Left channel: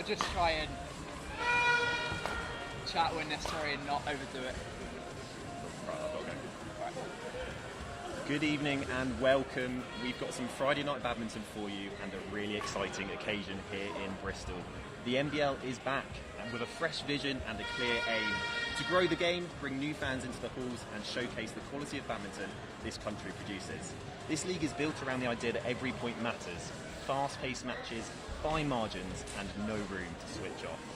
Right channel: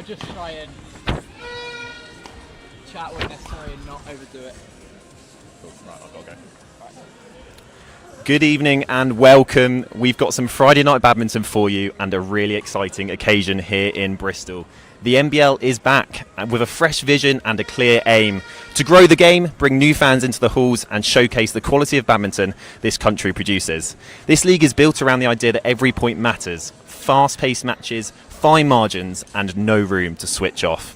I'll just try and chat when necessary and not overdo it. Okay. Good evening and welcome. We've got some Friday night badminton for you and a really exciting occasion here in Bristol. The NBL is back with a fresh vision and a clear aim to grow the game, bring new fans into the halls and showcase the quality of badminton this country produces. This league is built around the idea that every point matters, fast-paced matches, fine margins and no room to switch off.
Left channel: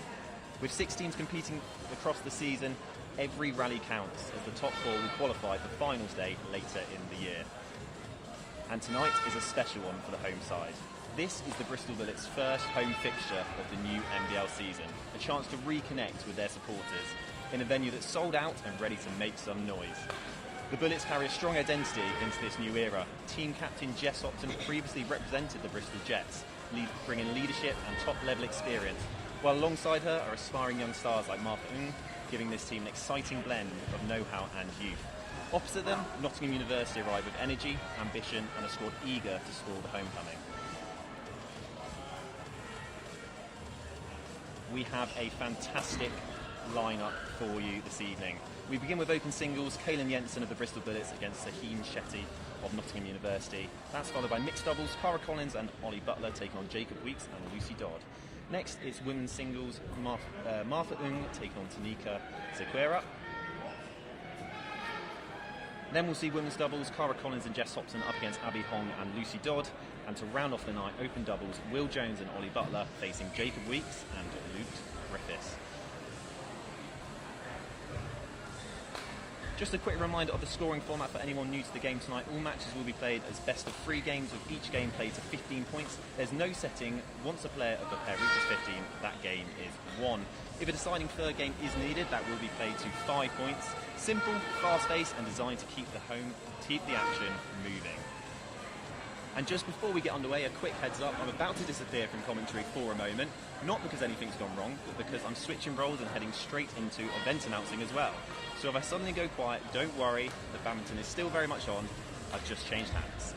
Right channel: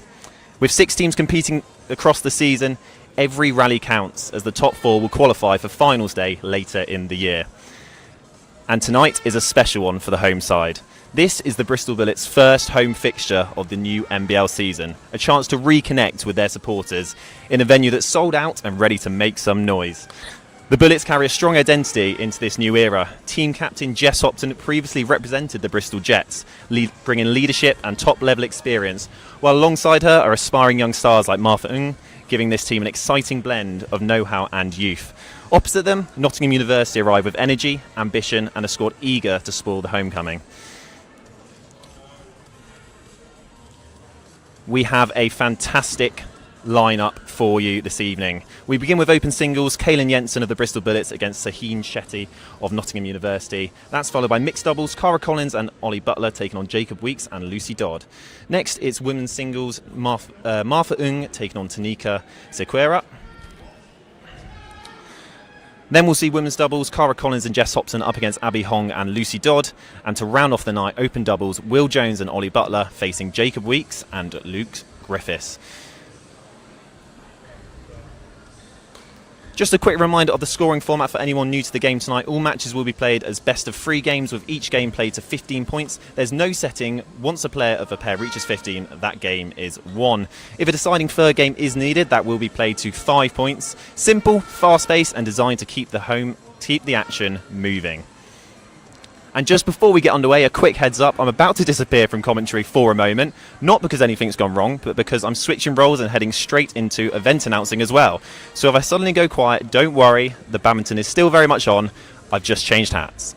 With 6 teams competing across the season, every rally counts as the top 4 will qualify for finals day later in the year. And tonight is a special one for the home side. This is the Bristol Bullets' first home fixture of the new NBL season, a chance to reconnect with their supporters in a venue that's sold out and ready to make some noise. The Bullets carry a strong identity into this new era. Team captain Jess Hopton previously represented the Bristol Jets, bringing leadership and top-level experience, while alongside her are aspiring young stars like Martha Ng, giving this team an exciting blend of know-how and youth. Opposite them, Nottingham University arrive with energy, ambition and a squad eager to spoil the homecoming. We have a fantastic lineup for you this evening. We begin with open singles, Kaylin Jensen of the Bristol Bullets against Saheen Shetty of Nottingham University. That's followed by mixed doubles, Cara Collins and Ollie Butler taking on Jacob Weeks and Lucy Dodd. Next, it's women's singles, Martha Ng taking on Tanika Sequeira. Then we'll see women's doubles, Cara Collins and Jess Hopton up against Abby Hong and Lucy Dodd. And to round off the night, open doubles, Will Jones and Ollie Butler facing Jacob Weeks and Luke Griffiths. Just a quick reminder of the scoring format for anyone new to the game tonight. All matches will be played as best of 3 games, with each game played to 15 points. There's no setting. Once a player of a pair reaches 15, that game is won. If a deciding third game is needed, that will be played to 5 points. Simple, fast-paced and designed to keep the action moving. And just before we get underway, a quick heads up. I'm about to disappear from commentary for a moment, not because anything's gone wrong, but because I'm switching roles and heading straight into event announcing as well. So if I suddenly go quiet, don't worry, the badminton is still very much on. I've just changed hats.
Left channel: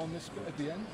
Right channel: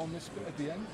on this bit at the end.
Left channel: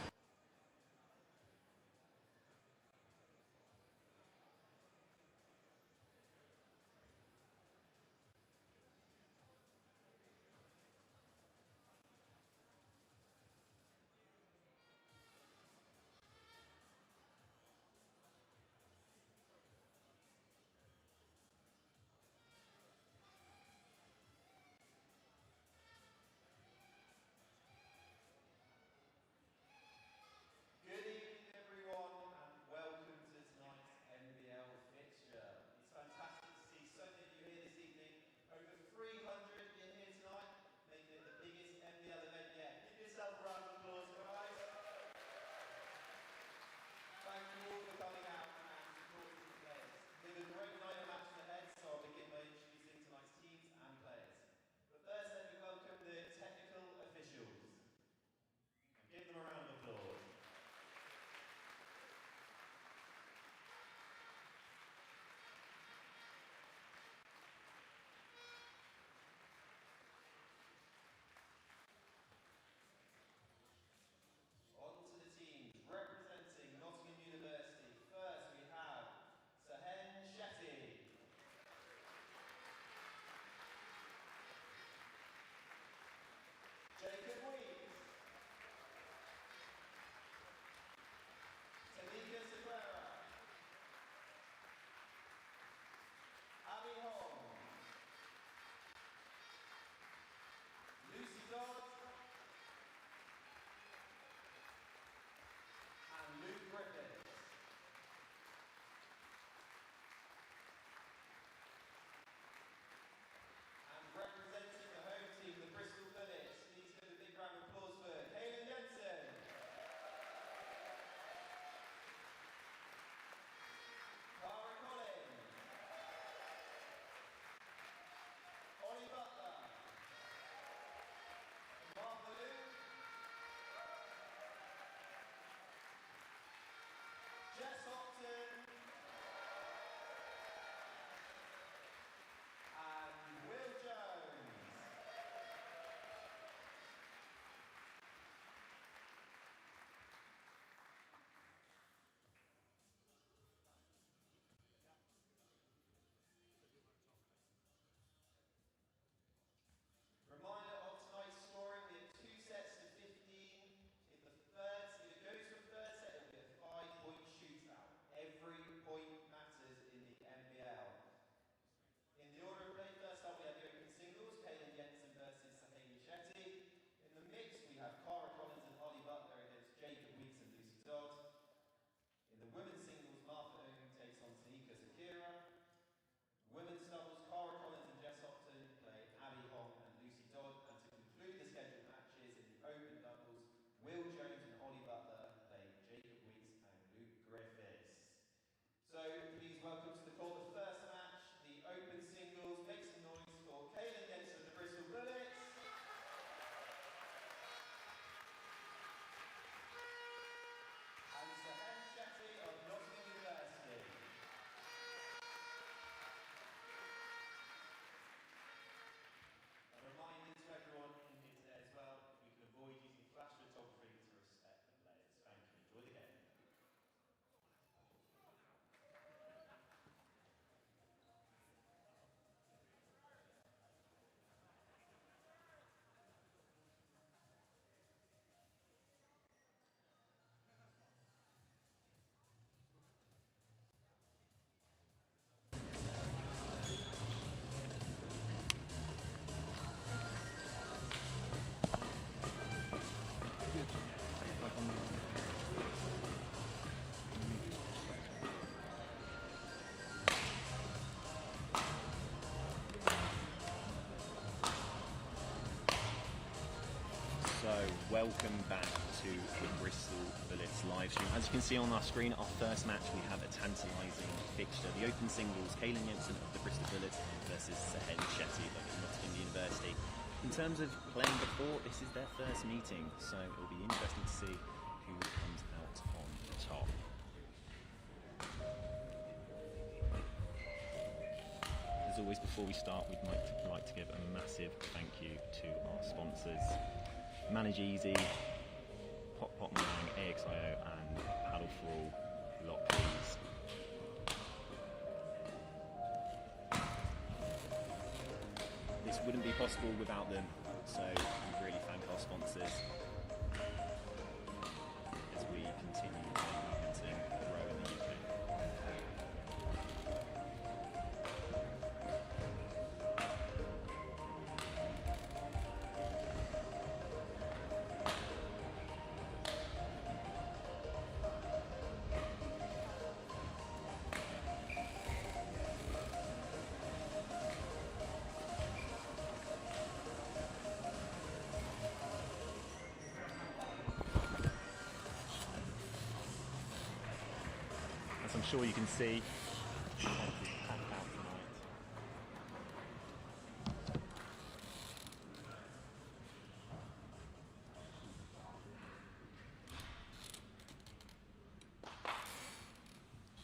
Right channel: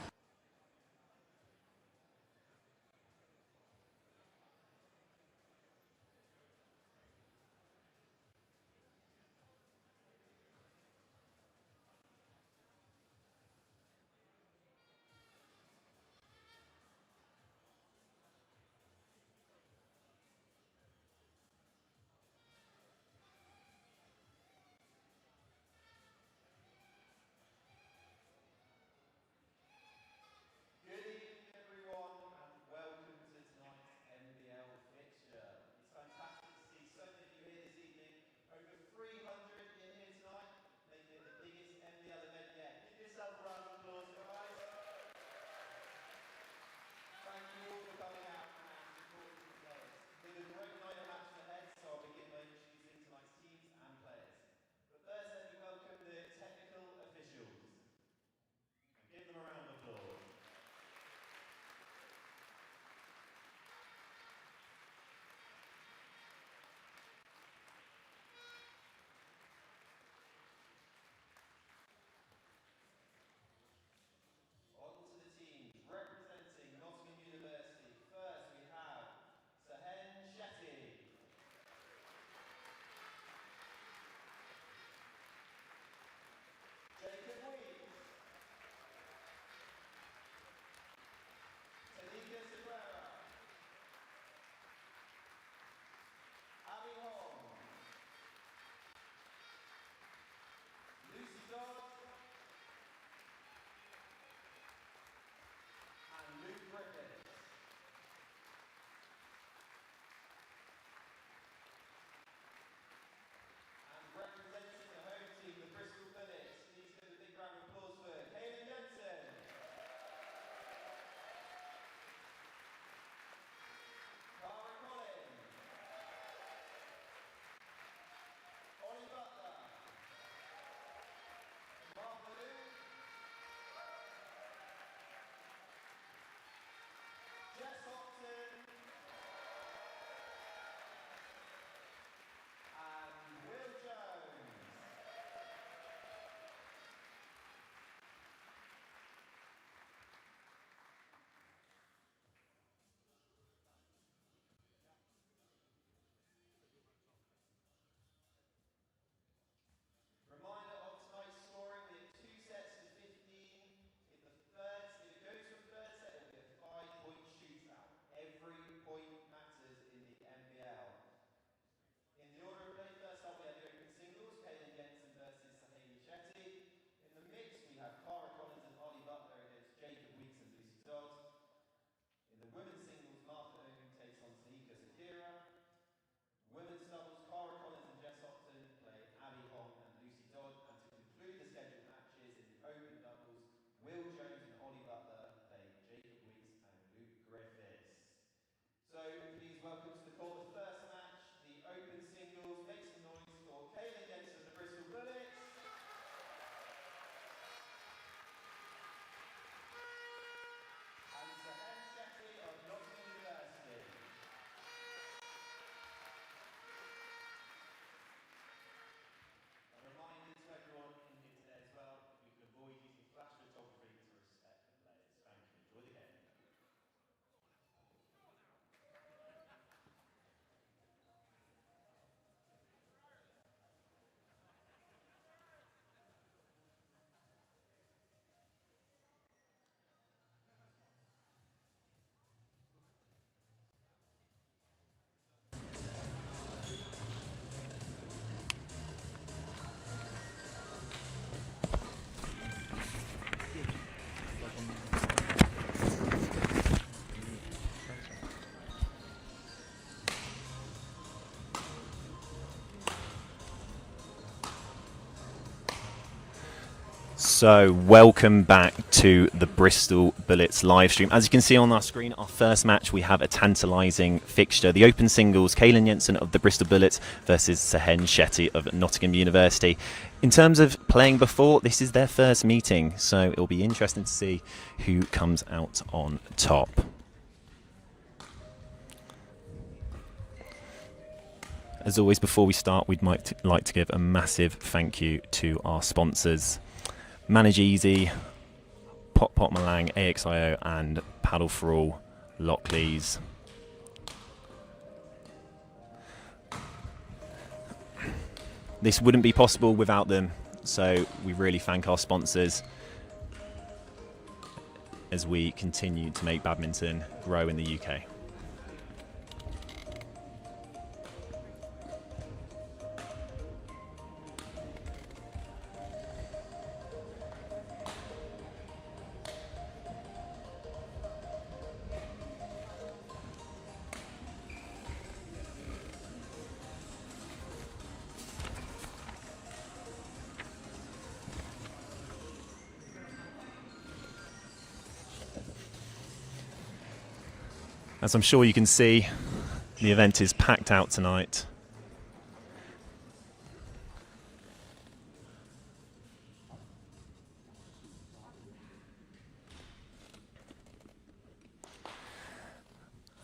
And representing the home team, the Bristol Bullets, please give a big round of applause for Kaylin Jensen. Cara Collins. Ollie Butler. Martha Luke. Jess Hopton. And Will Jones. Reminder of tonight's scoring, we have 2 sets to 15. If it goes from third set, it will be a 5-point shootout. Every point matters in the NBL. In the order of play, first up we have the open singles, Kaylin Jensen versus Sahane Shetty. In the mix we have Cara Collins and Ollie Butler against Jacob Weeks and Lucy Dodd. In the women's singles, Martha Owen takes on Tanika Sakira. Women's doubles, Cara Collins and Jess Hopton play Abby Hong and Lucy Dodd. And to conclude the scheduled matches in the open doubles, Will Jones and Ollie Butler play Jacob Weeks and Luke Griffiths. So please welcome to the court the first match, the open singles. Make some noise for Kaylin Jensen of the Bristol Bullets. And Sahane Shetty of Nottingham University. A reminder to everyone in here today as well, we can avoid using flash photography to respect the players. Thank you. Enjoy the game. So welcome back to the Bristol Bullets live stream. As you can see on our screen, our first match, we have a tantalising fixture. The open singles, Kaylin Jensen of the Bristol Bullets versus Sahane Shetty of Nottingham University. In terms of playing before, this is their first meeting, so it'll be interesting to see who comes out on top. As always, before we start, we'd like to give a massive thank you to our sponsors. Manage Easy, Pot Pot Malang, AXIO, and Paddle for All, Lockleys. This wouldn't be possible without them, so we really thank our sponsors as we continue to make badminton grow in the UK. As I'm sure you can see, the event is packed out tonight.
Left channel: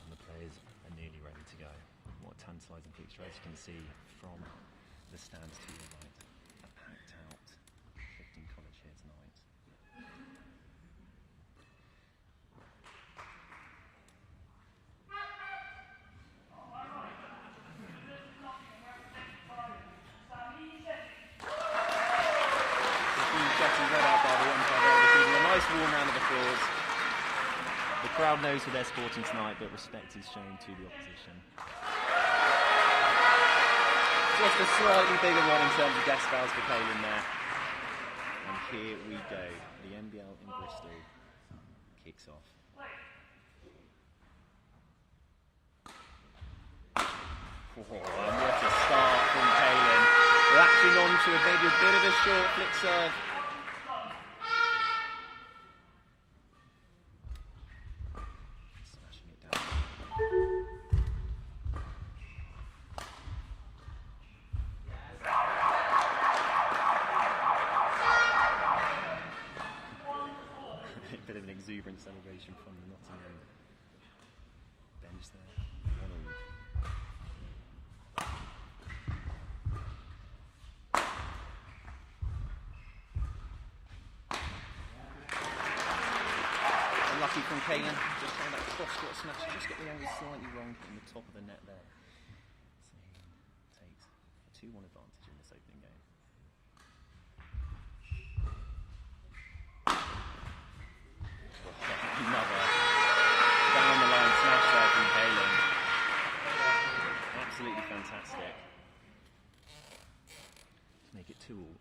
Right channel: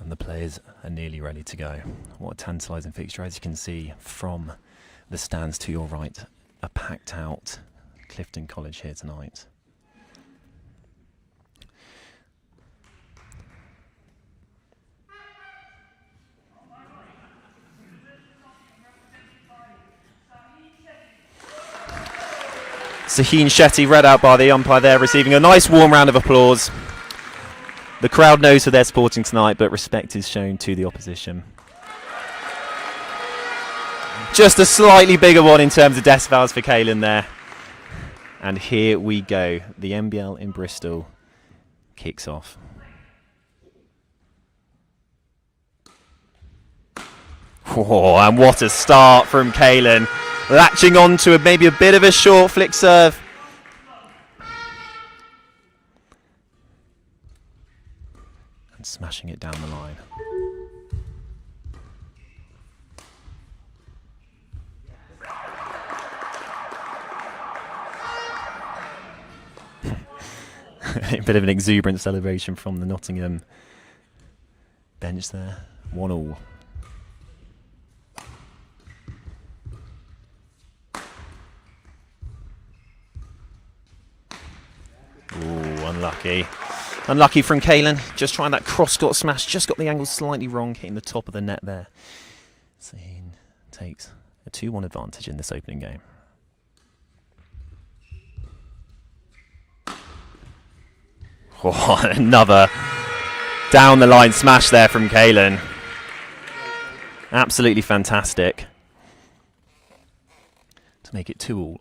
And the players are nearly ready to go. What a tantalising fixture. As you can see from the stands to your right, a packed out Clifton College here tonight. Saheen Shetty read out by the umpire there, receiving a nice warm round of applause. The crowd knows who they're supporting tonight, but respect is shown to the opposition. Just a slightly bigger one in terms of decibels for Kaylin there. And here we go. The NBL in Bristol kicks off. Oh, and what a start from Kaylin. Latching on to maybe a bit of a short flick serve. And smashing it down the line. A bit of an exuberant celebration from the Nottingham bench there. 1-1. Unlucky. Unlucky from Kaylin. Just trying that cross-court smash. Just got the angle slightly wrong, hitting the top of the net there. So he takes a 2-1 advantage in this opening game. Oh, another down-the-line smash there from Kaylin. Absolutely fantastic. To make it 2-2.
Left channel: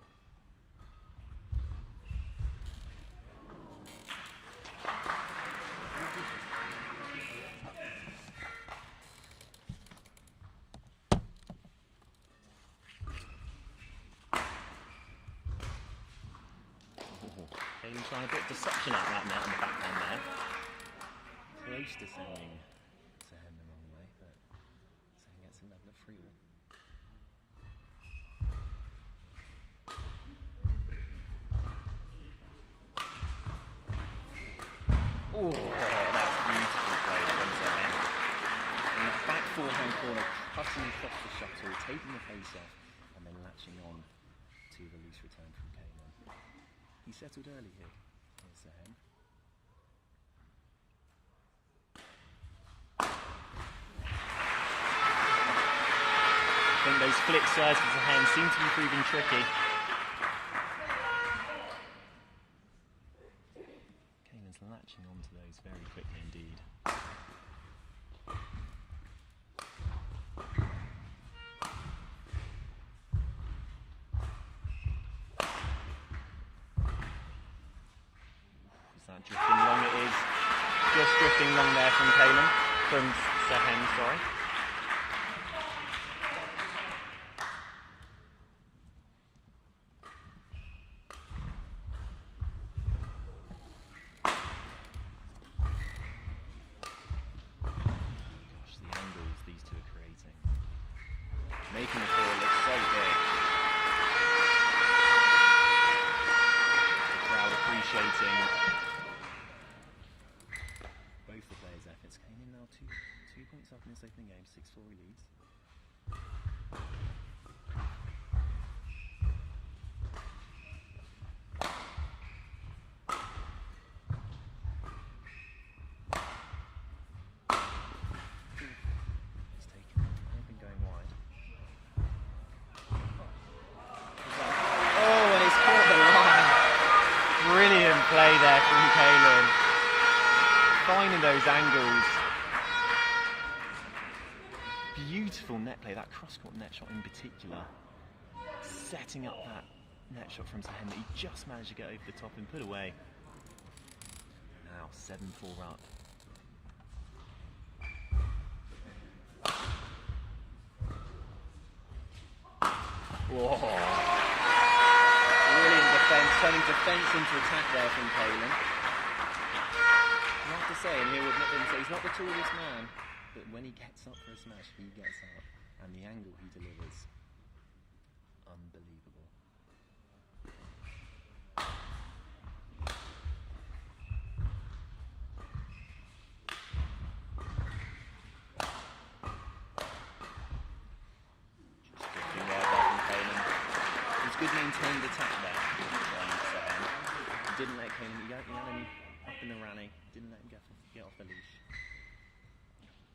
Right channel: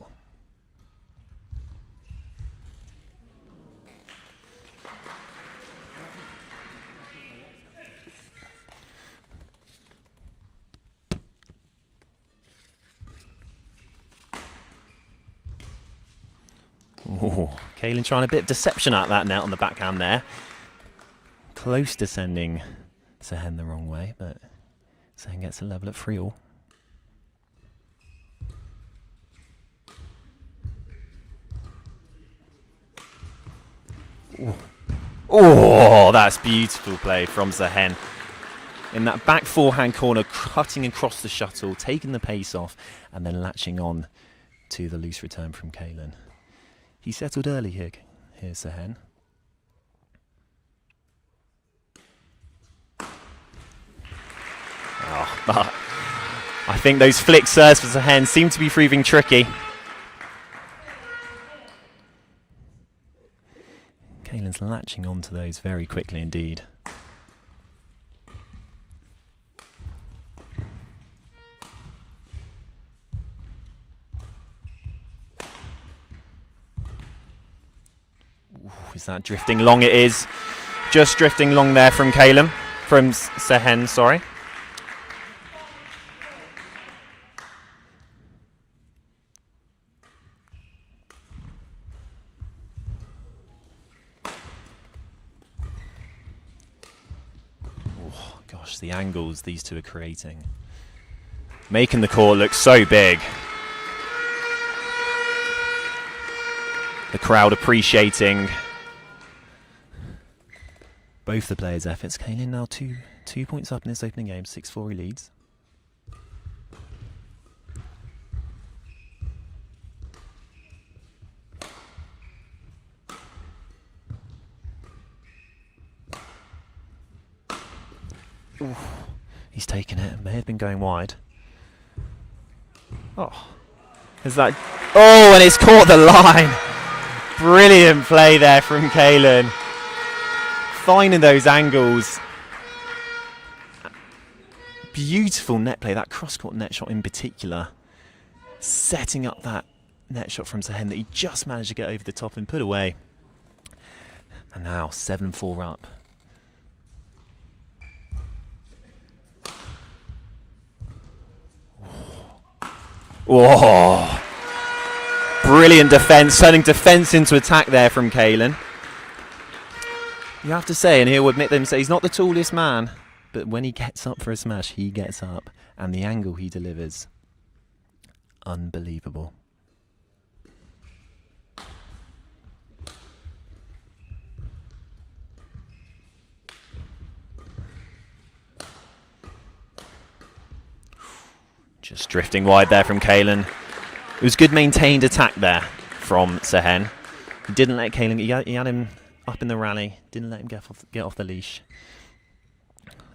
Oh, Kaylin trying a bit of deception at that net on the backhand there. Close to sending Sehen the wrong way, but Sehen gets a level at 3-3. Oh, that's beautiful play from Sehen. In that back forehand corner, cutting across the shuttle, taking the pace off, and then latching on to the loose return from Kaylin. He settled early here. Here's Sehen. Oh, I think those flick serves for Sehen seem to be proving tricky. Kaylin's latching onto those very quickly indeed. Is that drifting long? It is. Just drifting long there from Kaylin. From Sehen, sorry. Oh, gosh, the angles these two are creating. Making the court look so big. The crowd appreciating both the players' efforts. Kaylin now two points up in this opening game. 6-4 he leads. Ooh, he's taken it. May have been going wide. Oh. Is that... Oh, and it's caught the line. Brilliant play there from Kalen. Finding those angles. Beautiful net play. That cross-court net shot in particular. Setting up that net shot from Sehen that he just managed to get over the top and put away. And now 7-4 up. Oh, brilliant defense, turning defense into attack there from Kalen. You have to say, and he'll admit them, say he's not the tallest man, but when he gets up for a smash, he gets up, and the angle he delivers, unbelievable. Just drifting wide there from Kalen. It was good maintained attack there from Sehen. He didn't let Kalen, he had him up in the rally, didn't let him get off the leash.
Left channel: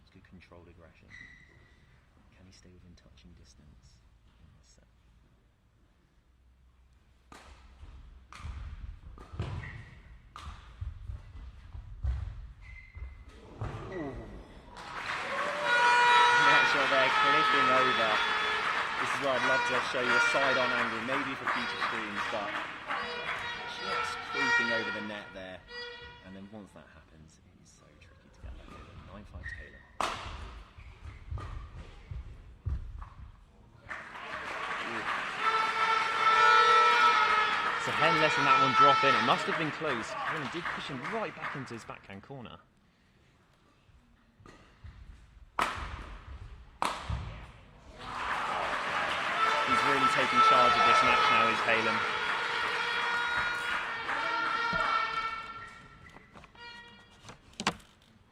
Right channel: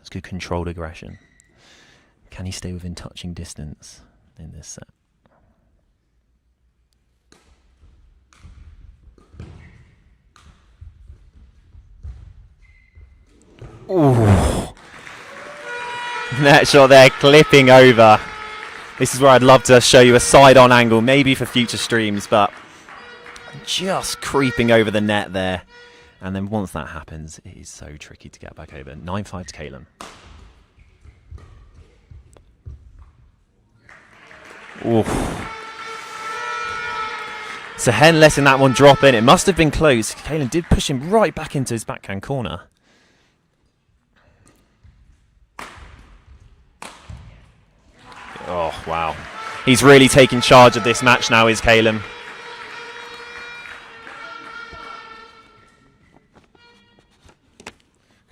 It's good controlled aggression. Can he stay within touching distance in this set? Ooh. Net shot there, clipping over. This is where I'd love to show you a side-on angle, maybe for future streams, but just creeping over the net there. And then once that happens, it is so tricky to get back over. 9-5 to Kalen. Sehen letting that one drop in. It must have been close. Kalen did push him right back into his backhand corner. Oh, wow. He's really taking charge of this match now, is Kalen.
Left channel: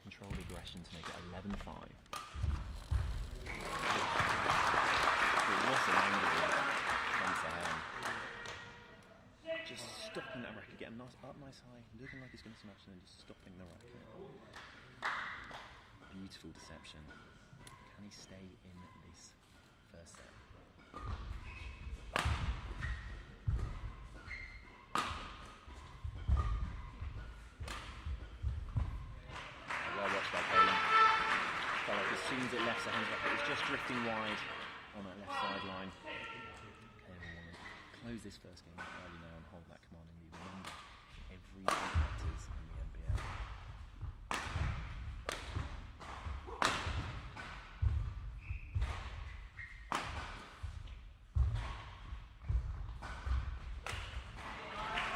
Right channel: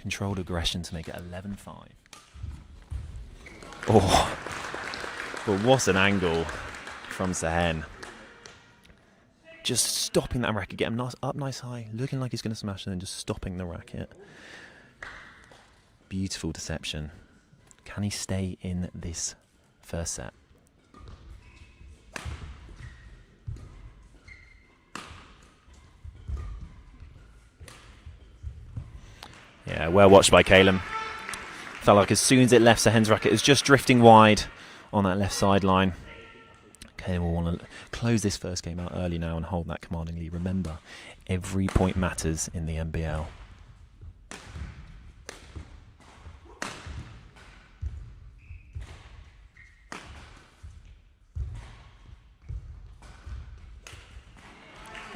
Controlled aggression to make it 11-5. Oh, but what an angle from Sehen. Just stopping that racket, getting him up nice high, looking like he's going to smash, and then just stopping the racket. Beautiful deception. Can he stay in this first set? Yeah, well watched by Kalen. Felt like as soon as it left Sehen's racket, it was just drifting wide on that left sideline. Kalen will want to close this first game out early now and hold that commanding lead. Remember, every point matters in the NBL.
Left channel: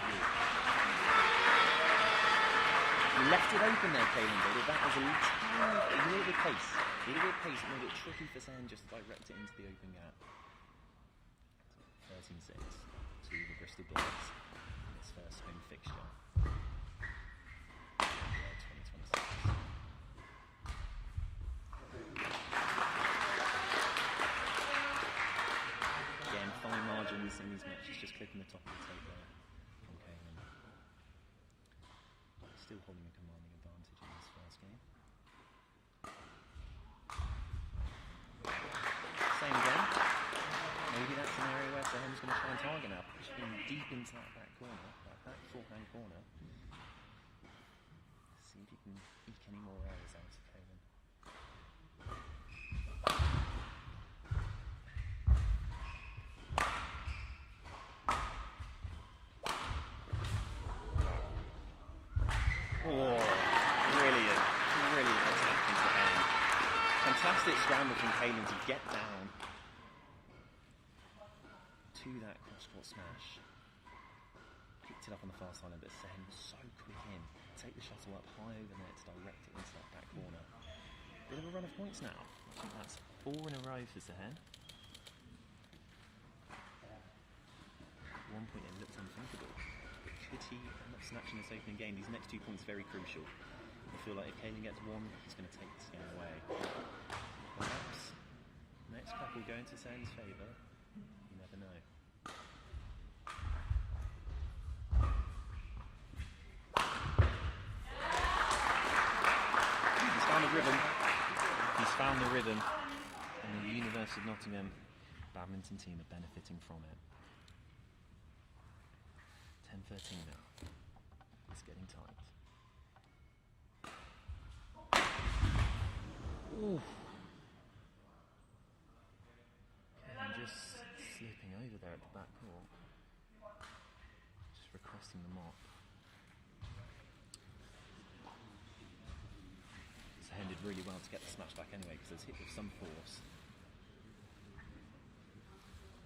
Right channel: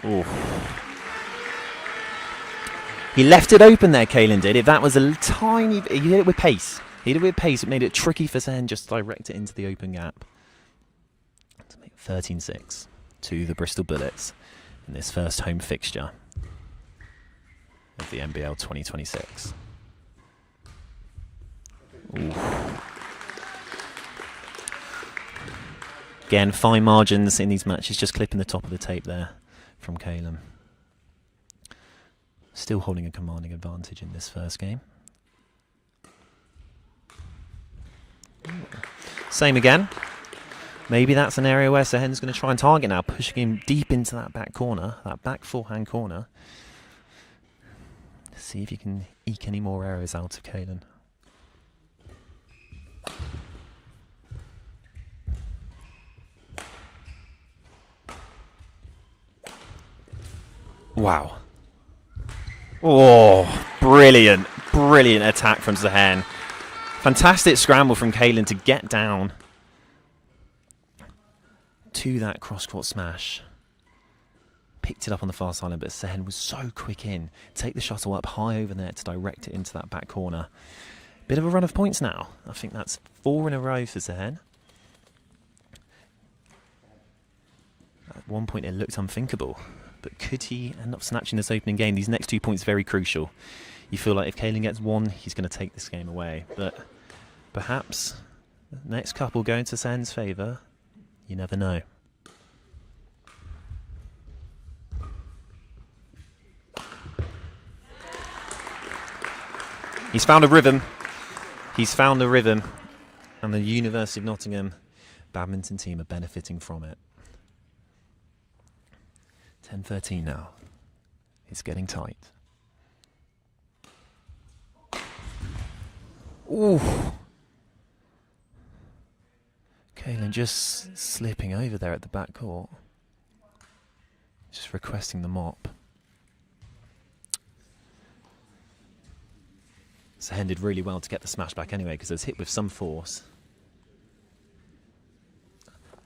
Ooh. He left it open there, Kalen did. If that was a tiny... He did it with pace. He did it with pace. It made it tricky for Sehen just to direct it into the open gap. To make 13-6 to the Bristol Bullets in this first home fixture of the NBL 2026. Ooh. Again, fine margins in these matches. Just clipping the top of the tape there from Kalen. Still holding a commanding advantage in this first game. Same again. Maybe that's an area where Sehen's going to try and target now, pushing him deep into that back corner, that back forehand corner. See if you can eke any more errors out of Kalen. Wow. Oh, brilliant, brilliant attack from Sehen. Fantastic scramble from Kalen to get down to that cross-court smash. Picked it up on the far sideline, but Sehen was so quick in. Take the shuttle up high over there to direct it into that back corner. Bit of a run of points now. I think that's 4 in a row for Sehen. At one point it looked unthinkable. But could he end up snatching this opening game? These next 2 points very crucial. You feel like if Kalen gets one, he's going to take this game away. But perhaps the next couple go into Sehen's favour. You never know. He's found a rhythm. He's found the rhythm, and the University of Nottingham badminton team are benefiting from it. 10-13 now. It's getting tight. Ooh. Kaylin just slipping over there at the back court. Just requesting the mop. Sehen did really well to get the smash back anyway because it was hit with some force.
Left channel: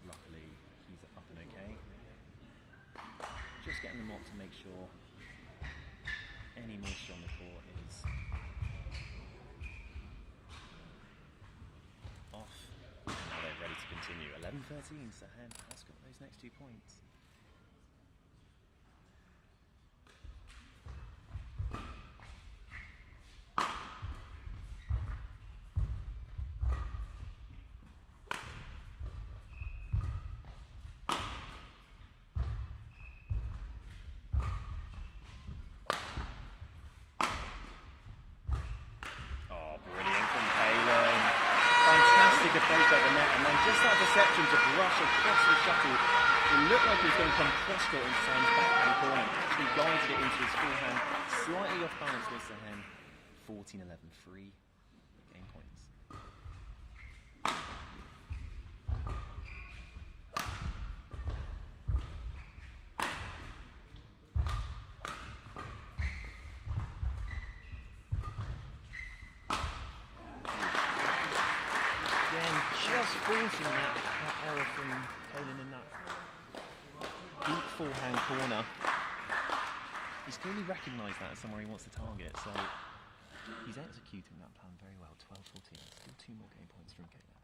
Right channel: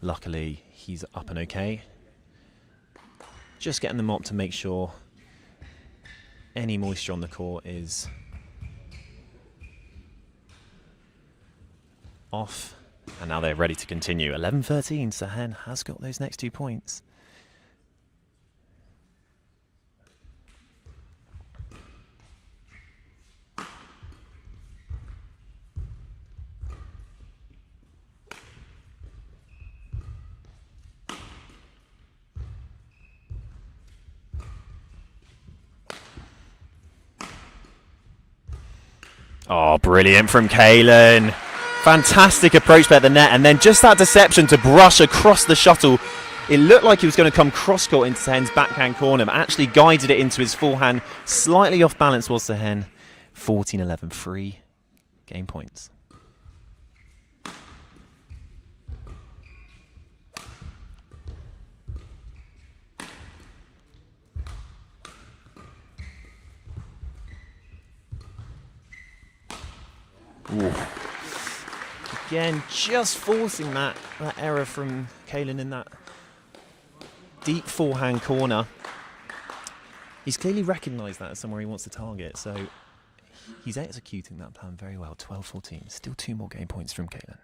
Luckily, he's up and okay. Just getting the mop to make sure any moisture on the court is off. And now they're ready to continue. 11-13, Sehen has got those next 2 points. Oh, brilliant from Kaylin. Fantastic approach by the net, and then just that deception to brush across the shuttle. It looked like he was going to come cross-court into Sehen's backhand corner, but actually guided it into his forehand. Slightly off balance was Sehen. 14-11, 3 game points. Ooh. Again, just forcing that error from Kaylin in that deep forehand corner. He's clearly recognised that as somewhere he wants to target, so he's executing that plan very well. 12-14, still 2 more game points from Kaylin.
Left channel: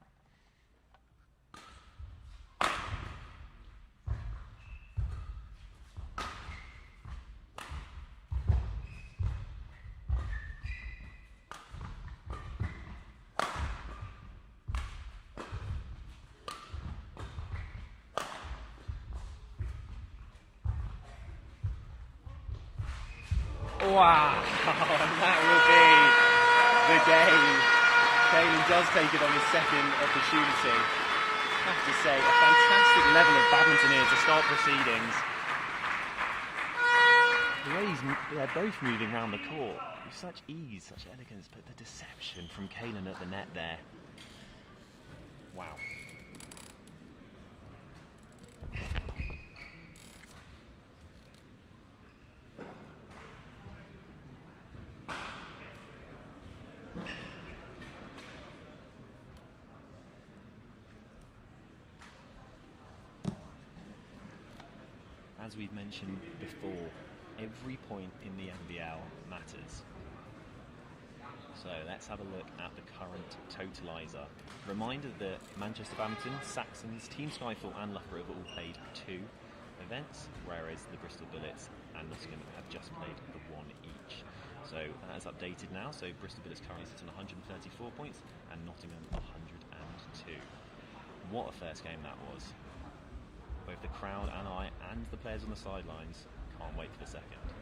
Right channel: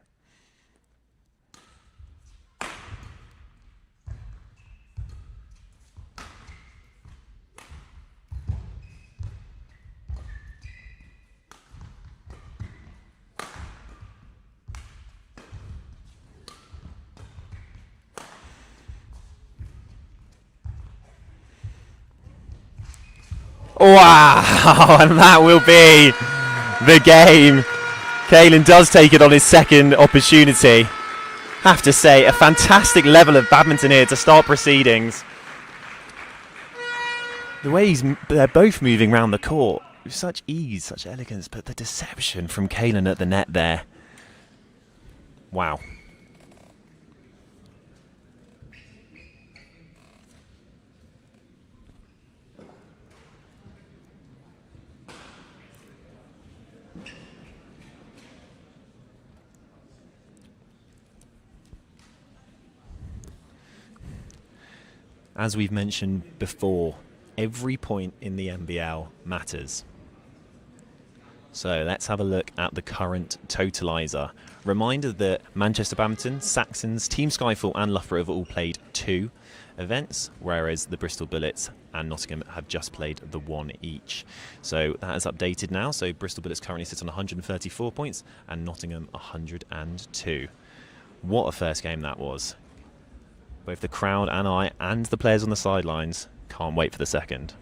Wow, and that will be the game. Kaylin does take it on his second opportunity. Have to say, a fantastic level of badminton here to start proceedings. The way they're both moving around the court with such ease, such elegance, but the deception from Kaylin at the net there. Wow. As we've mentioned before, every point in the NBL matters. So let's have a look at the current totalizer. Reminder that Manchester Badminton, Saxons, Team Skyfall and Loughborough have all played 2 events, whereas the Bristol Bullets and Nottingham have just played the 1 each. So that is updated now. So Bristol Bullets currently sit on 134 points and Nottingham 102. What a first game that was. Both the crowd and I and the players on the sidelines can't wait for the second.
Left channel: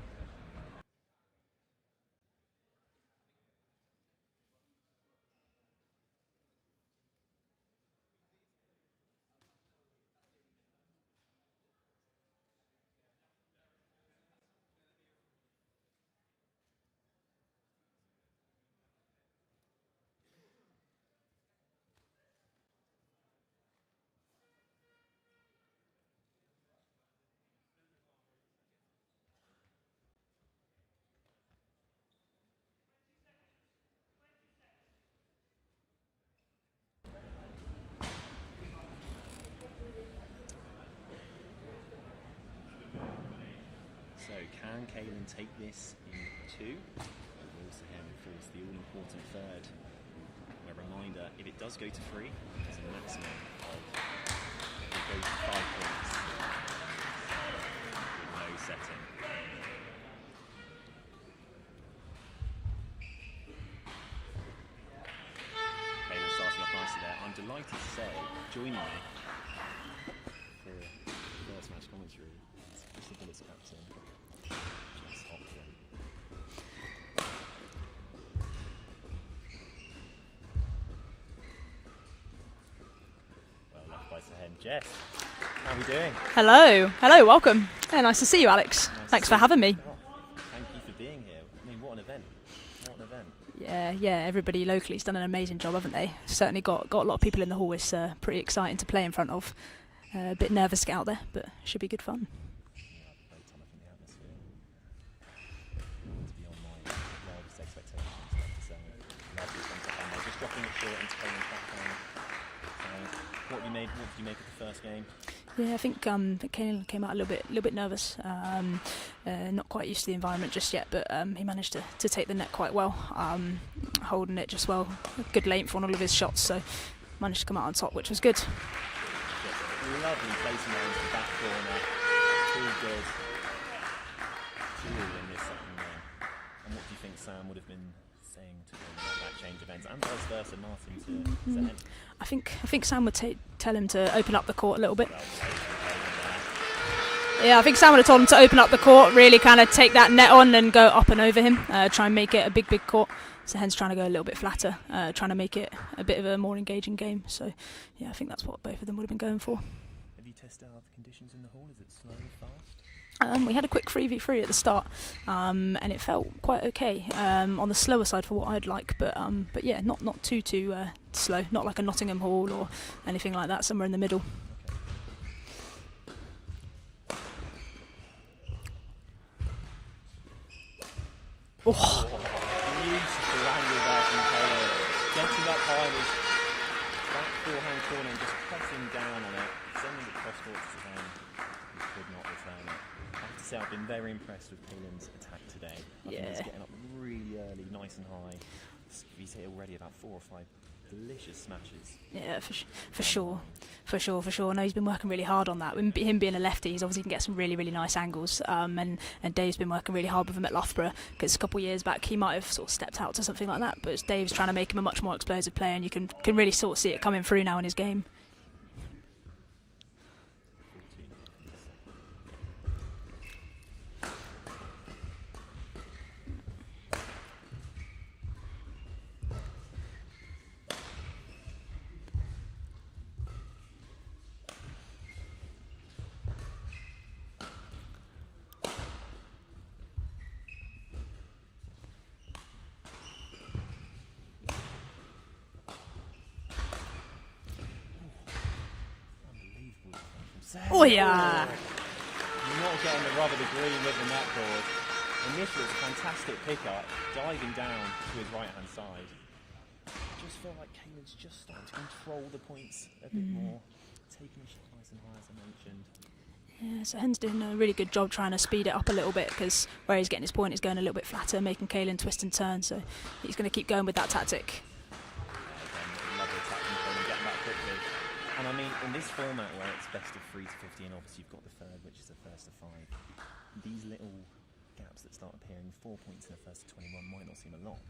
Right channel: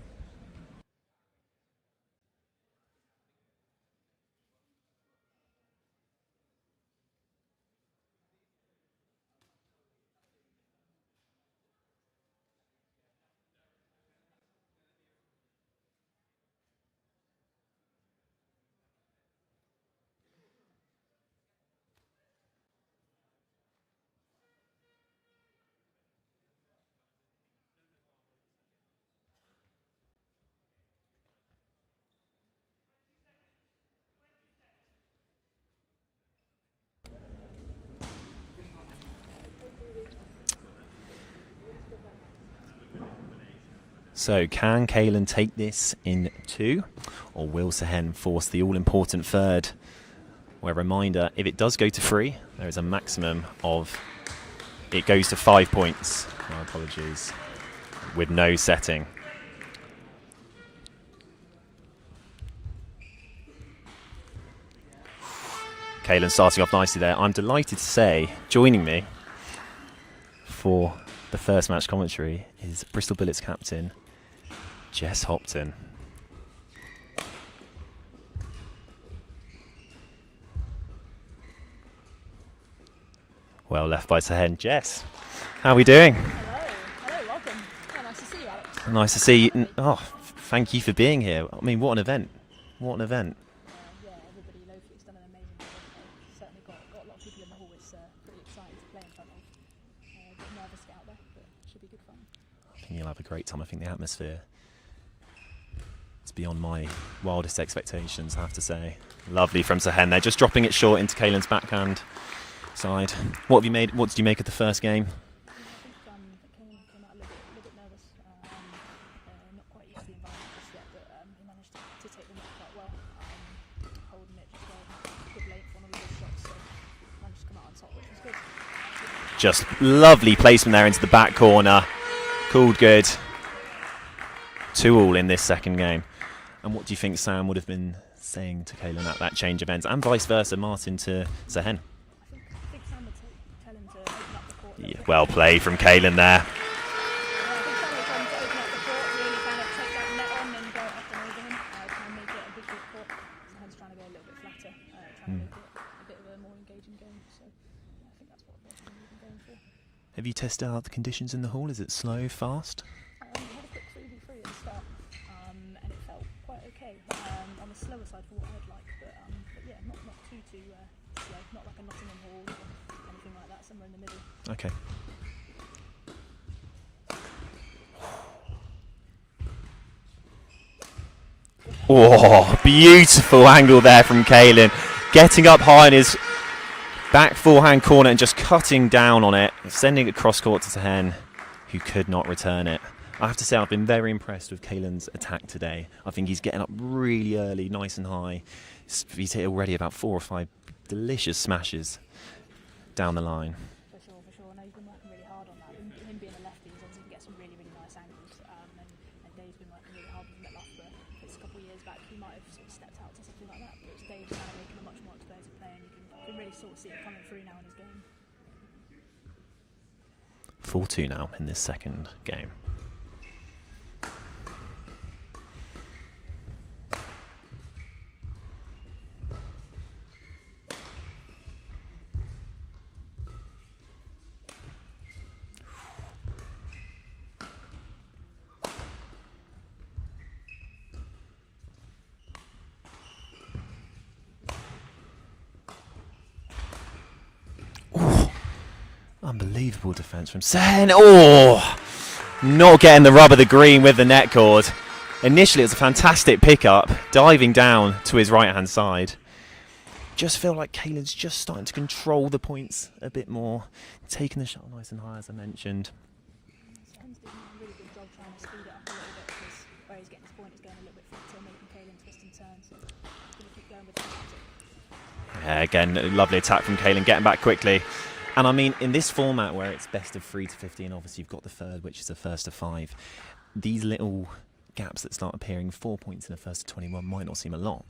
So can Kaylin take this in 2, or will Sehen force the all-important third? Where, reminder, if it does go to 3, there is a maximum of, it goes to 5 points. My apologies. With no setting. Kaylin starting off nicely there. I'm delighted to say, joining me for the first match commentary is Bristol Bullets captain Jess Hopton. Well left by Sehen. Jess, how are we doing? Hello, welcome. Yeah, nice to see you, Alex. Nice Thanks to see for you. having me. Oh, thank you for being here. I mean, what an event. What an event. Yeah, everybody locally's done an amazing job, haven't they? Certainly got a lot of people in the hall. It's pretty exciting to play in front of. A bit nervous to get out there, but should be good fun. I think you'll have a great time. I think the atmosphere is beyond my wildest expectations, I have to say. Lovely from Sehen there, just dropping it short into Kaylin's backhand side. What did you make of the first game? Yeah, I think Kaylin came out a little bit nervous. Not quite used to the environment just yet, but he managed to take the net quite well, holding it just well. Good length on all of his shots, so managed to come out on top, which was good. Just lovely placement there into the back corner. Called good. 2-2 in this second game. And what do you think Sam would have been saying to Kaylin at that change of ends, and vice versa, Martin to Sehen? I think Sam would tell him to open up the court a little bit. Well played from Kaylin there. Yeah, I think Sam would have told him to open up the court, really kind of take that net on and go up and over him, try and make it a big court. Sehen's trying to go a little bit flatter, trying to make it a bit of a more engaging game. So, yeah, I think that's what both of them would have been going for. Have you tested out the conditions in the hall? Is it slow, fast? We had a quick 3v3 at the start, and it felt quite okay. On the slower side for what I'd like, but yeah, not too slow. Not like a Nottingham hall or anything like that. Somewhere in the middle. Okay. Oh, beautiful angle there from Kaylin. Getting up high in his back forehand corner and just cutting down on it, sending it cross court to Sehen, who could not return it. I have to say I've been very impressed with Kaylin's attack today. I think he's getting up really early, nice and high. He's hit already about 4 or 5 delicious smashes down the line. For sure. No, he's been working really hard on that. With him being a lefty, he's obviously can get some really nice angles. And Dave's been working really hard with him at Loughborough, because a couple of years back he might have sort of stepped out to something like that. But Dave's trying to make him a much more explosive player, and you can really sort of see it coming through now in his game. 4-2 now in this second game. Unbelievable defence from Sehen. Oh, not getting the rub of the green with the net cord. Initially, it was a fantastic pickup, diving down to his right-hand side. Just feel like Kaylin's just starting to control the points a bit more, taking the shot nice and high, as I mentioned. Yeah, so Hen's doing a really good job trying to speed it up a little bit, because where he's getting his point is going a little bit flatter, making Kaylin twist and turn. So he's going to keep going with that tactic. Yeah, again, a lovely attack from Kaylin, getting back quickly. And I mean, in this format where it's best of 3 to 15, obviously you've got the third, which is a first to 5. These little gaps that start appearing, 4 points in a first to 21 might not seem a lot.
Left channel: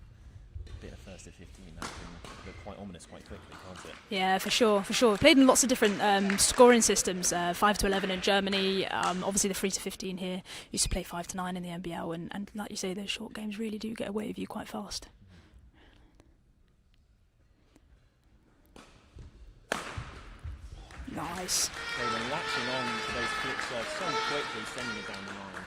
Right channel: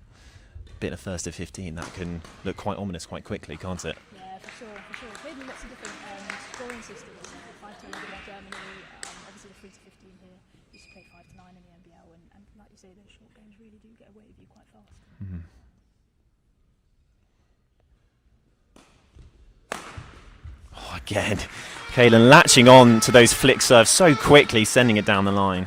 Bit of first to 15, that can look quite ominous quite quickly, can't it? Yeah, for sure. Played in lots of different scoring systems, 5 to 11 in Germany, obviously the 3 to 15 here. Used to play 5 to 9 in the NBL, and like you say, those short games really do get away with you quite fast. Mm-hmm. Again, Kaylin latching on to those flick serves so quickly, sending it down the line.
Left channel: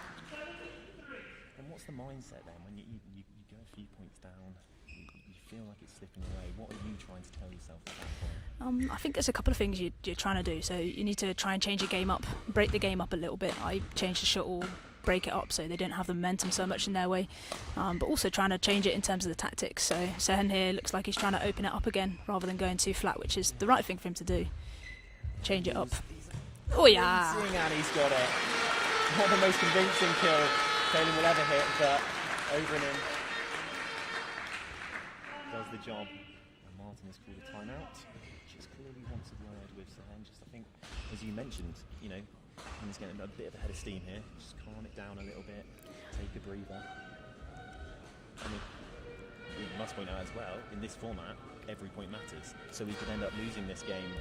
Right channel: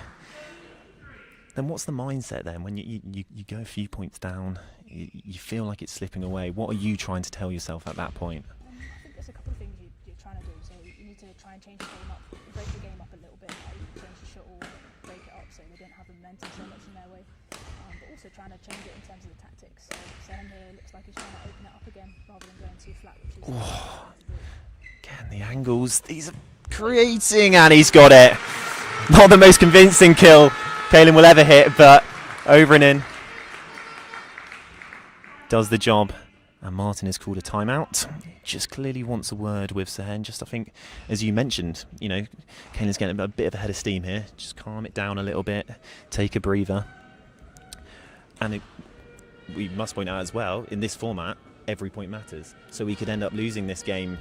Then what's the mindset then when you go a few points down, you feel like it's slipping away? What are you trying to tell yourself at that point? I think there's a couple of things you're trying to do. So you need to try and change your game up, break the game up a little bit. I change the shuttle, break it up so they don't have the momentum so much in their way, but also trying to change it in terms of the tactics. So Sehen here looks like he's trying to open it up again rather than going too flat, which is the right thing for him to do. Again, the angles, these are creating, and he's got it. Not the most convincing kill Kaylin will ever hit, but over and in. Does the job, and Martin has called a timeout. Just clearly wants a word with Sehen. Just, I think, as you mentioned, you know, Kaylin's getting a bit of a head of steam here. Just calm it down a little bit, take a breather. And we must point out as well, in this format, every point matters. So we could end up losing this game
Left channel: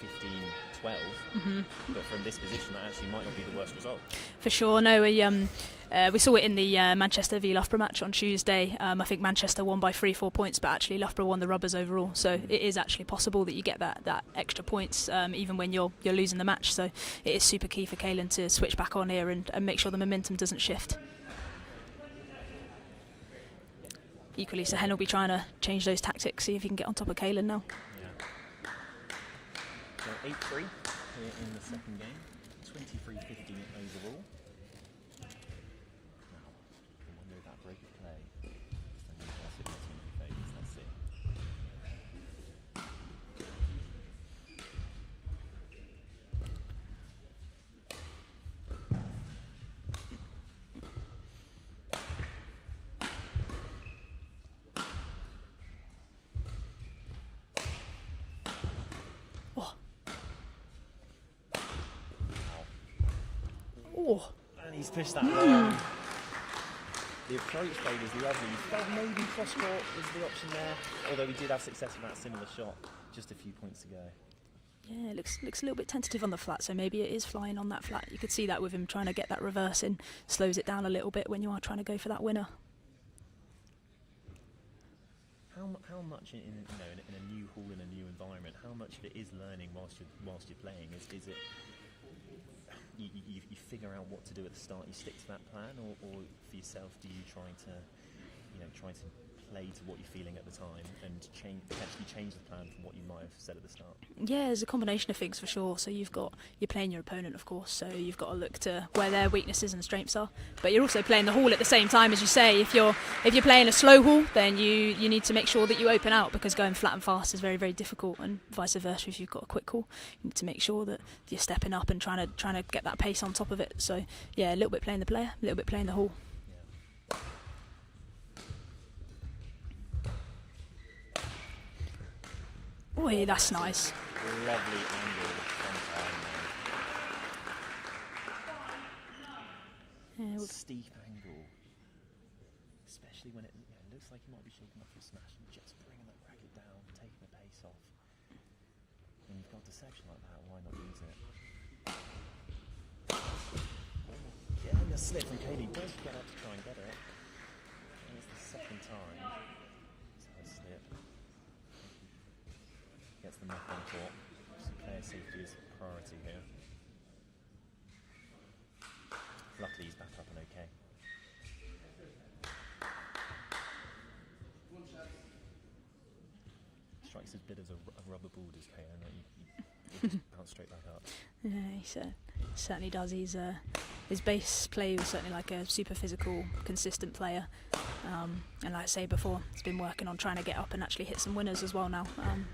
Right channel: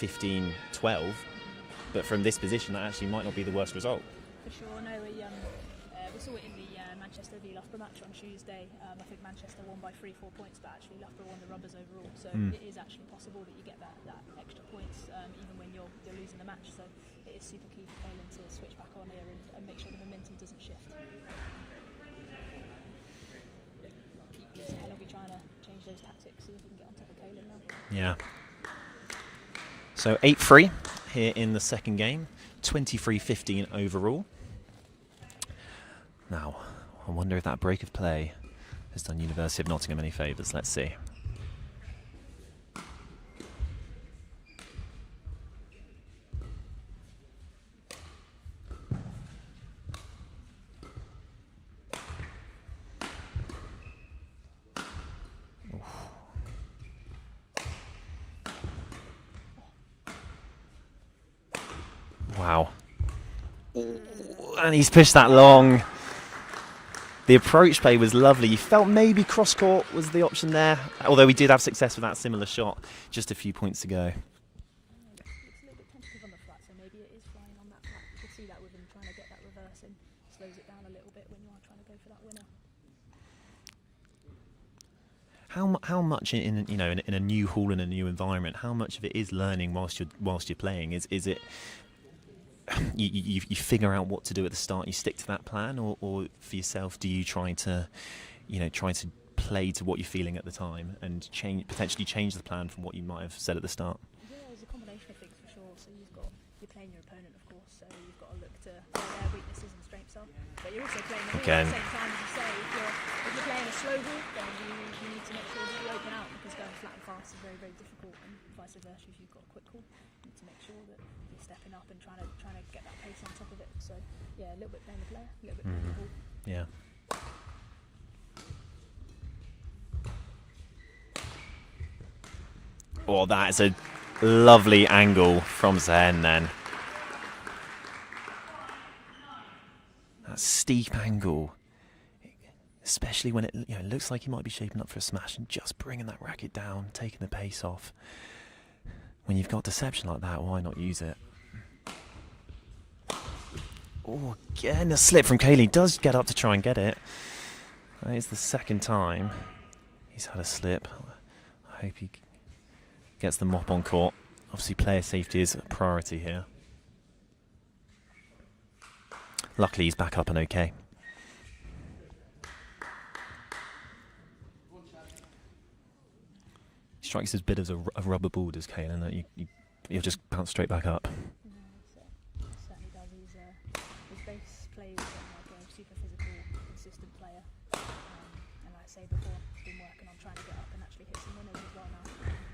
15-12, but from this position that actually might not be the worst result. For sure, no, We saw it in the Manchester v Loughborough match on Tuesday. I think Manchester won by 3-4 points, but actually Loughborough won the rubbers overall. So it is actually possible that you get that extra points even when you're losing the match. So it is super key for Caelan to switch back on here and make sure the momentum doesn't shift. Equally, Sehen will be trying to change those tactics, see if he can get on top of Caelan now. Yeah. So 8-3 here in the second game, 23-15 overall. Now, I wonder if that break of play has done University of Nottingham any favours. Let's see. Wow. And he's pushed that long. The approach play was lovely. You felt maybe cross-court was the option there, although we did have success with that similar shot just a few points ago. Yeah, it looks a little bit tentative on the flat, so maybe it is flying on that flat. You could see that with him trying to get that reverse in. Slows it down a little bit when you are trying to go for that winner. How much in a new hall, in a new environment, how much of it is learning whilst you're playing? Is it you figure out what to do at the start, you stick to that plan, or for yourself, do you try to play to what you're feeling at the time and potentially change the plan from what you might have said at the start? Yeah, there's a combination of things for sure. So you're playing your opponent, of course, so you've got to look to where their weaknesses and strengths are, but you're also playing the hall at the same time. As you say, if you're playing a slow hall, then you need to make sure that you open out, because going flat and fast is very, very difficult, and vice versa. If you've got a quick hall, you need to make sure that you're stepping up and trying to get that pace on top of it. So yeah, a little bit playing the player, a little bit playing the hall. Yeah. Oh, that's nice. A lovely angle from Sehen then. That steep angle, especially when it looks like he might be shaping up for a smash, and just bringing that racket down, taking the pace off. When you've got deception like that, why not use it? Oh, again a slip from Caelan. He does get up to try and get it. That is the second time he's had a slip. I hope he gets the mop on court. Obviously player safety is a priority here. Luckily he's back up and okay. He strikes as bit as a rubber ball, does Caelan, that you'll just bounce straight back up. Yeah, he certainly does. His base play was certainly like a super physical, consistent player. And like I say before, he's been working on trying to get up and actually hit some winners as well now.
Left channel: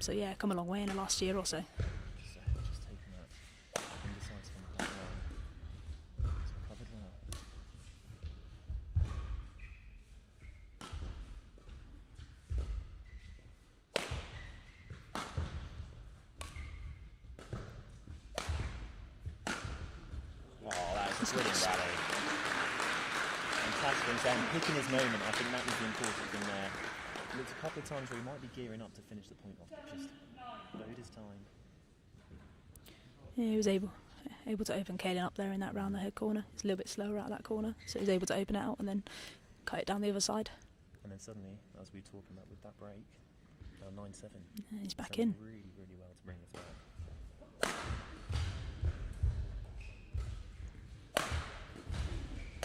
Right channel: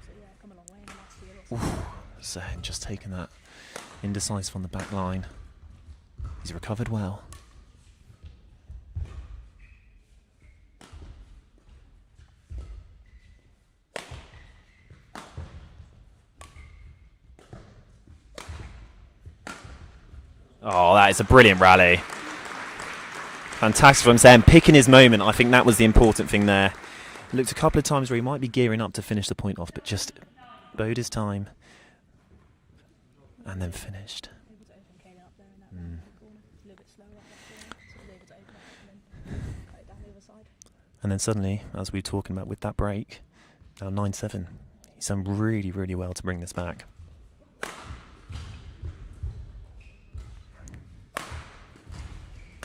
So yeah, come a long way in the last year or so. So just taking that indecisive on the back line. He's recovered well. Oh, that is a brilliant rally. Fantastic from Sehen, picking his moment. I think that was the important thing there. Looked a couple of times where he might be gearing up to finish the point off, but just bode his time. Yeah, and he was then finished. able to open Caelan up there in that round the head corner. It's a little bit slower out of that corner, so he was able to open it out and then cut it down the other side. And then suddenly, as we were talking about with that break, now 9-7. He's done really, really well to bring this back.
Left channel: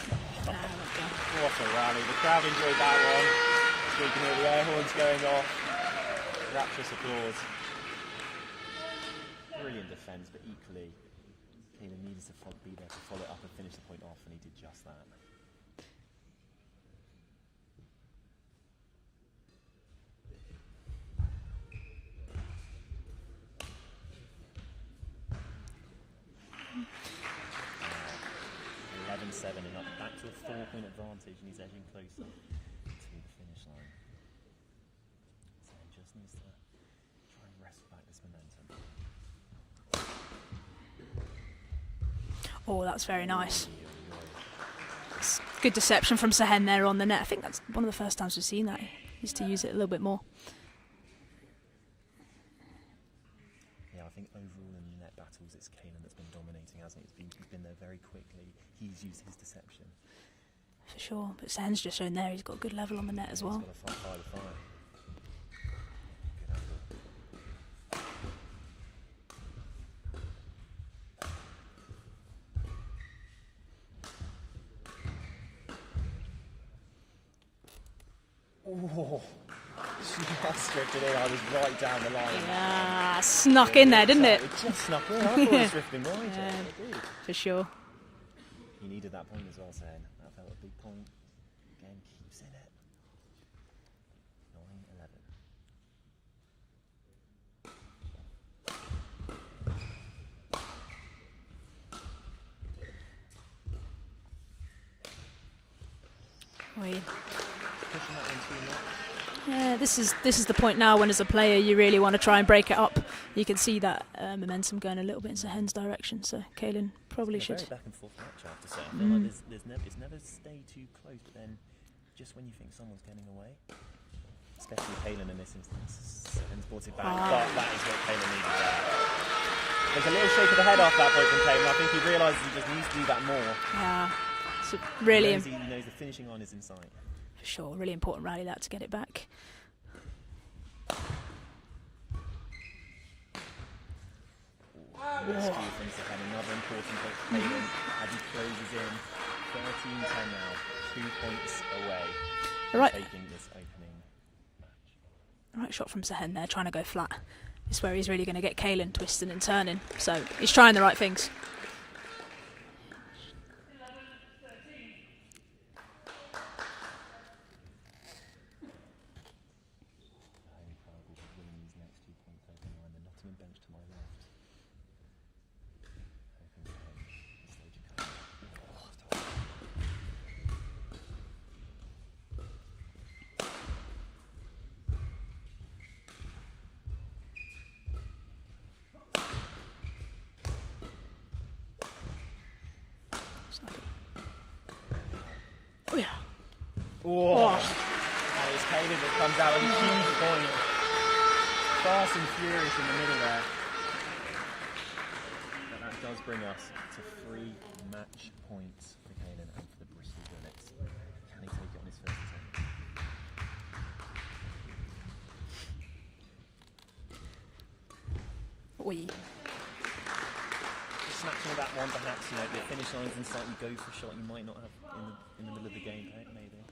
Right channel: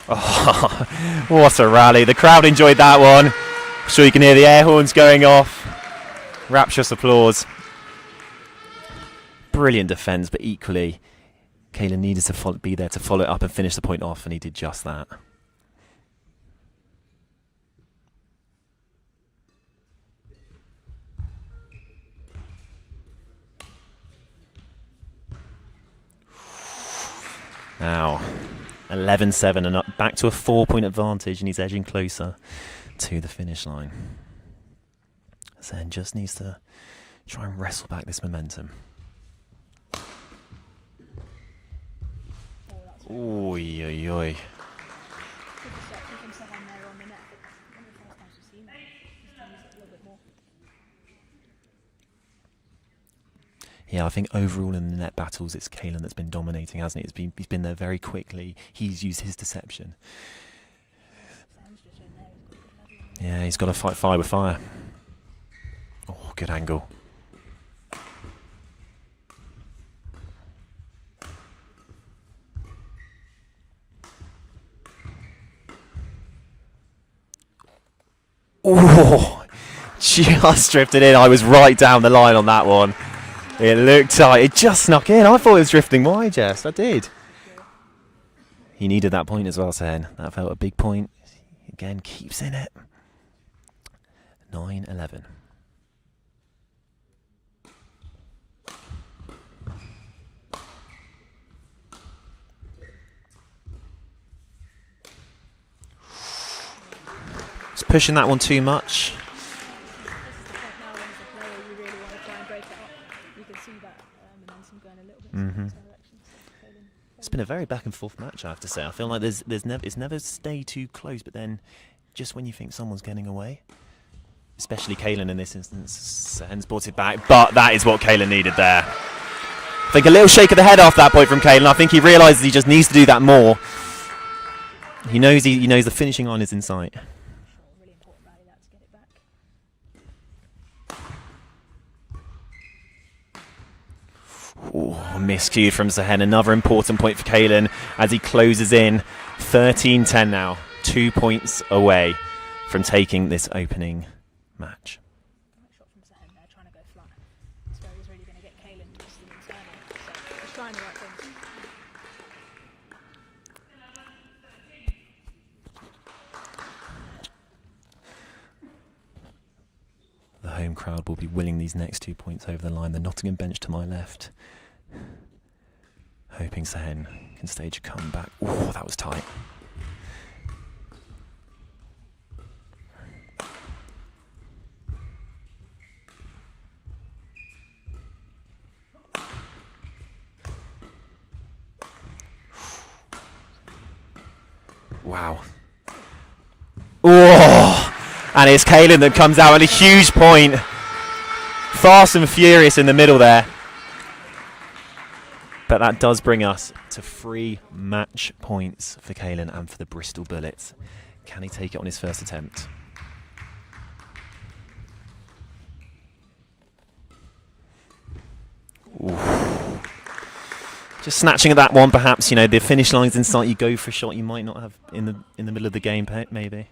Oh, what a rally. The crowd enjoyed that one. I'm sure you can hear the air horns going off. Rapturous applause. Brilliant defence, but equally, Caelan needed to be there to follow it up and finish the point off, and he did just that. Now, 11-7 and up, back to a 4-point advantage, and he's edging closer to the finish line. Sehen just needs to try and wrestle back this momentum. Oh, that's very nice. Oy, oy, oy. Good deception from Sehen there on the net. I think that's one of the first times we've seen that. He needs to use it a little bit more. Yeah, I think overall in the net battles, it's Caelan that's been dominating, hasn't it? He's been there very quickly. He's used his deception. For sure. But Sahen's just shown there he's got a good level on the net. Yeah, as well. he's got to fight fire with fire. Oh, good angle. Oh, just drifted in. I was right down the line on that one. Snuck It in there, looked didn't tight. it? It just snuck in. I thought it was drifting wide, Jess. I did. For sure. He needed that point as well, Sen. That felt a big point. Again, keeps in it. 9-11. It's pushing that one too much. Yeah, this is the point now when, as a player, you really want to try and break it up. You can see that momentum going a little bit in Sahen's direction. So Kaylin probably. It's been a should. very back and forth match, I have to say. I feel like it's never stayed too close, but then just when you think someone's getting away, especially Kaylin in this instance, Sahen's brought it back. But that is what Kaylin needed there. I think a little shake of the head after that point from Kaylin. I think he realises he just needs to do that more. Really He knows the finishing line is in sight. For sure, really important rally that to get it back. Ooh, miscued from Sahen. Another important point for Kaylin as he closes in. 13-10 now. 2 points away from taking this opening match. Right shot from Sahen there, trying to go flat. It's where he's really going to get Kaylin twisting and turning. So he's trying the right things. The home crowd will be willing these next 2 points over the line. The Nottingham bench to my left, hoping Sahen can stage a comeback. Oh, that was tight. Wow. Oh, yeah. Oh, and it's Kaylin that comes out on a huge point. Fast and furious in the middle there. But that does bring us to 3 match points for Kaylin and for the Bristol Bullets. Can he take it on his first attempt? Just snatching at that one, perhaps. You know, the finish line's in sight. You go for a shot you might not have in the middle of the game, maybe.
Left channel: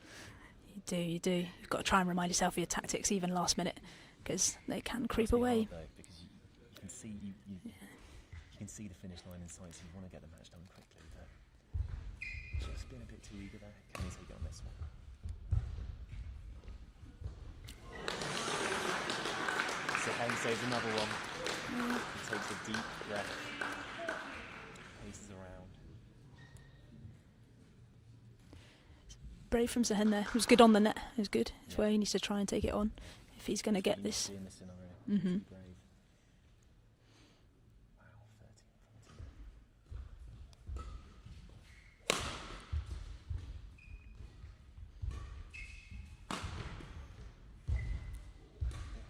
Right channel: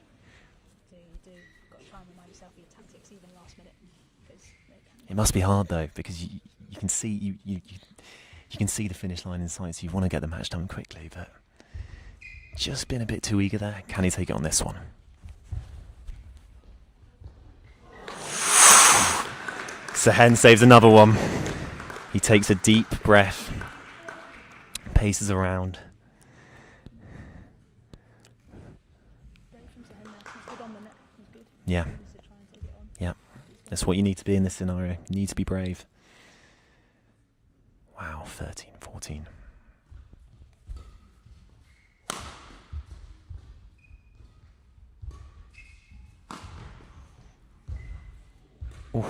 You do. You've got to try and remind yourself of your tactics, even last minute, because they can. It must be hard though, because you can see you can see the finish line in sight, so you want to get the match done quickly. But just been a bit too eager there. Can he take it on this one? Sahen saves another one. He takes a deep breath, paces around. Brave from Sahen there. He was good on the net. He was good. Yeah. So he needs to try and take it on. Yeah. If he's going That's what you need to be in this scenario. You need to be brave. Wow, 13-14. Ooh.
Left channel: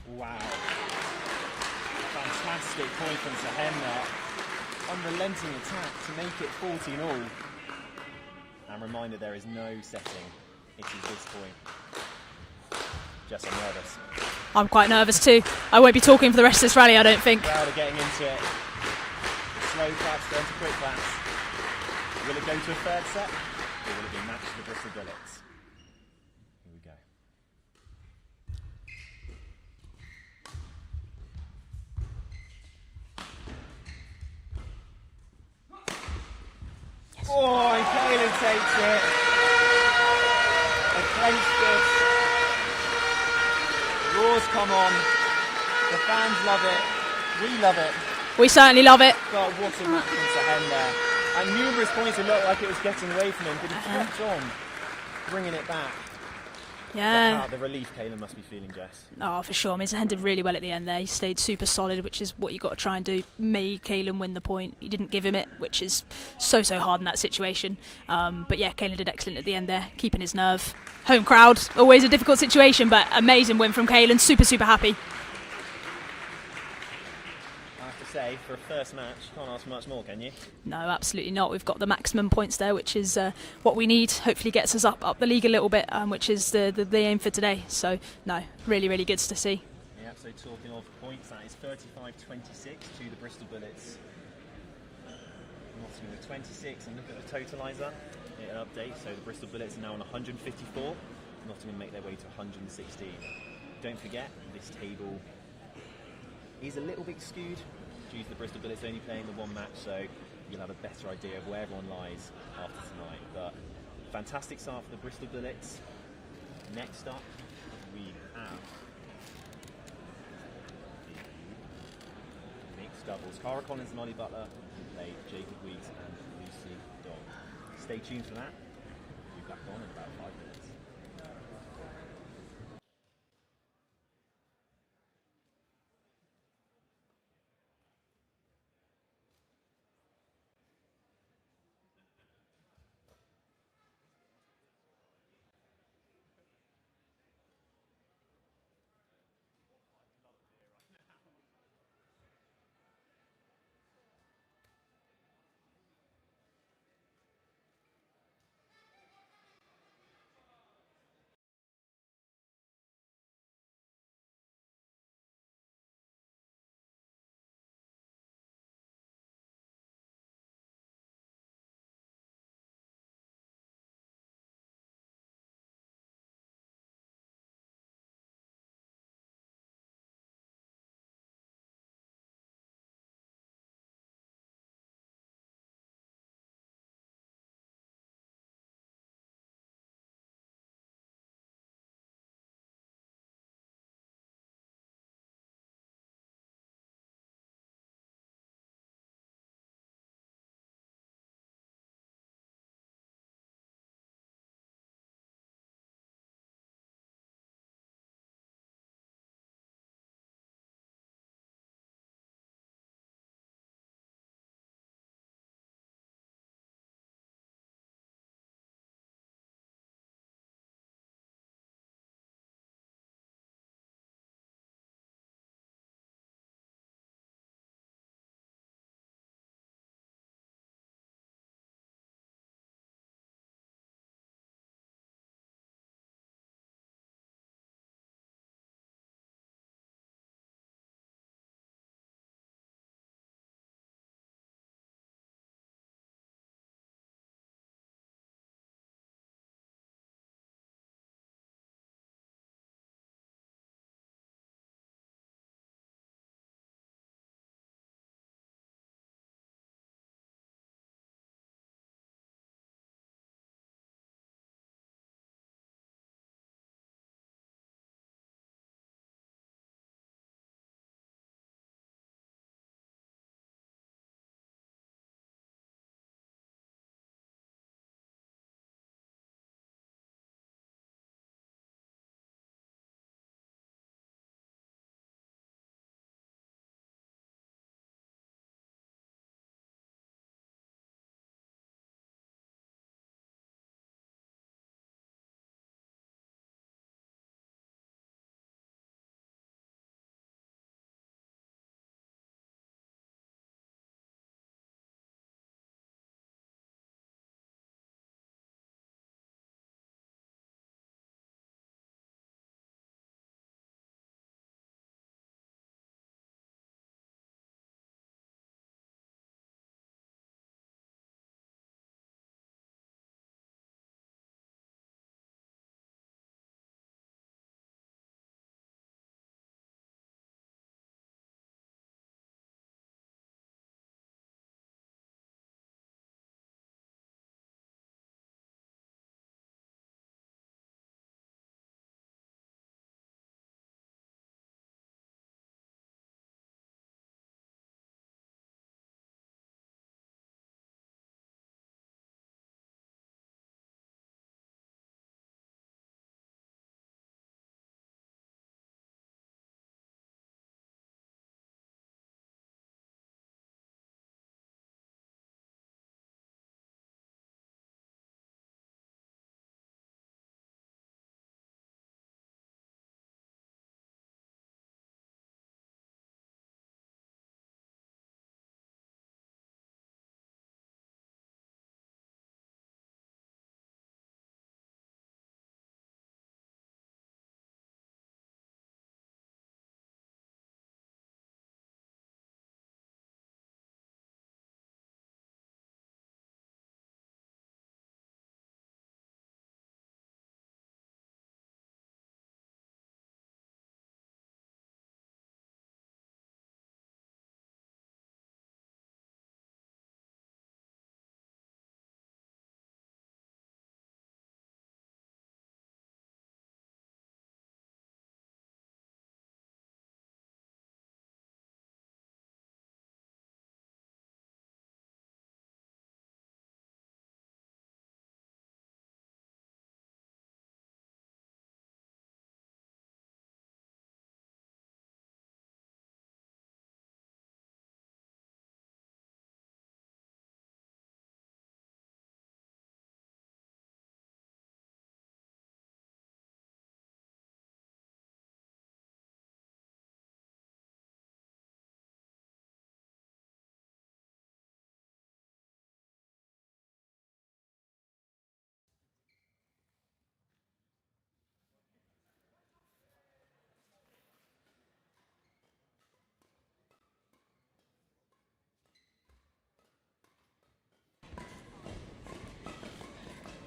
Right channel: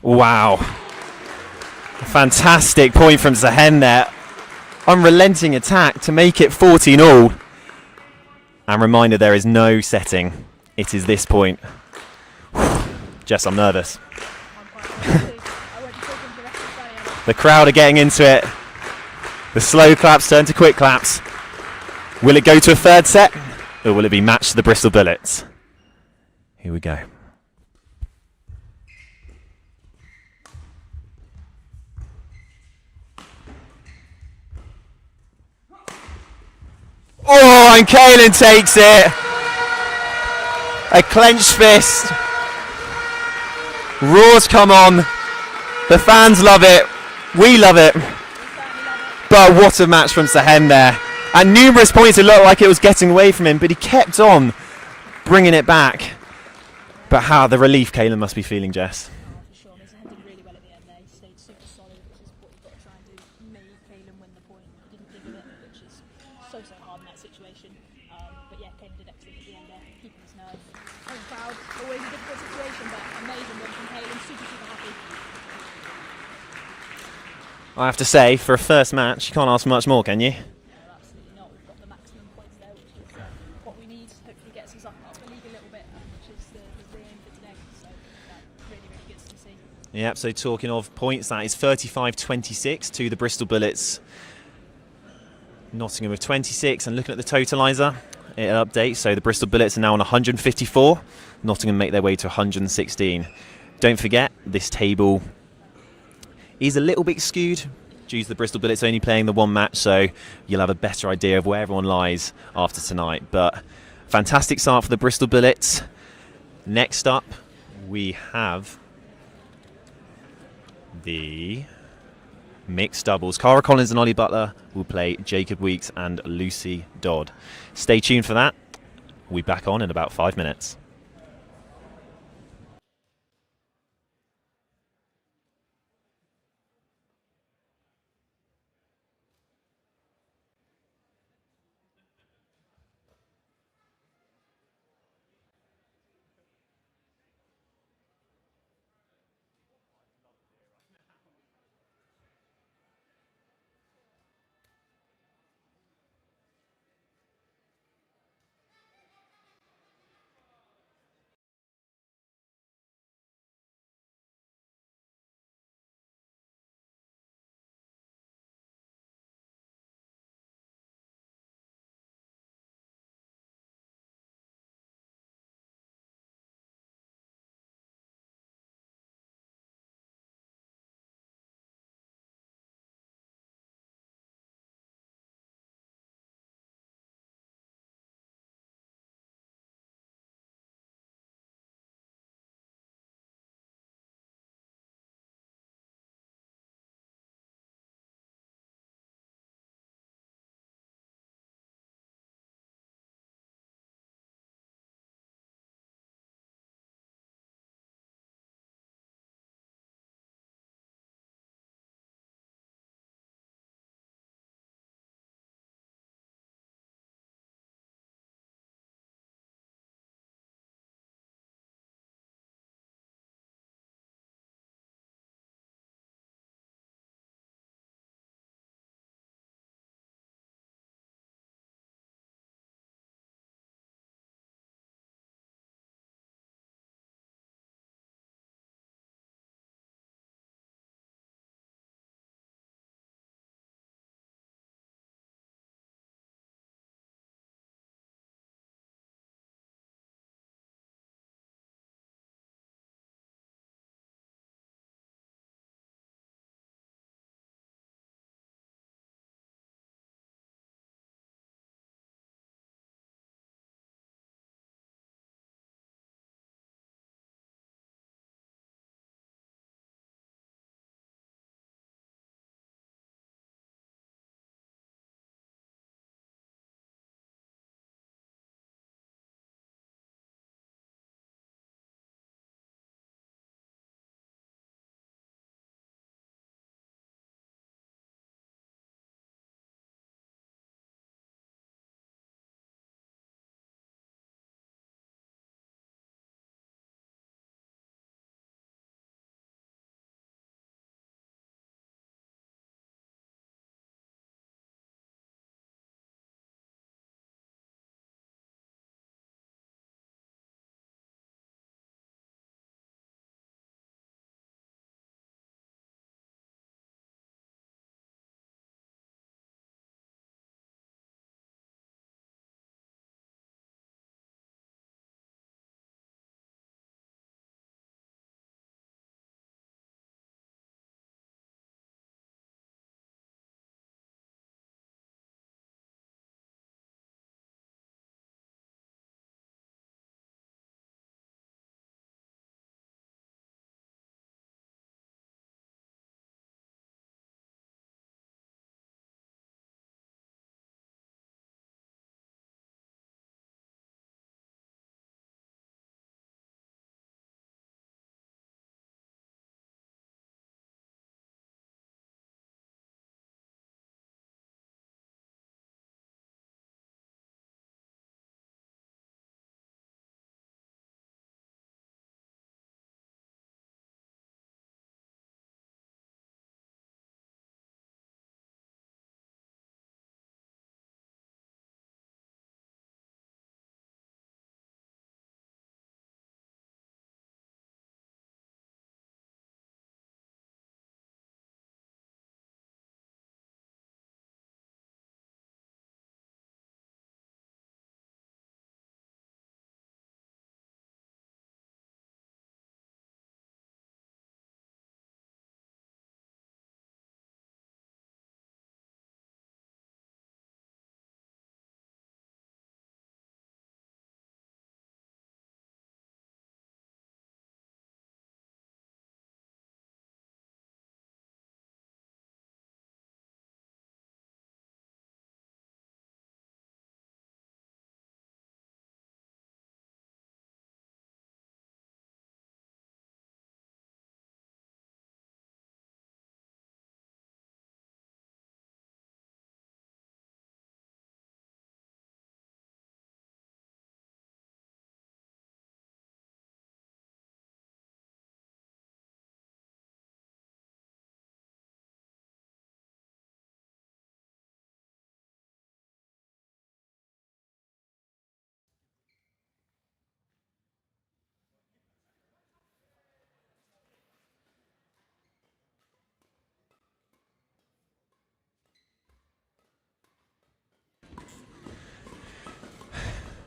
Wow. A fantastic point from Sahen there. Unrelenting attack to make it 14-all. And reminder, there is no setting. It is this point. Jess, I'm nervous. I'm quite nervous too. I won't be talking for the rest of this rally, I don't The think. crowd are getting into it. The slow claps turn to quick claps. Will it go to a third set? Or will it be match to the Bristol Bullets? Here we go. Oh, and Kaylin takes it. A clenched fist. Roars come on. The fans love it. We love it. We certainly love it. But what a match from Sahen there. At numerous points it looked like it was getting away from him, but he kept on bringing it back. Yeah. But how the relief Kaylin must be feeling, Jess. Oh, for sure. I mean, Sahen did really well at the end there. He stayed super solid, which is what you got to try and do. Made Kaylin win the point. He didn't give him it, which is so hard in that situation. But yeah, Kaylin did excellent at the end there, keeping his nerve. Home crowd, always a difficult situation, but amazing win from Kaylin. Super happy. I have to say, for a first match, you can't ask for much more, can you? No, absolutely not. We've got the maximum points there, which is what we need. Hopefully gets us up the league a little bit, which is the aim for today. So, no, really, really good to see. Yep, so talking of points, that is 35-26 to the Bristol Bullets. Nottingham with 26, and looking at the totaliser, it updates. So the Bristol Bullets are now on 154. Nottingham make their way to 116. Don't forget, this table is a little bit skewed due to the Bristol Bullets only playing the one match, so you'll have a better idea of where everyone lies after tonight. But fantastic start for the Bristol Bullets. Next up, we have the mixed doubles. Cara Collins and Ollie Butler will play Jacob Weeks and Lucy Dodd. Stay tuned for that. We'll be back on in about 5 minutes.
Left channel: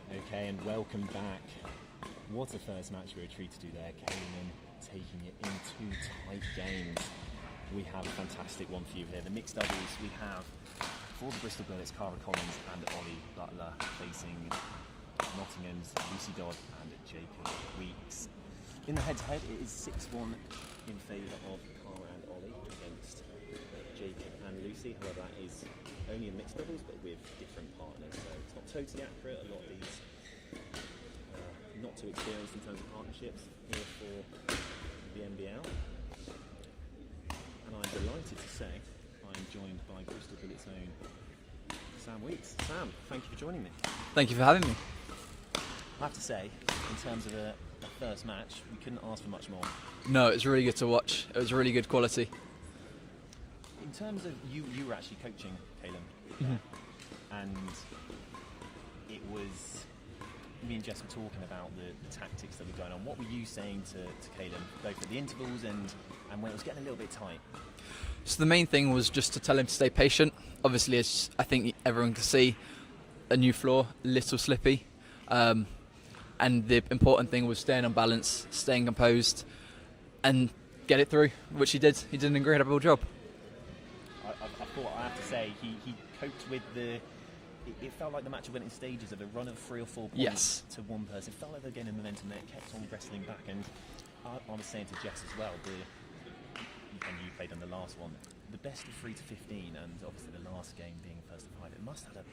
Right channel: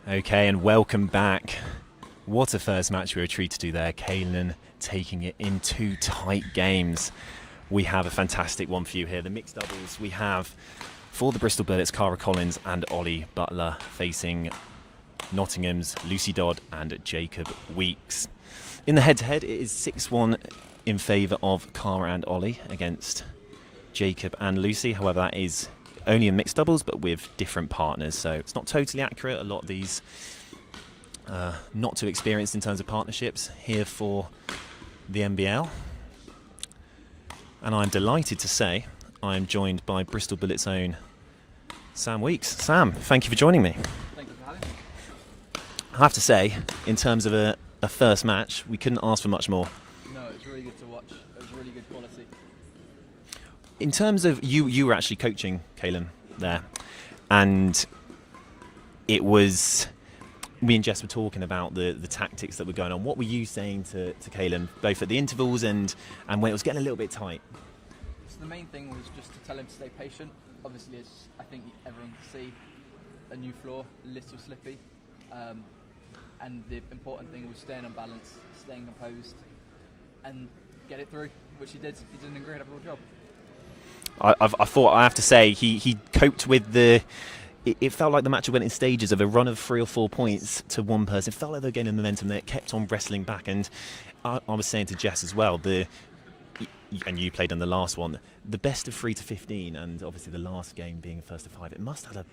Okay, and welcome back. What a first match we were treated to there. Kaelan taking it in 2 tight games. We have a fantastic one for you here. The mixed doubles we have for the Bristol Bullets, Cara Collins and Ollie Butler facing Nottingham's Lucy Dodd and Jacob Weeks. In the head-to-head, it is 6-1 in favour of Cara and Ollie against Jacob and Lucy. However, that is only in mixed doubles, but with different partners, so it's not totally accurate. A lot of these not too experienced in terms of partnerships here for the NBL. And I'm delighted to say I'm joined by Bristol Bullets' own Sam Weeks. Sam, thank you for joining me. Thank you for having me. I have to say, in terms of a first match, we couldn't ask for much more. No, it was really good to watch. It was really good quality. In terms of you were actually coaching Kaelan there, and it was, me and Jess were talking about the tactics that were going on. What were you saying to Kaelan, both at the intervals and when it was getting a little bit tight? So the main thing was just to tell him to stay patient. Obviously, as I think everyone can see, a new floor, a little slippy. And the important thing was staying on balance, staying composed, and get it through, which he did. He did an incredible job. I thought, I have to say, he coped with the... It felt like the match went in stages of a run of 3 or 4 points to one person. It felt like they were gaining momentum there. It kept on wrestling back. And I was saying to Jess as well, and you played on the last one, the best of 3 to 15, and obviously the last game being first to 5, it must have a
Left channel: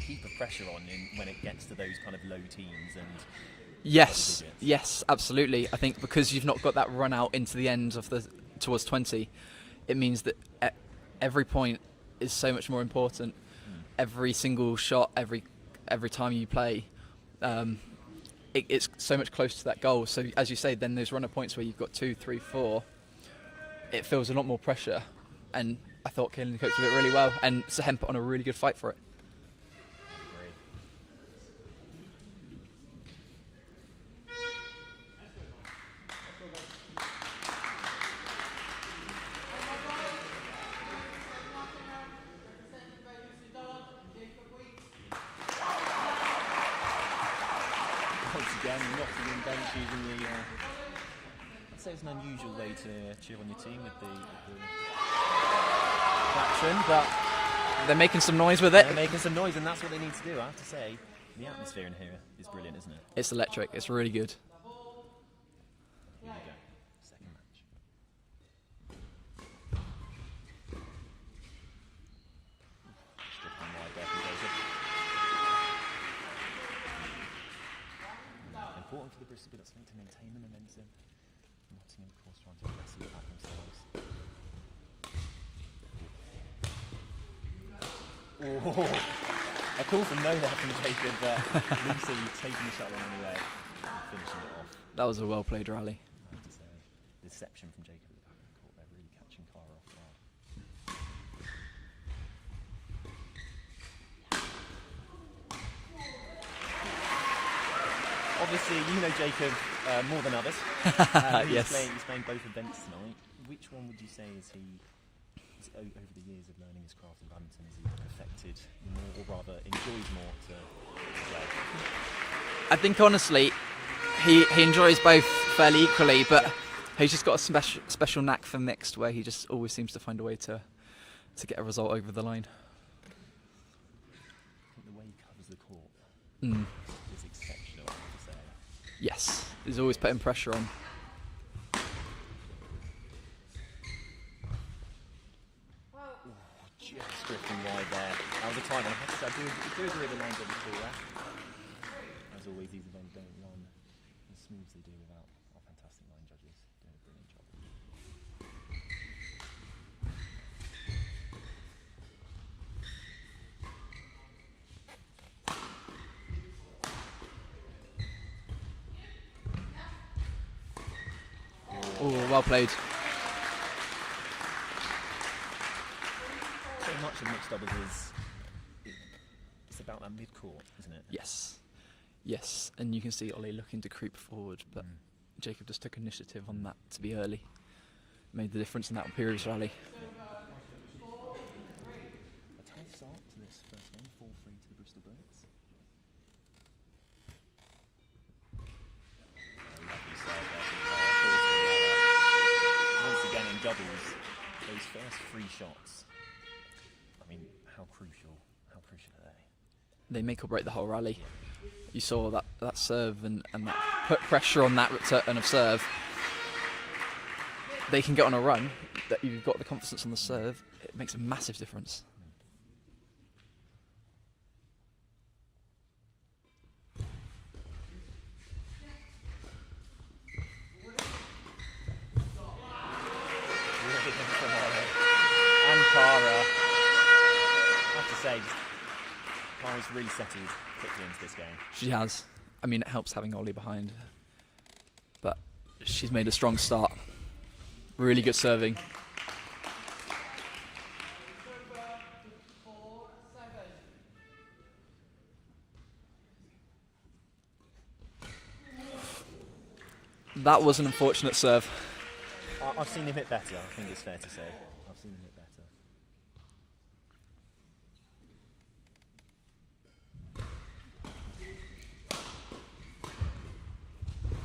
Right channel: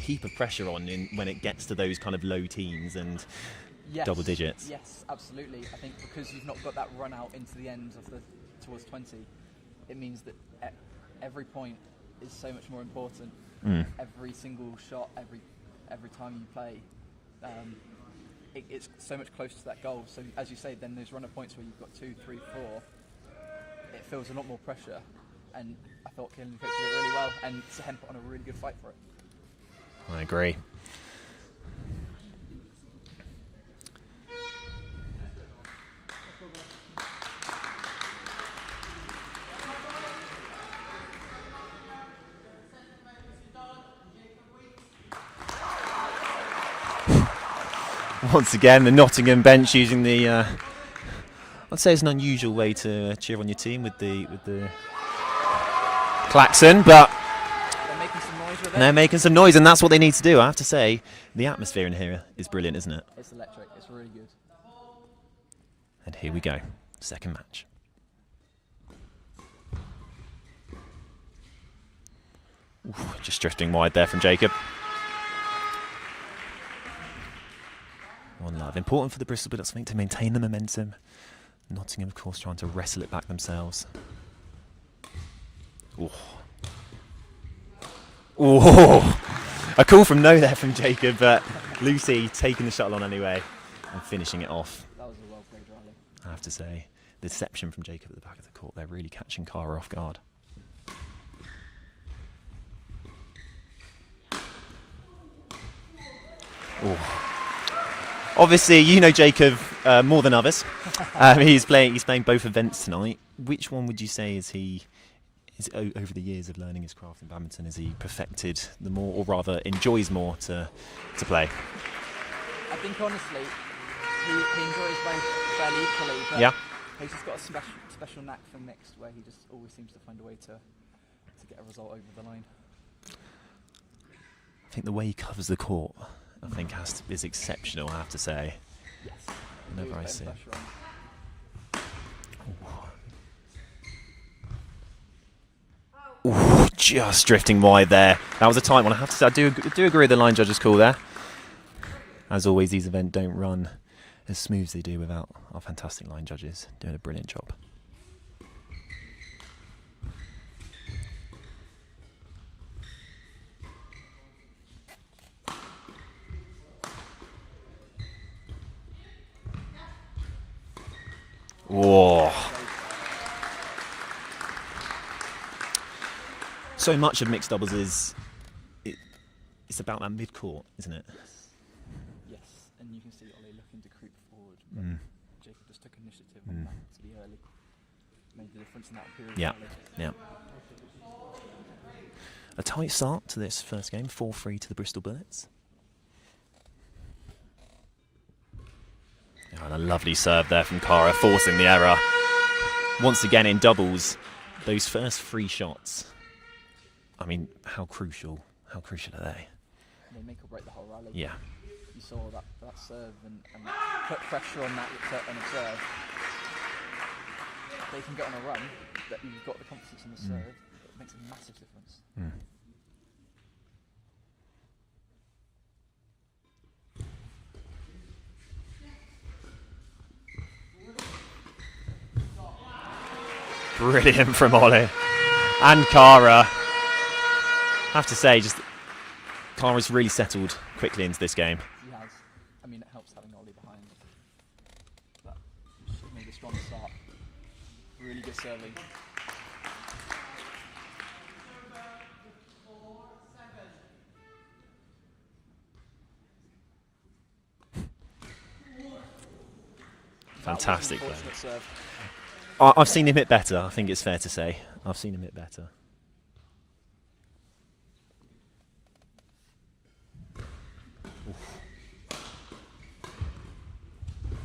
heap of pressure on when it gets to those kind of low teens and double digits. Yes, absolutely. I think because you've not got that run out into the end of towards 20, it means that every point is so much more important. Every single shot, every time you play, it's so much closer to that goal. So as you say, then those runner points where you've got 2, 3, 4, it feels a lot more pressure. And I thought Kaelan coached it really well, and Sahem put on a really good fight for it. I agree. Once again, the Nottingham bench using the, I'd say it's an unusual way to cheer on your team with the klaxon, but they're making some noise with it. They're making some noise, and that's what they need to do. I have to say, the atmosphere in here is brilliant, isn't it? It's electric. It's really good. And here we go, second match. Ooh, just drifting wide there from Jacob. One love. Important for the Bristol Bullets, I think, to maintain the momentum. Nottingham, of course, trying to wrestle it back themselves. Ooh. Ooh. A call from no there from Jacob, but Lucy taking the shuttle on anyway and finishing it off. That was a well-played rally. I have to say, the deception from Jacob at the back of the court, they're really catching Cara off guard. Ooh. Obviously, you know Jacob more than others. He's playing both events tonight. Which one would you say is over the years of learning his craft in badminton, is he perfected the more, or rather enjoys more to play? I think honestly, he enjoys both fairly equally, but he's just got a special knack for mixed, where he just always seems to find a way to get a result over the line. I think the way he covers the court, I think is exceptional, I have to say. Yes, he's always putting pressure on. Ooh, just drifting wide there. That was a tight one. I have to say, I do agree with the line judge's call there. As always, these events don't run as smooth as they do without our fantastic line judges doing a brilliant job. Whoa. Well played. So much of mixed doubles it's about that mid-court, isn't it? Yes. Yes, and you can see Ollie looking to creep forward, but Jacob just took initiative on that to be early. Made the difference in that period, Charlie. Yeah. A tight start to this first game, 4-3 to the Bristol Bullets. And a lovely serve there from Cara, forcing the error. Once again in doubles, those first 3 shots, I mean, how crucial are they? They make or break the whole rally. Yeah. You saw that serve and that put pressure on that return of serve. They can get on a run, that you've got the confidence on the serve, it makes a massive difference. Brilliant from Ollie. And Cara. I have to say, just Cara's really settled quickly into this game. She has. I mean, it helps having Ollie behind. But she's made a strong start. Really good serving. That was an Fantastic. unfortunate serve. I've seen him hit better, I think it's fair to say. I've seen him hit better.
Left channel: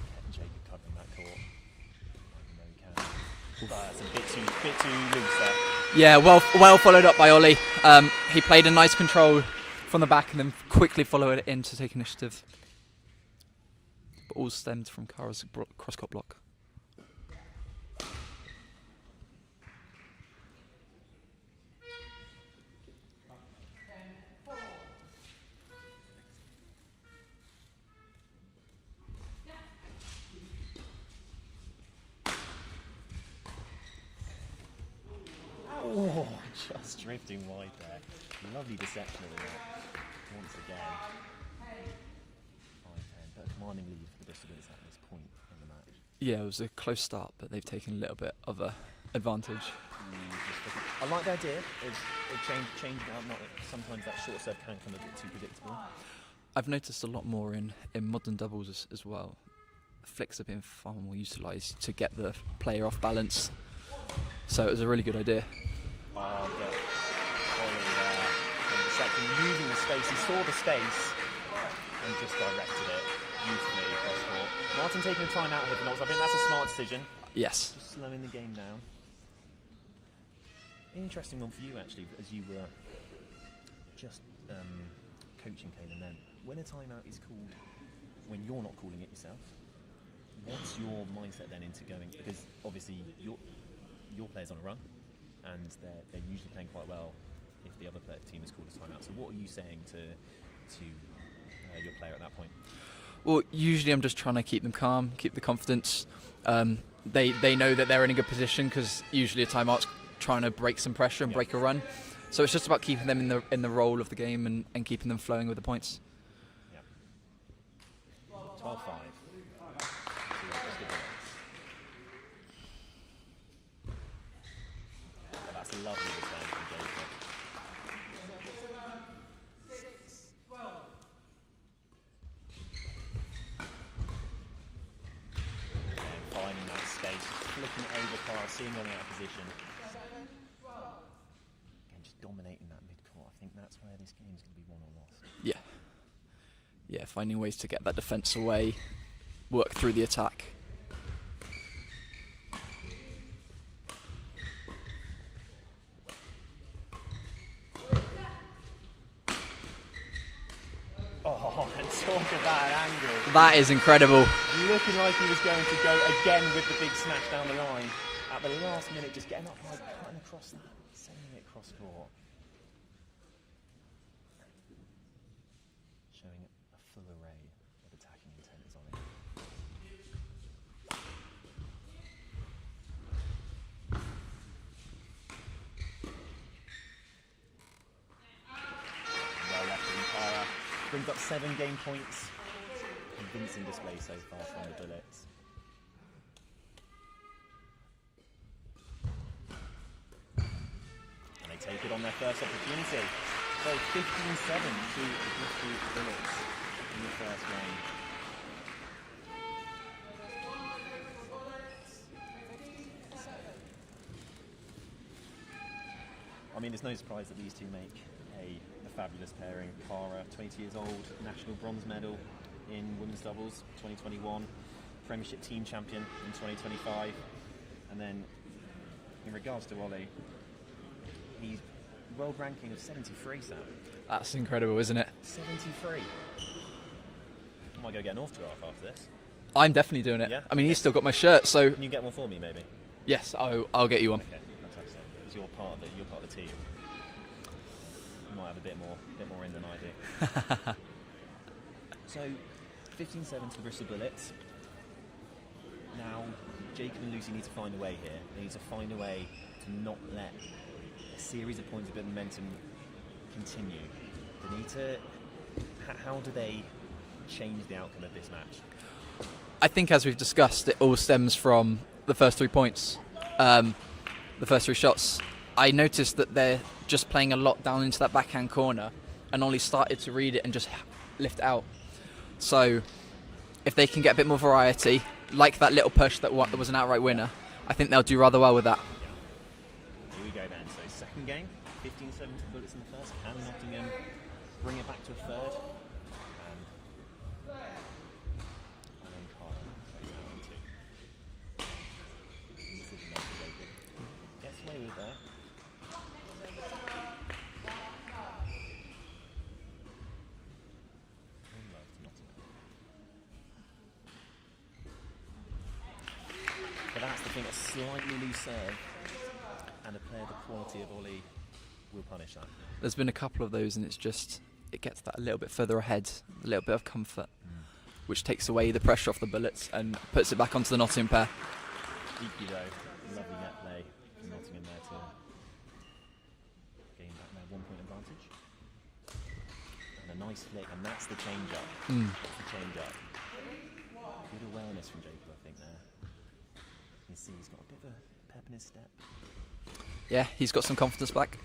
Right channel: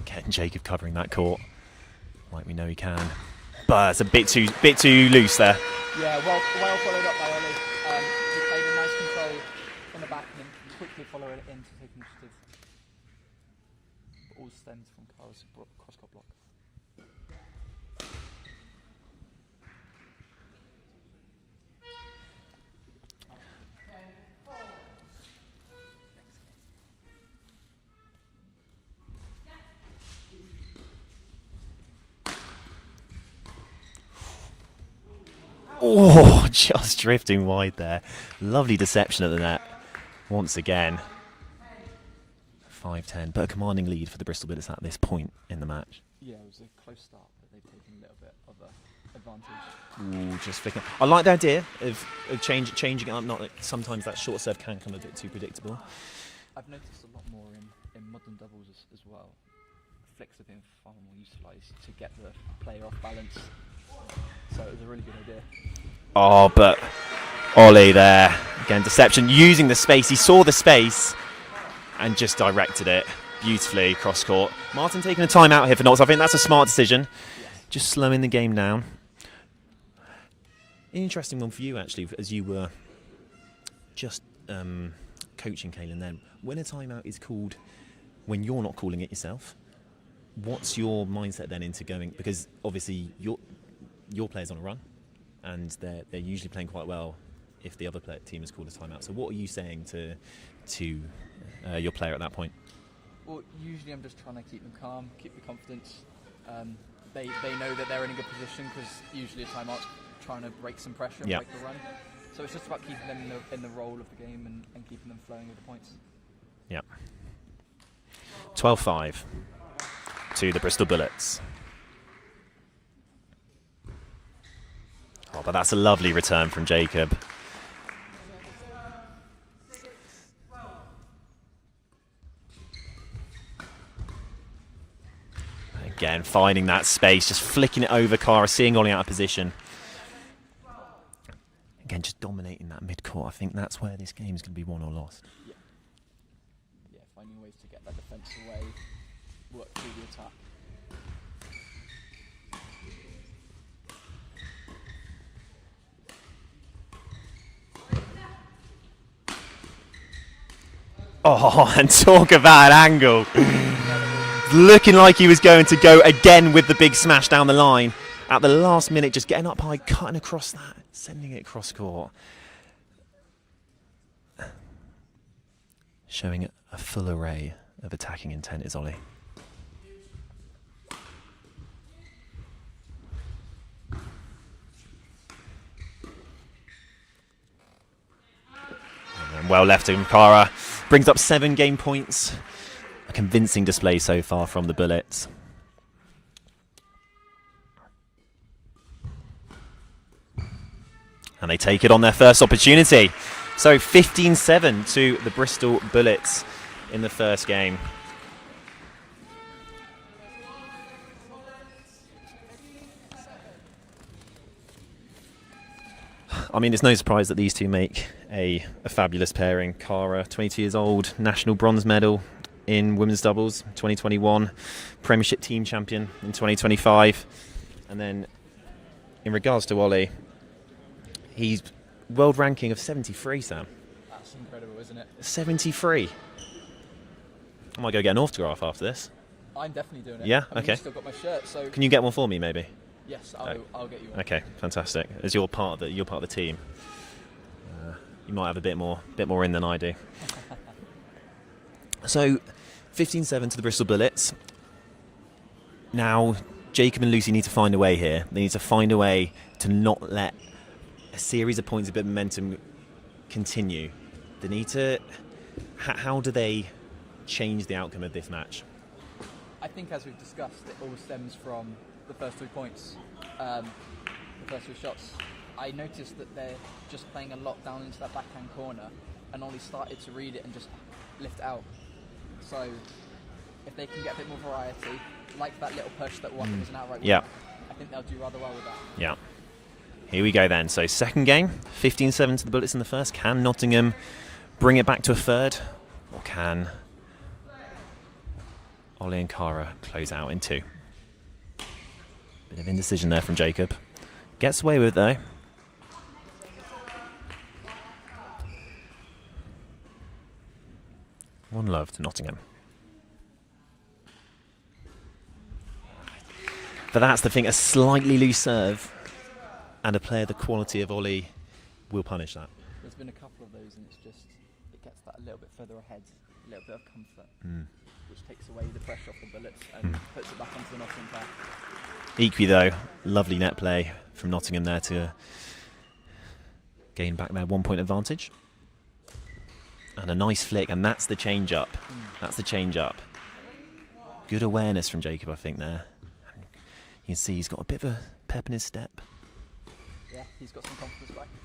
Getting Jacob covering that court, like we know he can. But it's a bit too loose there. Yeah, well followed up by Ollie. He played a nice control from the back and then quickly followed it in to take initiative. But all stemmed from Cara's cross-court block. Oh, just drifting wide there. Lovely deception at the net. Once again. 5-10, but a commanding lead for the Bristol Bullets at this point in the match. Yeah, it was a close start, but they've taken a little bit of a advantage. Ooh, just flicking. I like the idea of changing it up. Not that sometimes that short serve can come a bit too predictable. I've noticed a lot more in modern doubles as well. Flicks have been far more utilised to get the player off balance. So it was a really good idea. Oh, but Ollie there. Again, deception, using the space. He saw the space and just directed it beautifully cross court. Martin taking a time out here for Notts. I think that's a smart decision. Yes. Just slowing the game down. Interesting one for you, actually, as you were just coaching Kaylin then. When a timeout is called when you're not calling it yourself, what's your mindset then into going? Because obviously your player's on a run, and they're usually playing quite well if the other team has called a timeout. So what are you saying to your player at that point? Well, usually I'm just trying to keep them calm, keep the confidence. They know that they're in a good position because usually a timeout's trying to break some pressure and break a run. So it's just about keeping them in the role of the game and keeping them flowing with the points. Yeah. 12-5 to the Bristol Bullets. Oh, but that's a lovely return from Jacob. Again, finding that space, just flicking it over Cara, seeing Ollie out of position. Again, just dominating that mid-court. I think that's where this game is going to be won or lost. Yeah. Yeah, finding ways to get that defence away, work through the attack. Oh, and talk about an angle. That is incredible. Looking like he was going to go again with the big smash down the line. At the last minute, just getting up high, cutting across that, sending it cross court. Showing a full array of attacking intent is Ollie. And well left to Cara. Brings up 7 game points. A convincing display so far from the Bullets. And they take it on their first opportunity. So 15-7 to the Bristol Bullets in the first game. I mean, it's no surprise that these two make a fabulous pairing. Cara, 22 years old, national bronze medal in women's doubles 2021, Premiership team champion in 2025. And then in regards to Ollie, he's world ranking of 73, Sam. That's incredible, isn't it? 73. I might go get an autograph after this. I'm definitely doing it. Yeah? I mean, Okay. he's still got my shirt, so Can you get one for me, maybe? yes, I'll get you one. Okay, fantastic. As you're part of the team, you might have a bit more in than I do. So, 15-7 to the Bristol Bullets. Now, Jacob and Lucy need to find a way here. They need to find a way to not let a series of points, a bit of momentum continue. They need to. How do they change the outcome of this match? I think, as we've discussed, it all stems from the first 3 points, the first 3 shots. I noticed that they're just playing a lot down into that backhand corner, and Ollie started to read it and just lift out. So, if they can get a bit more variety, like that little push that was an outright winner, I think they'll do rather well with that. Yeah. Here we go then. So second game, 15-7 to the Bullets in the first. Can Nottingham bring it back to a third? Or can Ollie and Cara close out in 2? Bit of indecision there from Jacob. Gets away with it though. One love to Nottingham. But that's the thing, a slightly loose serve and a player the quality of Ollie will punish that. There's been a couple of those, and it gets that a little bit further ahead, a little bit of comfort, which takes away the pressure off the Bullets and puts it back onto the Nottingham pair. Equally though, lovely net play from Nottingham there to gain back their 1 point advantage. And a nice flick, and that's the change up. That's the change up. Good awareness from Jacob, I think, there. You can see he's got a bit of a pep in his step. Yeah, he's got some confidence back.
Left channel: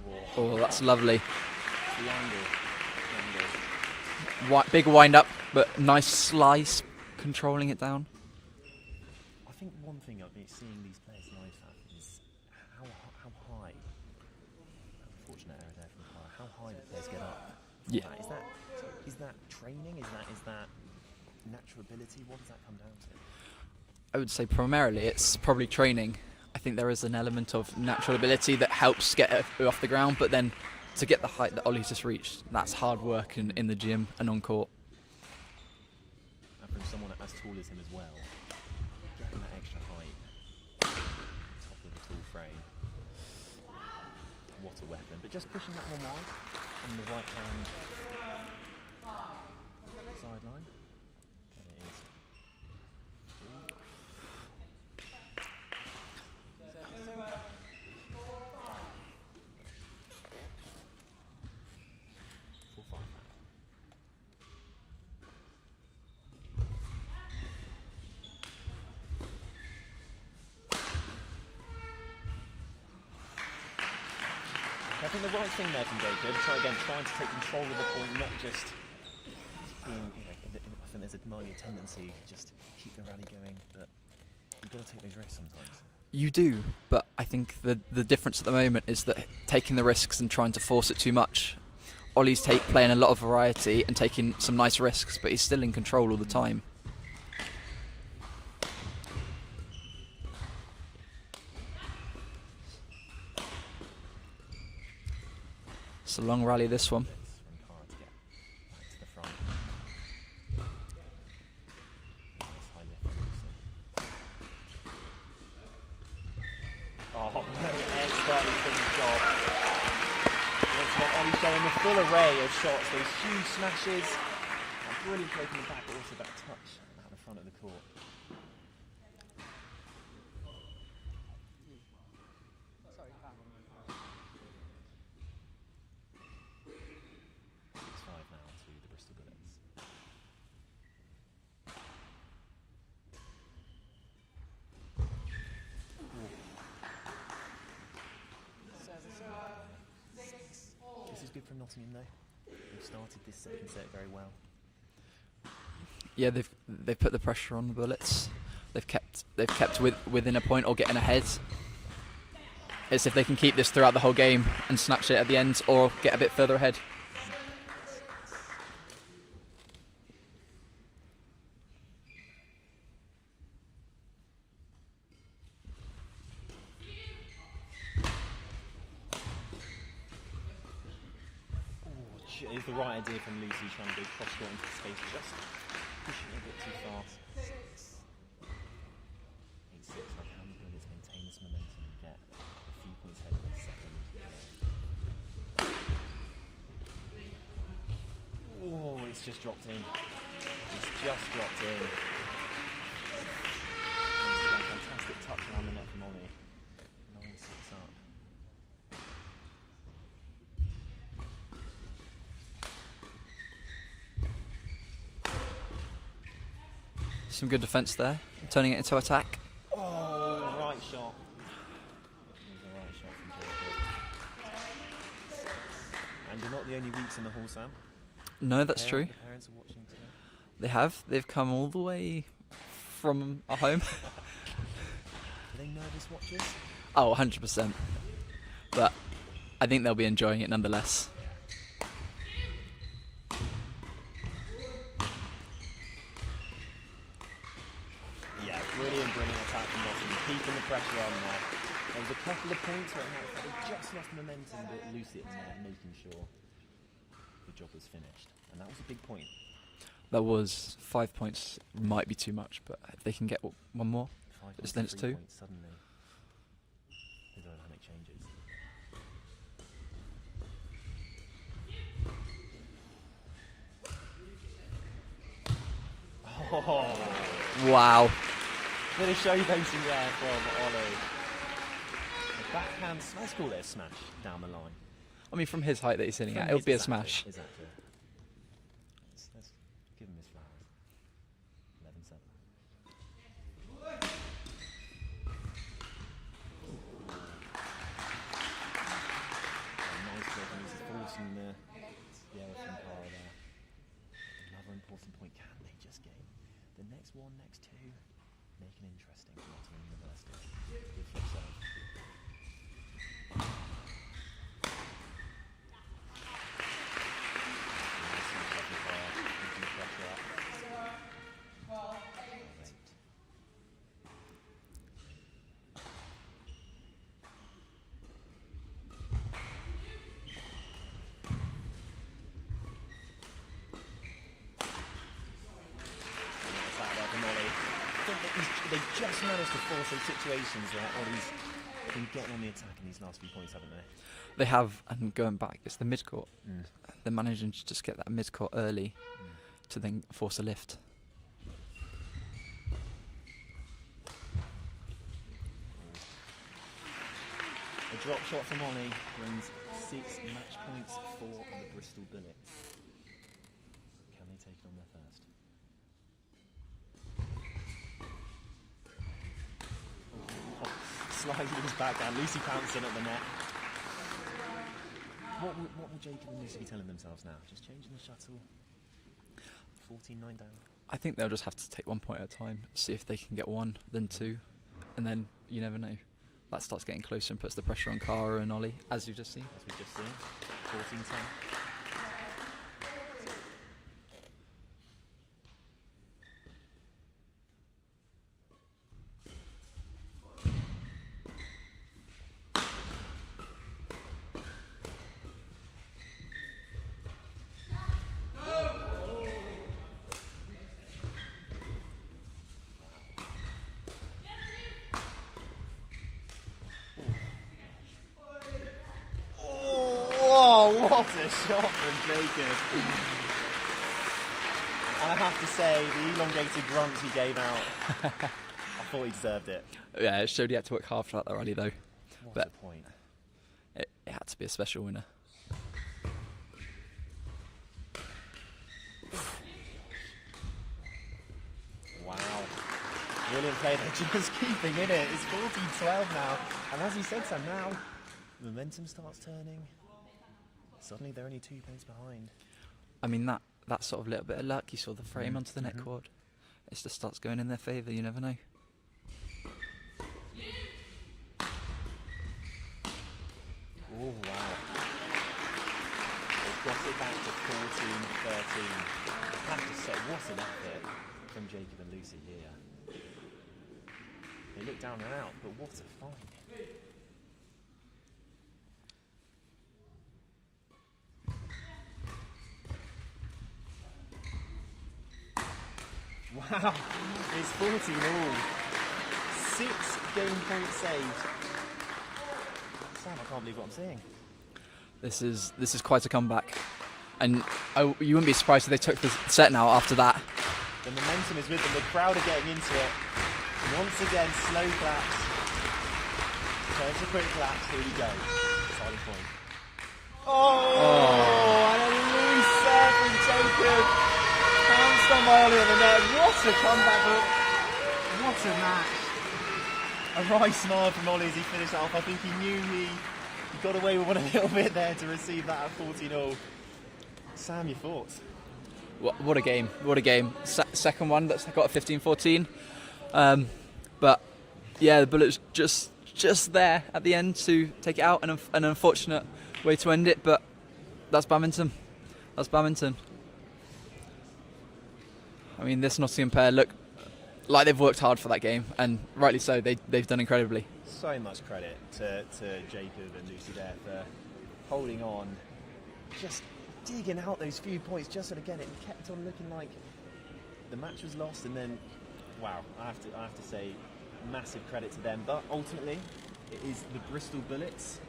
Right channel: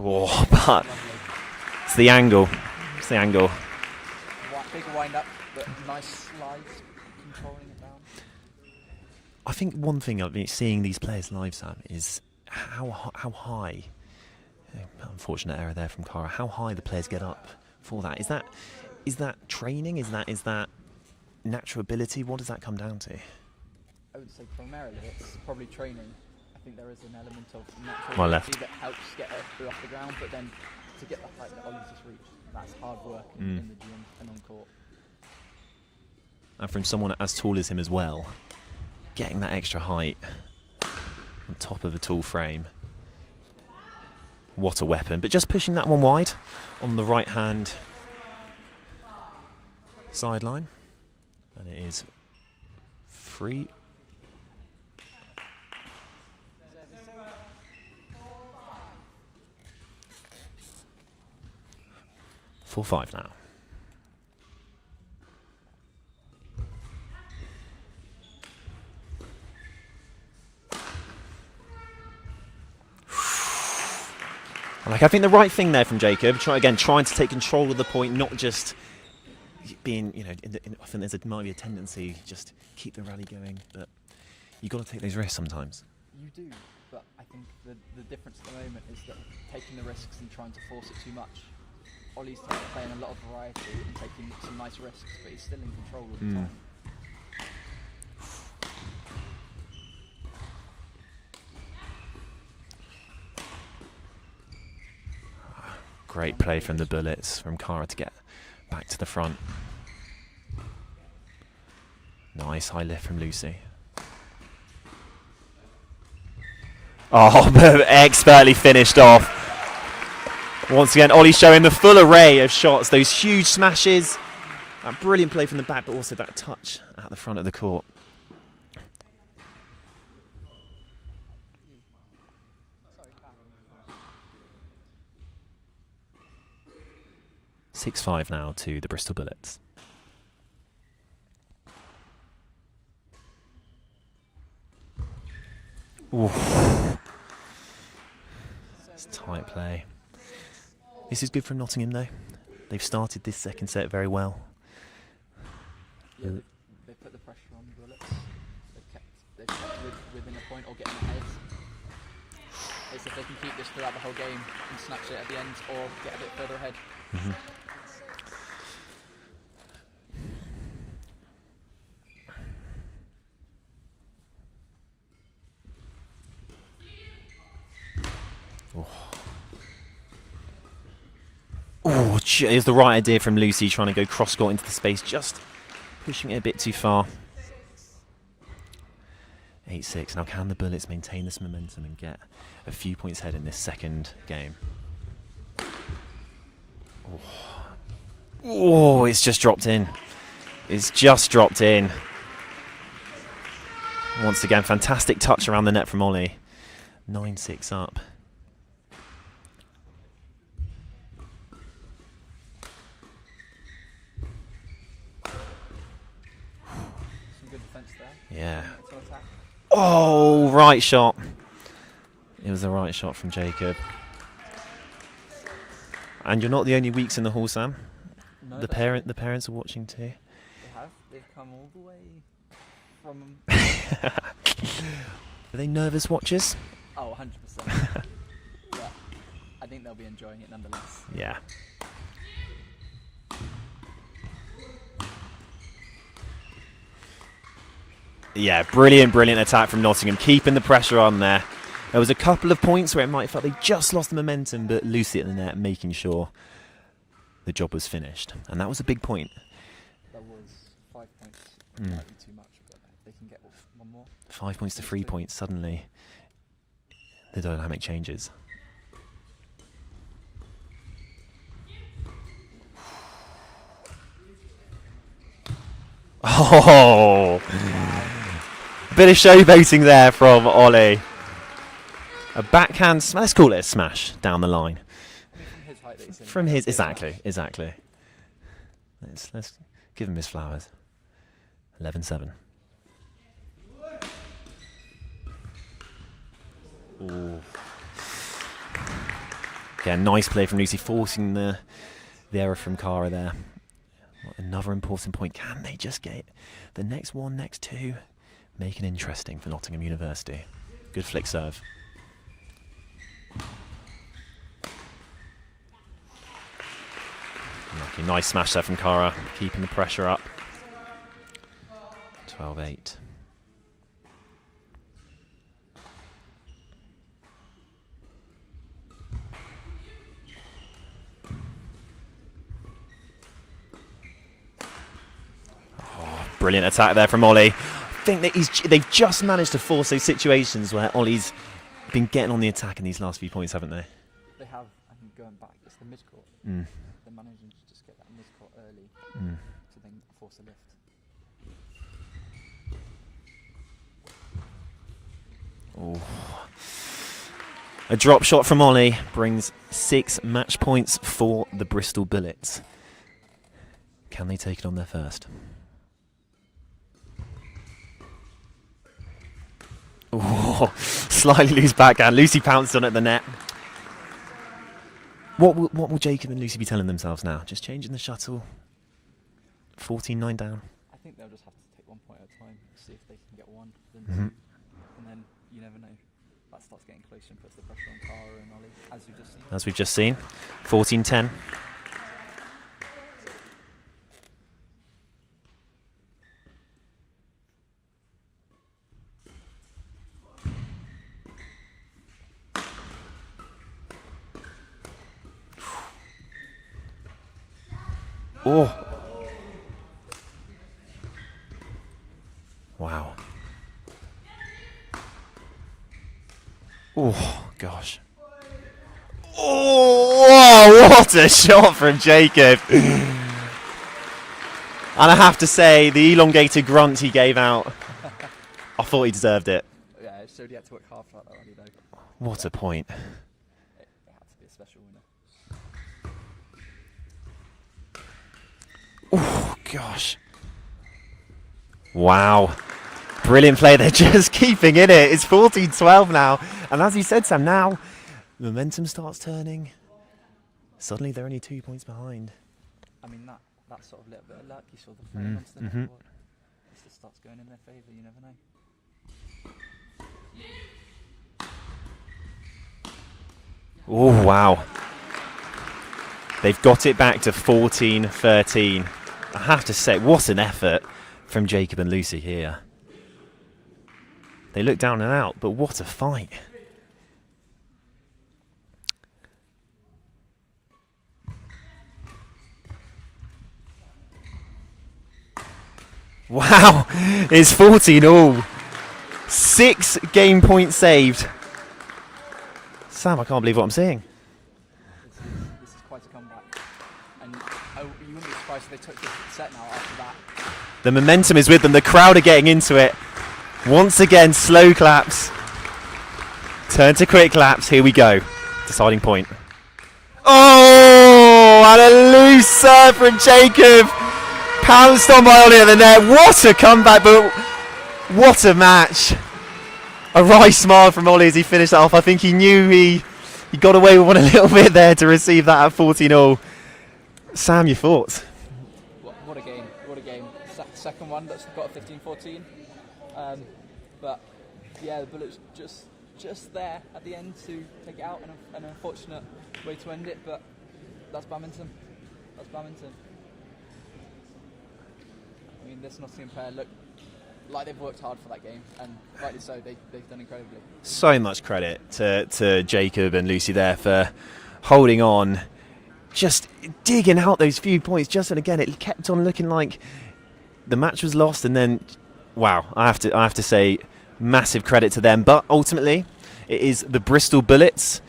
Oh, That's but lovely. it's the angle. It's the angle. Big wind up, but nice slice, controlling it down. I think one thing I've been seeing these players live, Sam, is how high. Unfortunate error there from Cara. How high the players get up for that. Is that training? Is that natural ability? What does that come down to? I would say primarily it's probably training. I think there is an element of natural Oh, ability that helps get it off the ground, but then to get the height that Ollie's just reached, that's hard work in the gym and on court. And from someone as tall as him as well, getting that extra height on top of a tall frame. What a weapon. But just pushing that one wide on the right hand sideline. And it is free. Full 5 now. I think the right thing there from Jacob, trying to take control of the point, not just being, I think might be a tendency just keep the rally going, but you've got to take those risks sometimes. You do, but I think the difference at the moment is that taking the risks and trying to force it too much. Ollie's playing a lot of variety and taking some nice risks, but he's still in control all the time. Great play from the Bullets, from Cara to get back to the front. Nice high lift from Lucy. Oh, expertly finished off. Once again, Ollie showing the full array of shots, those huge smashes. That brilliant play from the back, but also that touch at the front of the court. Sorry, 6-5 now to the Bristol Bullets. Oof. It's tight play. This is good from Nottingham though. They've started this second set very well. Yeah, they've put the pressure on the Bullets. They've kept within a point or getting ahead. It's if they can keep this throughout the whole game and snatch it at the end or get a bit further ahead. Oh, it was the right idea from Lucy, trying to go cross-court into the space, just pushing it a bit too far. 8-6. Now, can the Bullets maintain this momentum and get a few points ahead in this second game? Oh, it's just dropped in. It's just dropped in. Once again, fantastic touch around the net from Ollie. 9-6 up. Some good defence there. Yeah. Turning it into attack. Oh, right shot. It was the right shot from Jacob. And you're not the only weeks in the hall, Sam. No, that's true. The parents are watching too. They have. They've come all the way from home. Are they nervous watchers? Oh, 100%. But I think they'll be enjoying it nonetheless. Yeah. Yeah, brilliant attack from Nottingham, keeping the pressure on there. There was a couple of points where it might have felt they just lost the momentum, but Lucy at the net making sure the job was finished. And that was a big point. That was 5 points. Might be too much, but if they can get one more. 5 points to 3 points, suddenly the dynamic changes. Oh! Wow. Bit of showboating there from Ollie. A backhand, let's call it a smash down the line. I mean, from his height that he's in. From it'll his, be a smash. exactly. Let's give him his flowers. 11-7. Yeah, nice play from Lucy, forcing the error from Cara there. Another important point. Can they just get the next one, next two? Make it interesting for Nottingham University. Good flick serve. Okay, nice smash there from Cara, keeping the pressure up. 12-8. Brilliant attack there from Ollie. I think that they've just managed to force those situations where Ollie's been getting on the attack in these last few points, haven't they? They have, and going back, it's the mid-court. They're managing to just get that mid-court early to then force a lift. Oh. A drop shot from Ollie brings 6 match points for the Bristol Bullets. Can they take it on their first? Oh, slightly loose backhand. Lucy pounced on it at the net. What will Jacob and Lucy be telling themselves now? Just changing the shuttle. 14-9 down. I think they'll just have to take 1 point at a time, see if they can get one, then two, and then you never know. That starts getting closer and puts the pressure on Cara and Ollie, as you've just seen. As we've just seen. 14-10. Oh. Wow. Oh, gosh. Oh, what a shot from Jacob. And I have to say, the elongated grunt he gave out, I thought he deserved it. Yeah, it showed he had to work hard for that, though, Ollie, though. What But a point. It had to be a special winner. Oh, gosh. Wow. Brilliant play. They're just keeping in it. It's 14-12 now. And as you said, Sam, now the momentum starts turning. Suddenly they're only 2 points behind. I mean, that sort of little bit of luck, you saw the frame onto the net board. It just starts going in their favour, you never know. Oh, wow. They've got it back to 14-13. I have to say, what an effort from Jacob and Lucy here. They look down and out, but what a fight. Wow, it's 14 all. 6 game points saved. Sam, I can't believe what I'm seeing. This is quite a comeback, and you wouldn't be surprised if they took the set now after that. The momentum is with them. The crowd are getting into it. Once again, slow claps. Turn to quick claps. Here we go. Deciding point. Oh, and a loose serve from Jacob. Pounced on by Ollie at the net. What a comeback, but what a match. A wry smile from Ollie as he finished that off. I think he knew he got away with one a little bit there to receive that at 14-all. Sam, your thoughts? What a game. What a game. Second one that's got a 15-14. But yeah, the Bullets just there at the end to take it out. An unfortunate way to end it, but that's badminton. That's badminton. I mean, this Nottingham pair look like they've worked hard for that game, and rightly so. They've done incredibly. So much credit to Jacob and Lucy there for holding on, just digging out those few points. And again, it kept on looking like the match was lost, and then, wow, I have to say, massive credit to them. But ultimately, it is the Bristol Bullets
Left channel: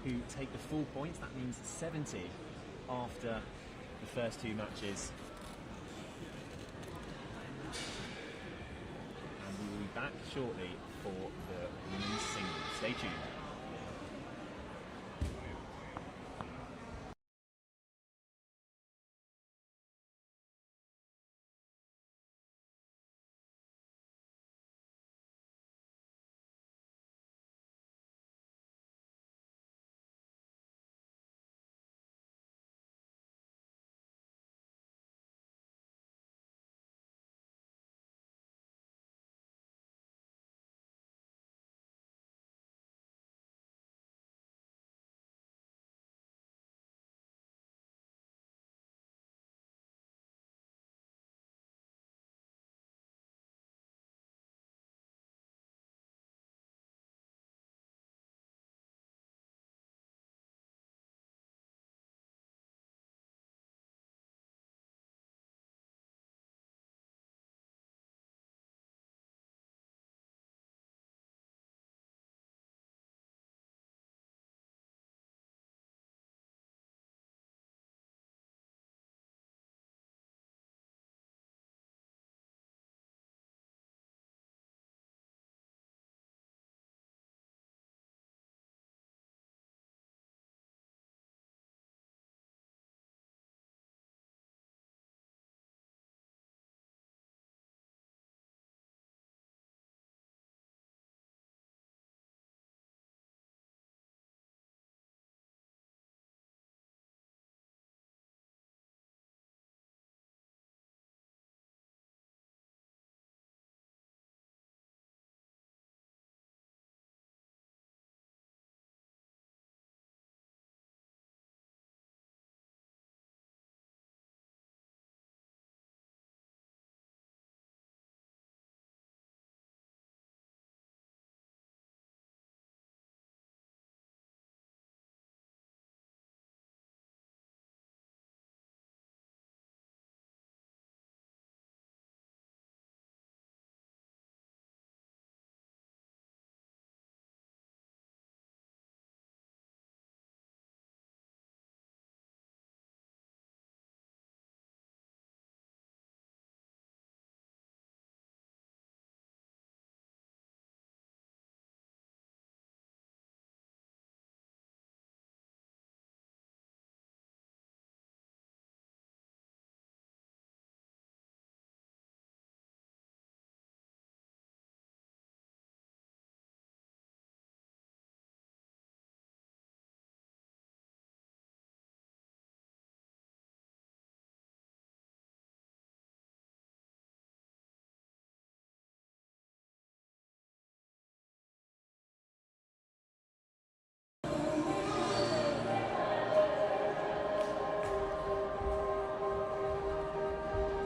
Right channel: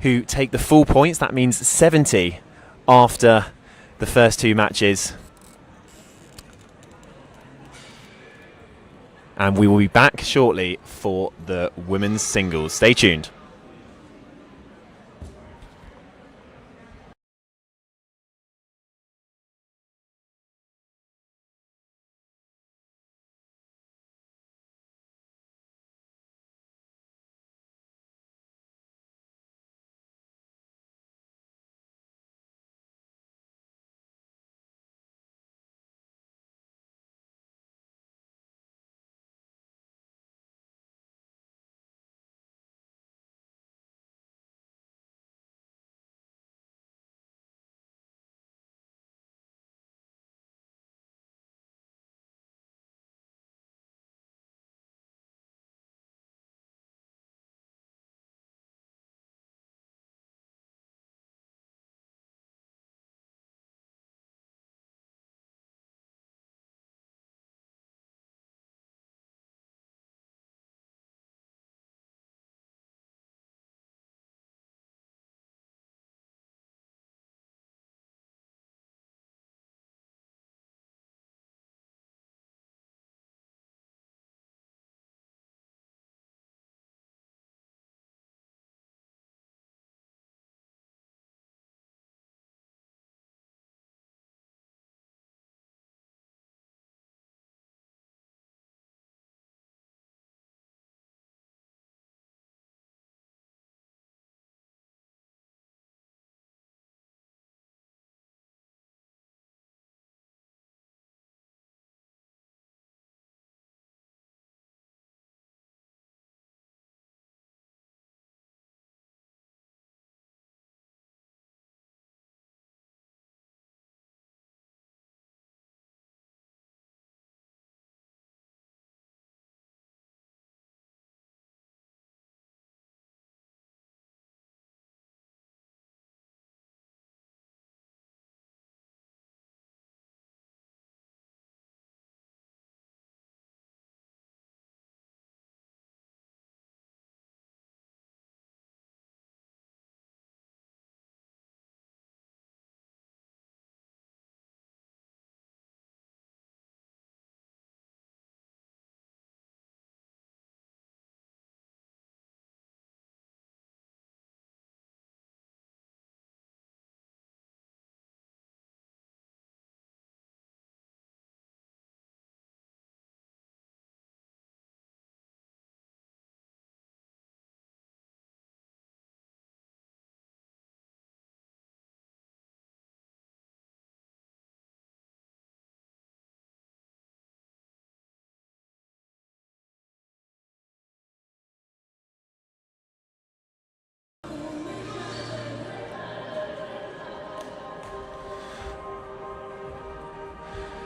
who take the full points. That means 70 after the first 2 matches. And we will be back shortly for the women's singles. Stay tuned.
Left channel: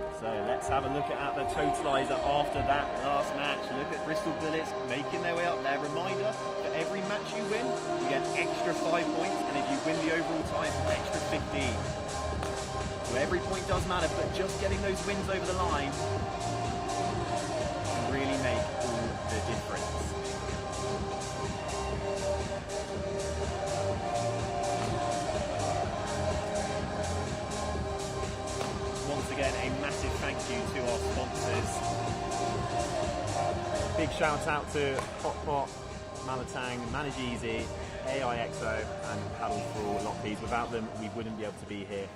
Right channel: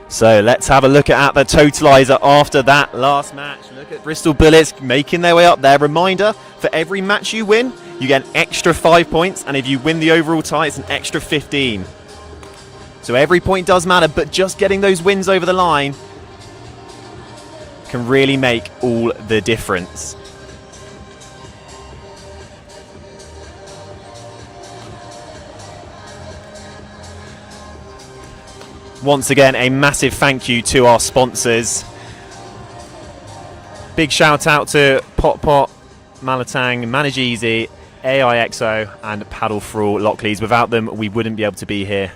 So let's have a look at the totalizer after that last match. Look at Bristol Bullets making their way up there. Reminder, for every match you win, you get an extra 5 points, and if you win the overall tie, it's an extra 15. So every point does matter, but just getting those wins over the line can really make all the difference. Once again, a massive thank you to our sponsors. Big shout out to Pot Pot, Malatang, Manage Easy, AIXO and Paddle for All Lockleys. Without them, we wouldn't be able to be here.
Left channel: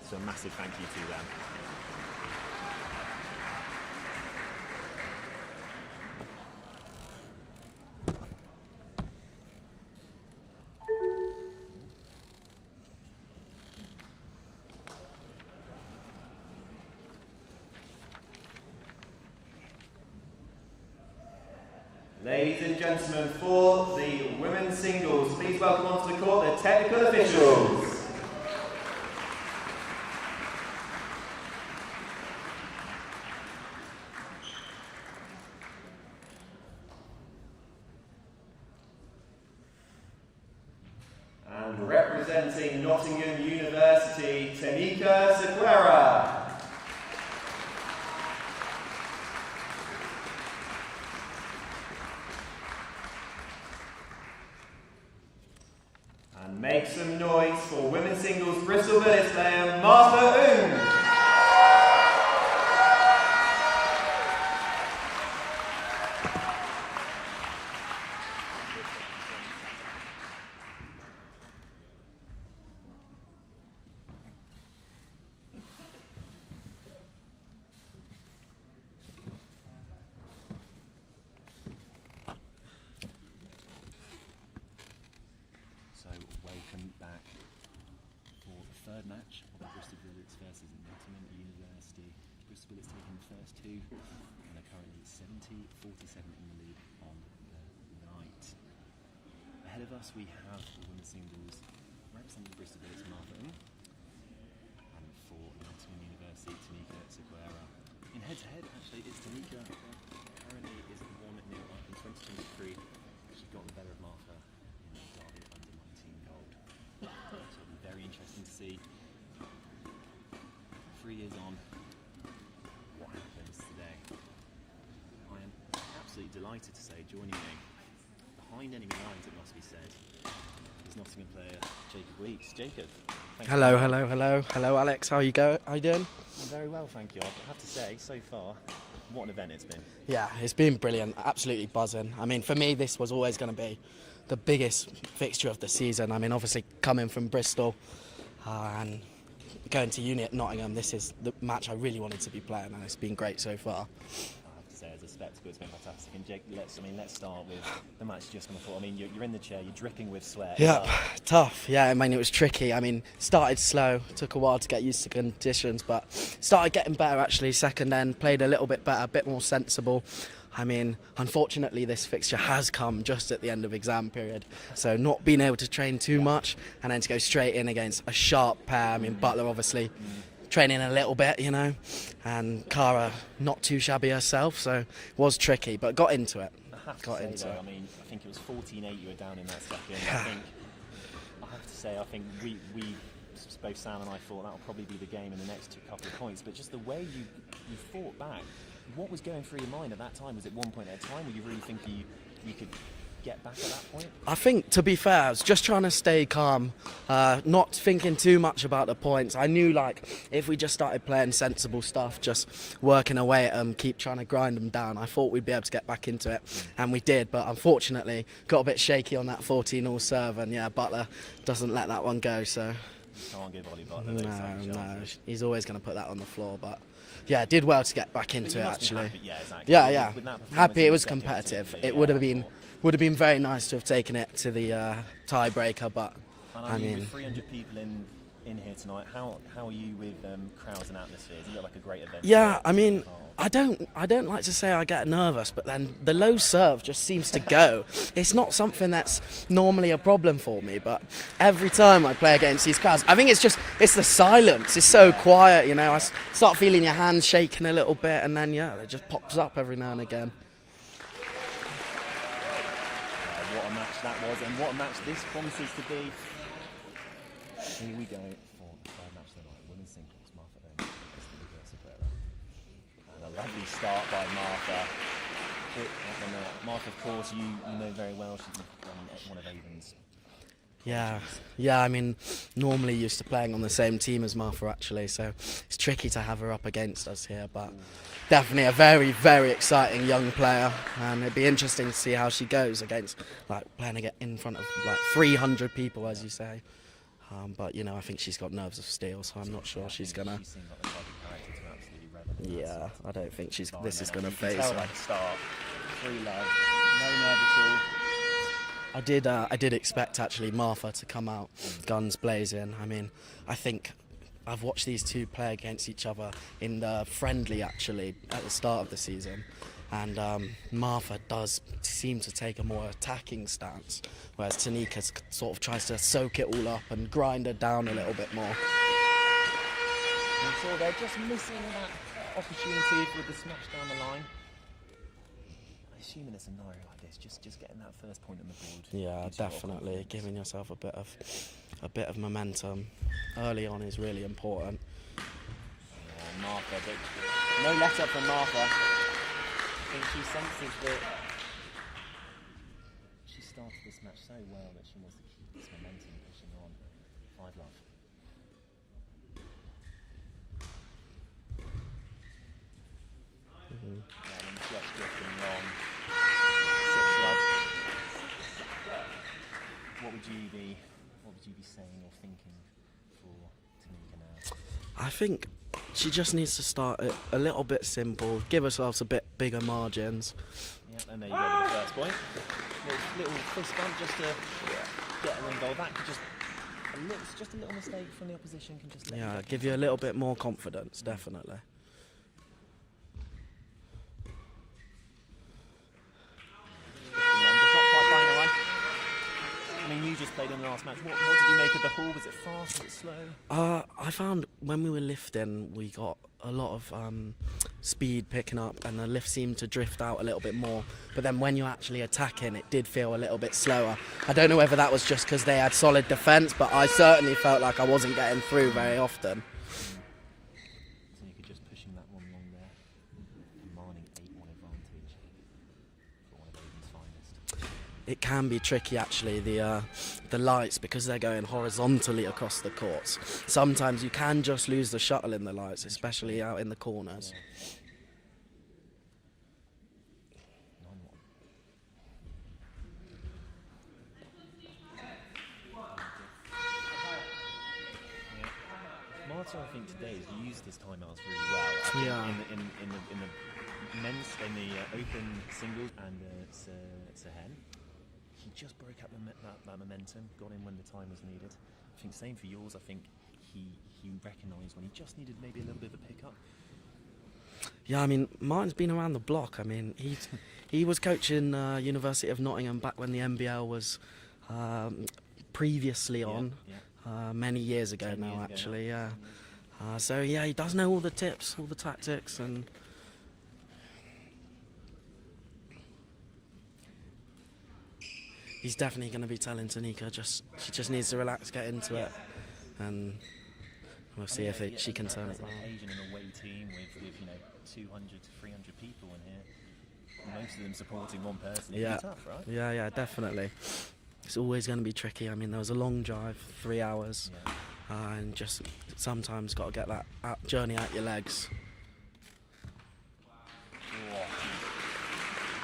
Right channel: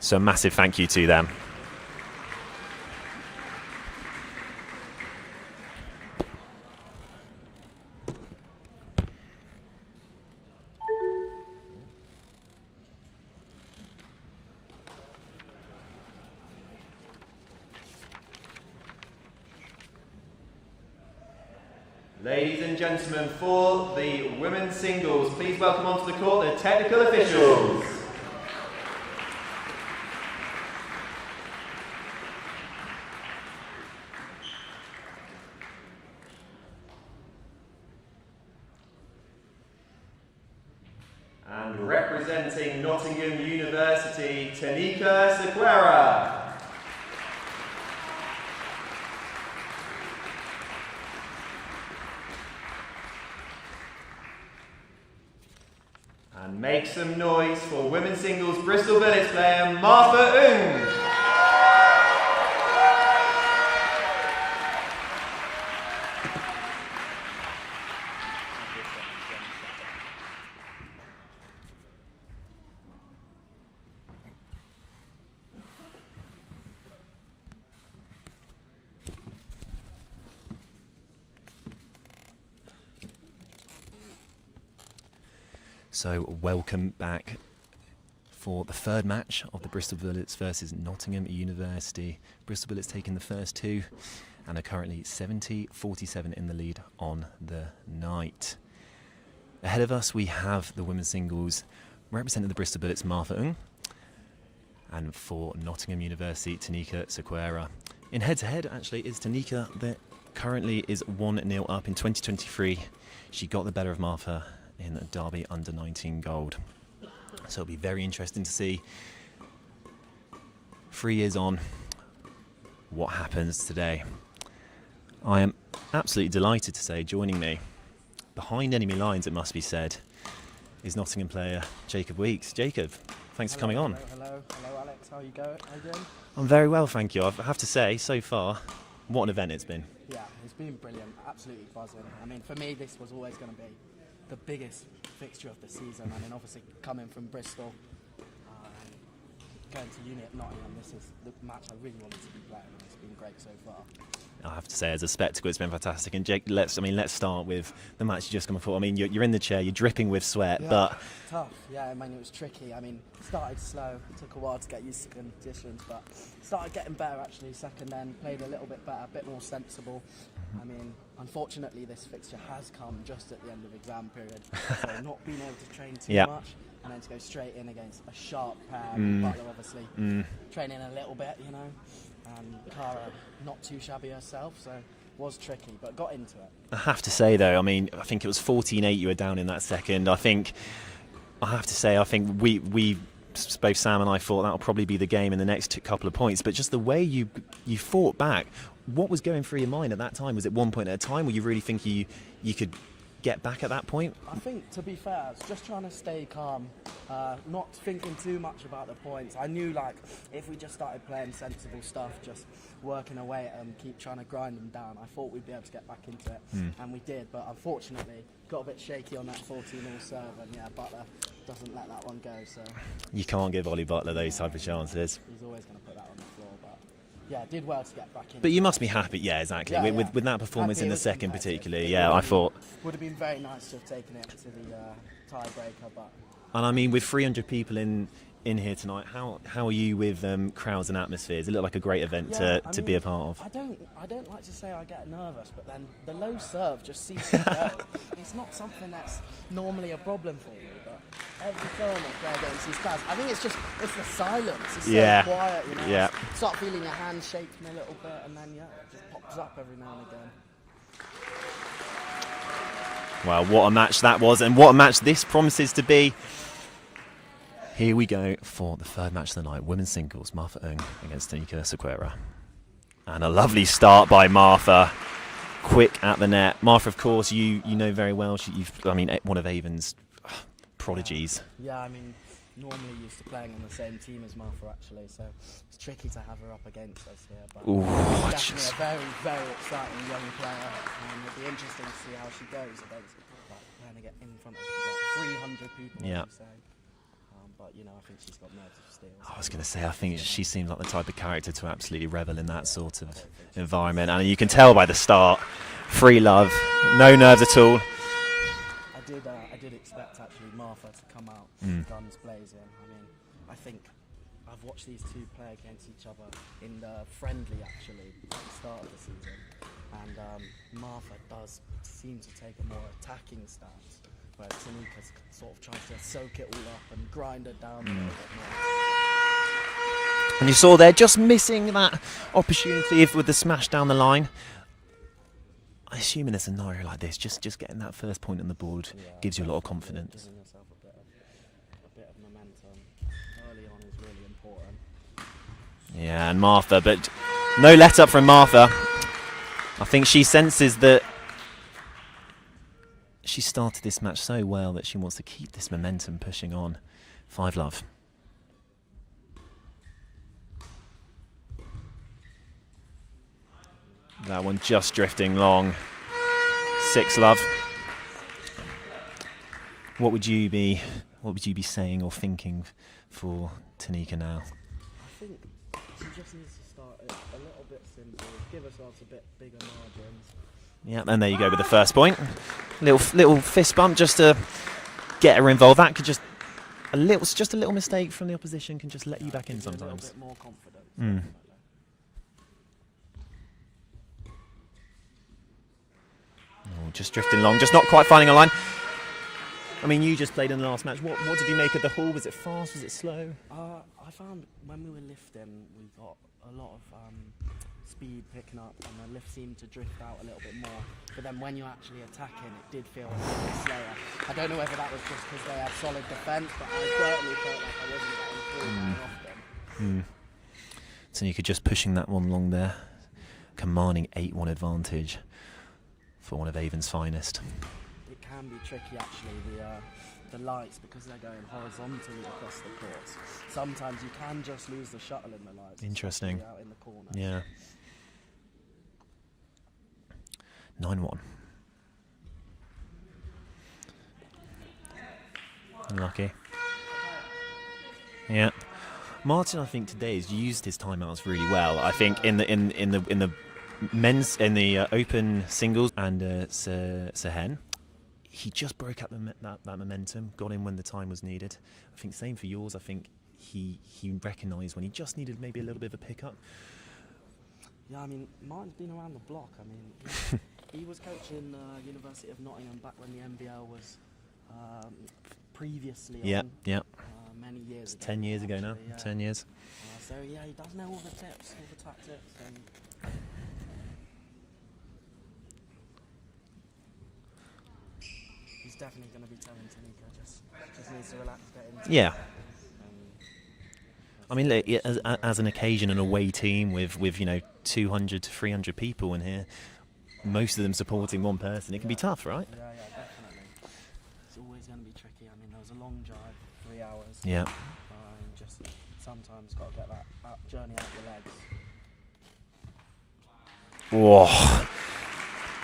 So a massive thank you to them. Ladies and gentlemen, for the women's singles, please welcome onto the court the technical officials. And representing Nottingham University, Tanika Sequeira. And make some noise for women's singles Bristol Bullets player Martha Ung. So welcome back for the third match of the Bristol Bullets versus Nottingham University. Bristol Bullets taking the first two and are currently 70-47 in the lead on the night. Ahead of us we have the women's singles representing the Bristol Bullets, Martha Ung, and for Nottingham University, Tanika Sequeira. In head-to-head actually is Tanika that currently is 1-0 up in 2023. She got the better of Martha in Derby under 19 gold. So it'll be very interesting to see 3 years on what happens today. I am absolutely delighted to say joining me behind enemy lines, it must be said, is Nottingham player Jacob Weeks. Jacob, thanks for coming on. Hello Alex, how you doing? I'm very well, thank you. I have to say, so far, what an event it's been. Yeah, it's been brilliant, absolutely buzzing. I mean, for me this was always going to be the biggest fixture of the season. I mean, obviously coming from Bristol and going to uni at Nottingham, this is the match I really wanted to be playing, and it's been great so far. I have to say, as a spectacle, it's been fantastic. And Jake, let's start with the match you just come before. I mean, you're in the chair, you're dripping with sweat. Yeah, but tough. Yeah, I mean, it was tricky. I mean, started slow, took a while to get used to conditions, but started getting better actually. Second end, played a little bit better, a bit more sensible. I mean, unfortunately, this fixture has come just at the end of exam period, so not being able to train too much, and then to go straight in against a sharp pair. I mean, Butler obviously training a little bit, you know, and Cara not too shabby herself, so it was tricky, but got into it. I have to say, though, I mean, I think it was 14-8 you were down in that second. I think we both Sam and I thought that'll probably be the game in the next couple of points, but just the way you fought back. What was going through your mind at that time? Was it 1 point at a time? Were you really thinking you could get back at that point? I think, to be fair, I was just trying to stay calm, not thinking too much about the points. I knew, like, if we just started playing sensible stuff, just working away at them, keep trying to grind them down, I thought we'd be able to get back into it, and we did. But unfortunately, got a bit shaky on that 14-all serve, and yeah, Butler doesn't let that one go. So you can't give Ollie Butler those type of chances. He's always going to put that on the floor, but. Yeah, did well to get back into it. But you must actually be happy, yeah, exactly. Yeah, with that performance happy in the second particularly, I thought would have been very nice to have taken it to the tiebreaker, but and I mean with 300 people in in here tonight. How are you with crowds and atmospheres? It looked like a great event Yeah, to be a part of. I don't like to say I get nervous, but then the low serve just seems to go. It's not something that's normally a problem for me, but every time I play against these crowds, I think it's the silence. It's so quiet, you know. Yeah. I start feeling your hands shaking a little bit, and then it just pops up every now and again. Well, what a match that was, and what a match this promises to be. Here we go for the third match of the night. Women's singles, Martha Ung against Tanika Sequeira. And a lovely start by Martha. Quick at the net. Martha, of course, you know very well. One of Avon's prodigies. Yeah, I mean, normally used to playing on the same team as Martha, actually, so it's tricky to have her up against us here, but definitely a very, very exciting young player. It'd be interesting to see how she goes against, playing in front of 300 people, as you say. But I think she's got nerves of steel. So I was going to say, I think she seems like the type of character to absolutely revel in that sort of environment. And you can tell by the start, free love, no nerves at all. I did expect actually Martha to come out guns blazing. I mean, I think I've watched these two play against each other in the friendly actually at the start of the season. And Martha does seem to take a more attacking stance, whereas Tanika sort of tries to soak it all up and grind it down a little bit more. And you saw there just missing that opportunity with the smash down the line. I assume in a scenario like this, just getting that first point on the board gives you a lot of confidence. Giving yourself a bit of momentum early on is really important. Yeah, and Martha, but no let up from Martha. I think she senses that she started this match so well that she wants to keep this momentum pushing on. 5-love. That one just drifting long. 6-love. What would you be saying or thinking for Tanika now? I think she just needs to start it a little bit simple, give herself a bit bigger margins. Yeah, and there you go with the first point. Little fist bump just to get her involved. That could just a little mistake from the opposition can just let you back in. Give you a little bit more confidence, definitely. Just drifting long, just not quite finding a line. I mean, you just played in the last match. What did you make of the haul? Was it fast? Was it slow? I found when we were lifting, we got a lot of speed picking up, and the lift seemed to drift out a little bit more. But then when you're actually attacking, it did feel a little bit slower. I don't know whether that was just because they had solid defence, but I certainly felt like I wasn't getting through very often. So you could just pushing that one along there, commanding 8-1 advantage for one of Avon's finest. It can be tricky actually, the lights, because they're going horizontally across the courts. Sometimes you can just lose the shuttle in the lights, especially out in the corners. Yeah. 9-1. Unlucky. Yeah. Martin, I think today has used his timeouts really well. I think in the men's open singles and Sehen, he just broke up that momentum, got in when the time was needed. I think same for yours. I think he recognised when he just needed maybe a little bit of a pickup. Yeah, I mean, Martin's been around the block. I mean, he was coaching University of Nottingham back when the NBL was previously on. Many years ago. 10 years ago actually, now. 10 years. So yeah, he does know all the tips, all the tactics, and he's definitely going to be telling Tanika she just needs to relax, get into it. And I mean, as an occasion, an away team with 200 to 300 people in here, most of them supporting one person, it can be tough, right? Yeah, definitely. It's always going to be tricky. I mean, there was a long drive, 3 hours. Yeah. And just sometimes got to get that journey out your legs. Whoa.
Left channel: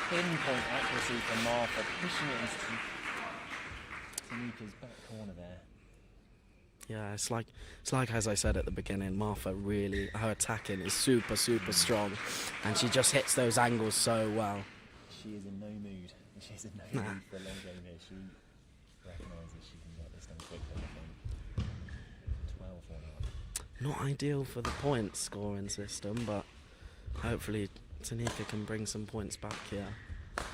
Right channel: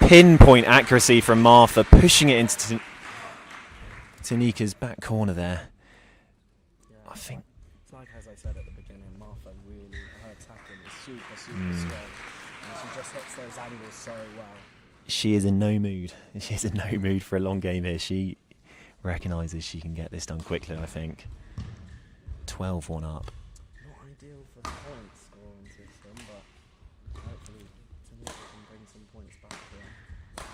Pinpoint accuracy from Martha, pushing it into Tanika's back corner there. Yeah, it's like as I said at the beginning, Martha really, her attacking is super strong, and she just hits those angles so well. She is in no mood. She is in no mood for a long game here. She recognises she can get this done quickly, I think. 12-1 up. Not ideal for the point scoring system, but hopefully Tanika can bring some points back here.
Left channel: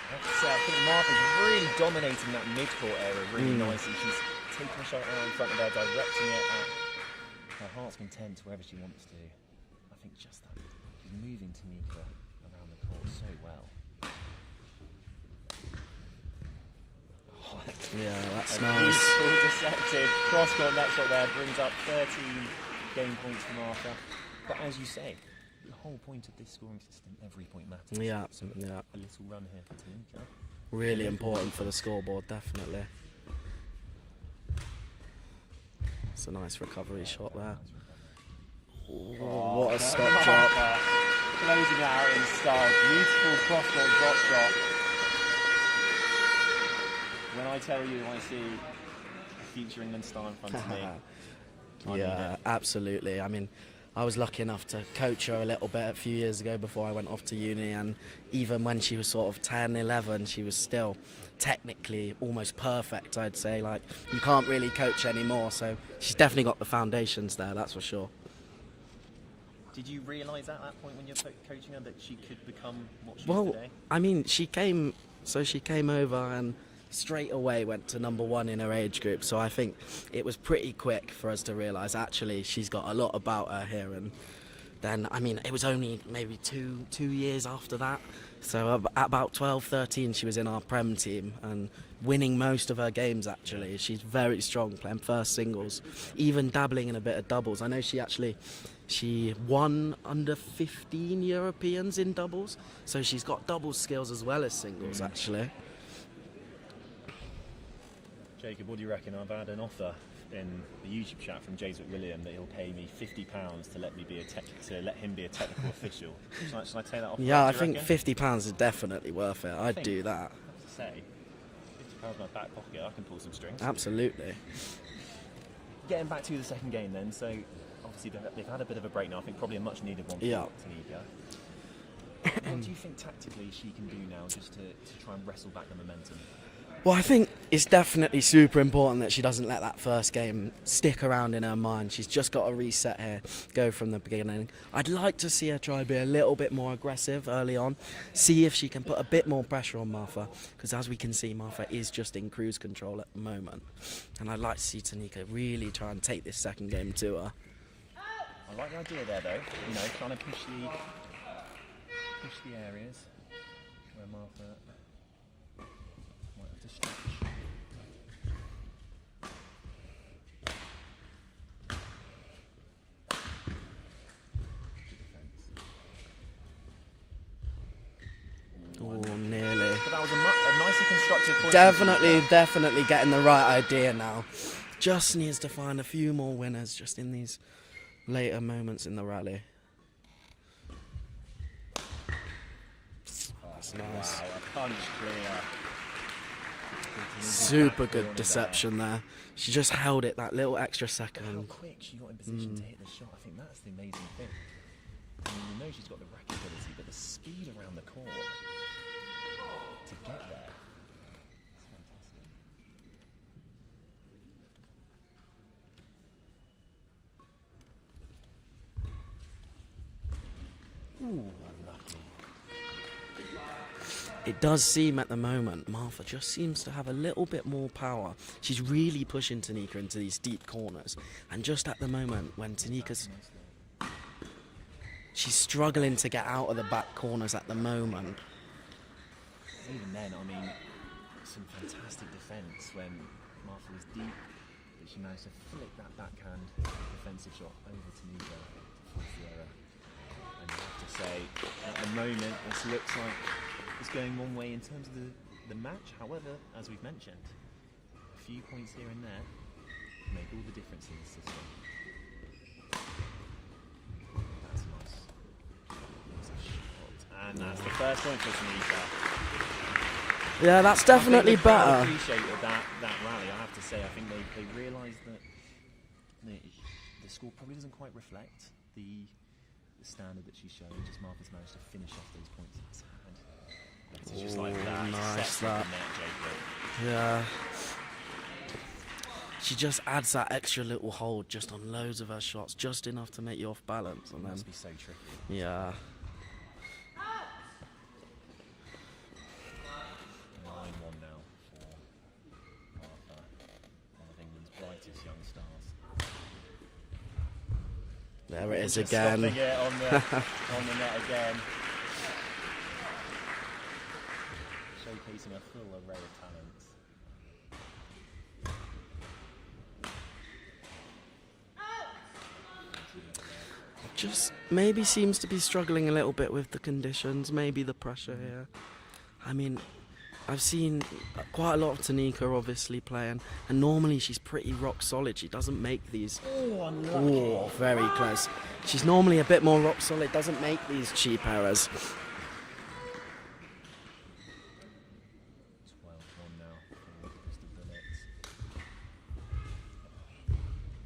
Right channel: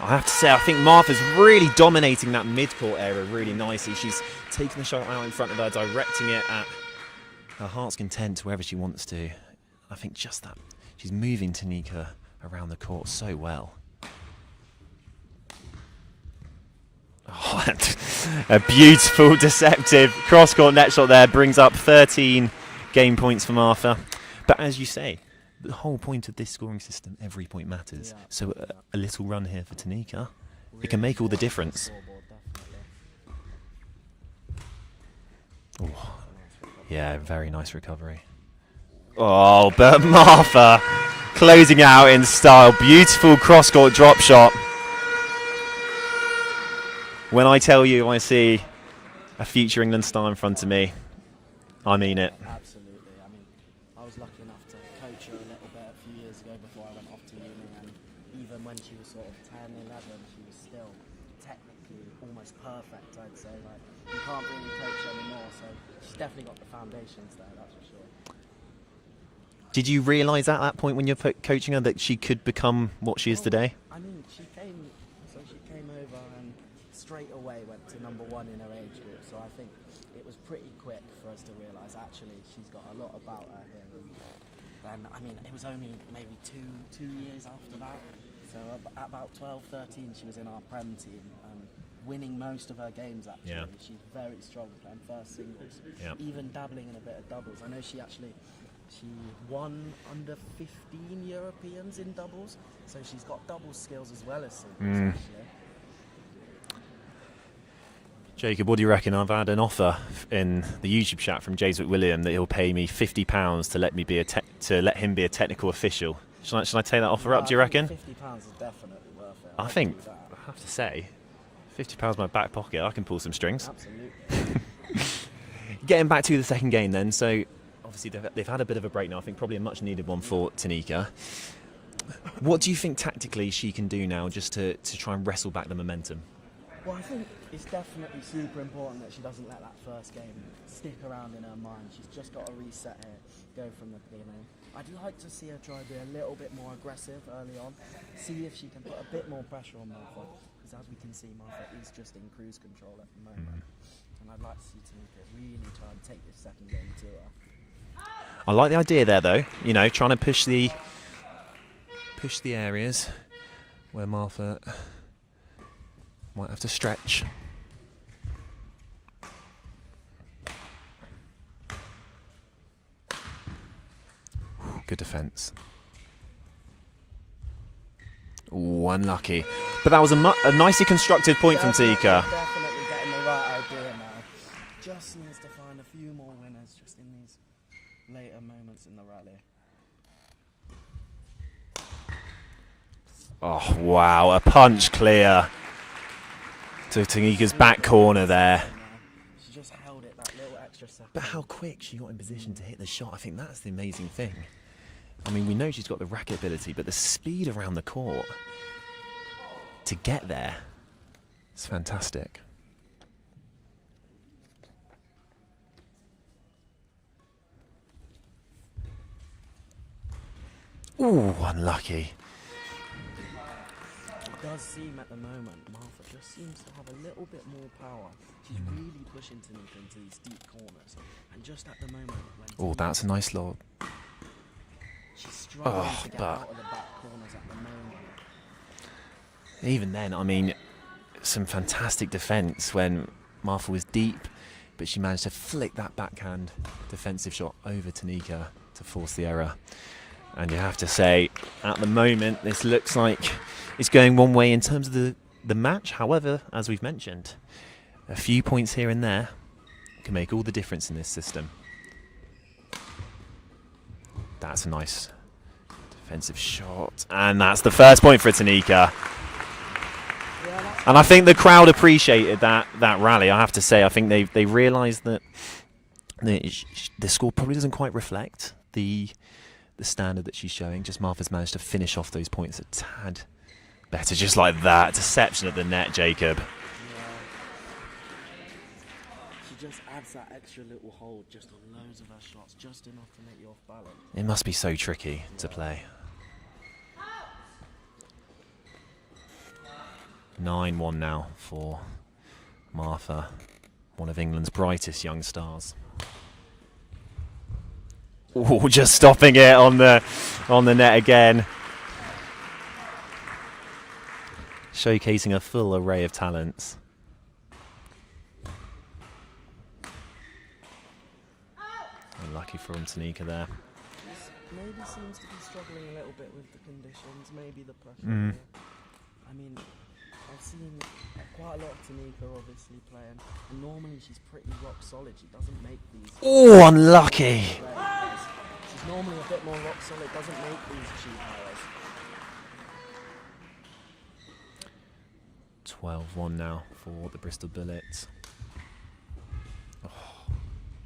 I have to say, I think Martha's really dominating that mid-court area really nicely. She's taking the shot out in front of her, directing it at her heart's content wherever she wants to. I think just that, she's moving Tanika around the court so well. Oh, a beautiful, deceptive cross-court net shot there brings up 13 game points for Martha. But as you say, the whole point of this scoring system, every point matters. Yeah, So a little run here for Tanika, Really it can make all the important for difference. Scoreboard, definitely. It's a nice recovery. Yeah, shot very there. nice recovery. Oh, but Martha closing out in style. Beautiful cross-court drop shot. When I tell you I see a future England star in front of me, I mean it. Absolutely. I mean, I was lucky enough to coach her a little bit a few years ago before I went off to uni, and even when she was sort of 10, 11, she was still technically almost perfect, I'd say. Like, you can't really coach anymore, so she's definitely got the foundations there, that's for sure. Did you realise at that point when you're coaching her that she could become what she is today? I mean, she came over and straight away went to #1 in her age group, so I think it was pretty quick for us to realise actually she's got a lot about her here. And then, I mean, it was only maybe two years after that, so at about 12, 13 she was in our Prem team and winning most of her games actually. Yeah. She's very strong playing first singles, even dabbling in a bit of doubles. I know she won under 15 Europeans in doubles, so she's got doubles skills as well as singles actually. Jacob, what do you reckon? I've had an offer in the YouTube chat from James McWilliam that he'll pay me £50 to let me be let him be a technical official. Shall I take that offer up? Do you reckon? £50 is definitely worth it. I'd do that. I have to say, £50 in my back pocket, I can pull some strings. Absolutely. Getting back to the second game then, so obviously they've had a bit of a break now. I think probably a much needed one for Tanika. What do you think tactically she can do now just to try and wrestle back the momentum? Well, I think it's definitely super important that she doesn't let that first game stick around in her mind. She's just got to reset here, go from the beginning. I'd like to see her try to be a little bit more aggressive early on, see if she can put a bit more pressure on Martha, because as we can see, Martha is just in cruise control at the moment. And I'd like to see Tanika really try and take this second game to her. I like the idea there, though. You know, trying to push the areas where Martha might have to stretch. Good defence. Ooh, unlucky. Really. But that was a nicely constructed point from Tanika. Definitely getting the right idea now. Just needs to find a few more winners just in these later moments in the rally. Oh, wow. A punch clear to Tanika's back corner there. She just held it that little extra second. But how quick she got in position to hit the shot, I think that's the amazing thing. I mean, we know she's got the racket ability, but the speed around the court to get there is fantastic. Ooh, unlucky. It does seem at the moment, Martha just seems to have a little bit more power. She's really pushing Tanika into these deep corners. And just at the moment, when Oh, Tanika's that's a nice lob. she's struggling to get out of the back corners at the moment. Even then, I mean, some fantastic defence when Martha was deep, but she managed to flick that backhand defensive shot over Tanika to force the error. And you have to say, at the moment, this looks like it's going one way in terms of the match. However, as we've mentioned, a few points here and there can make all the difference in this system. That's a nice defensive shot. And that's the first point for Tanika. Yeah, that's And I think the definitely crowd better. appreciated that rally, I have to say. I think they realised that the score probably doesn't quite reflect the standard that she's showing. Just Martha's managed to finish off those points a tad better, just like that. Deception at the net, Jacob. Yeah. she just adds that extra little hold just on loads of her shots, just enough to make you off balance. It must be so tricky to Yeah. play. 9-1 now for Martha, one of England's brightest young stars. Ooh, just stopping it on the net again. Showcasing a full array of talents. Unlucky for Tanika there. Just maybe seems to be struggling a little bit with the conditions, maybe the pressure here. I mean, I've seen quite a lot of Tanika obviously playing, and normally she's pretty rock solid. She doesn't make these. Oh, unlucky. Ooh, very close. She's normally a bit more rock solid, doesn't make these cheap errors. 12-1 now for the Bristol Bullets.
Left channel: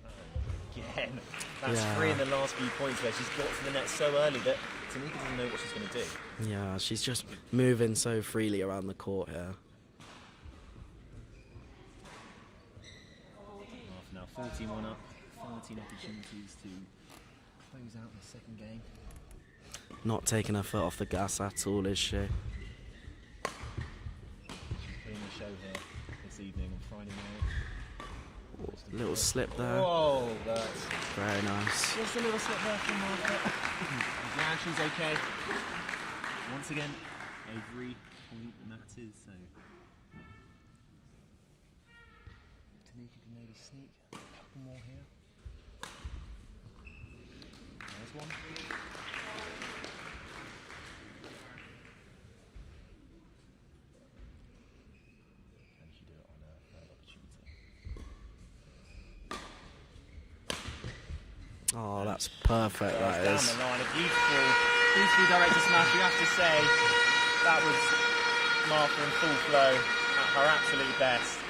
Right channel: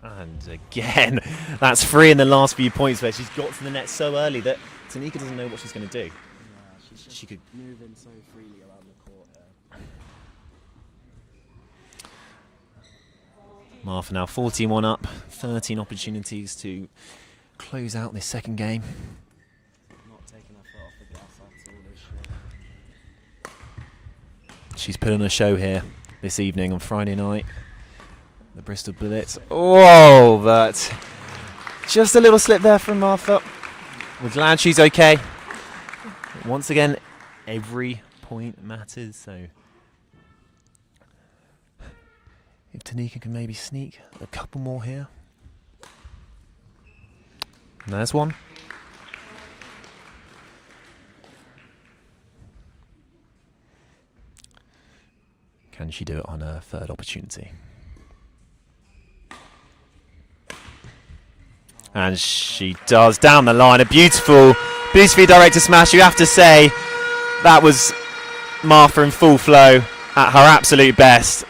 And again, that's three in the last few points where she's got to the net so early that Tanika doesn't know what she's going to do. Yeah, she's just moving so freely around the court here. Martha now 14-1 up, 13 opportunities to close out this second game. Not taking her foot off the gas at all, is she? She's put on a show here this evening on Friday night. The Bristol Bullets. Slip there. Oh, but Very nice. just a little slip there from Martha. We're glad she's okay. Once again, every point matters, so if Tanika can maybe sneak a couple more here. And there's one. Can she do it on her third opportunity? Oh, And that's she perfect, does, that down is. the line. A beautifully directed smash. You have to say that was Martha in full flow at her absolute best.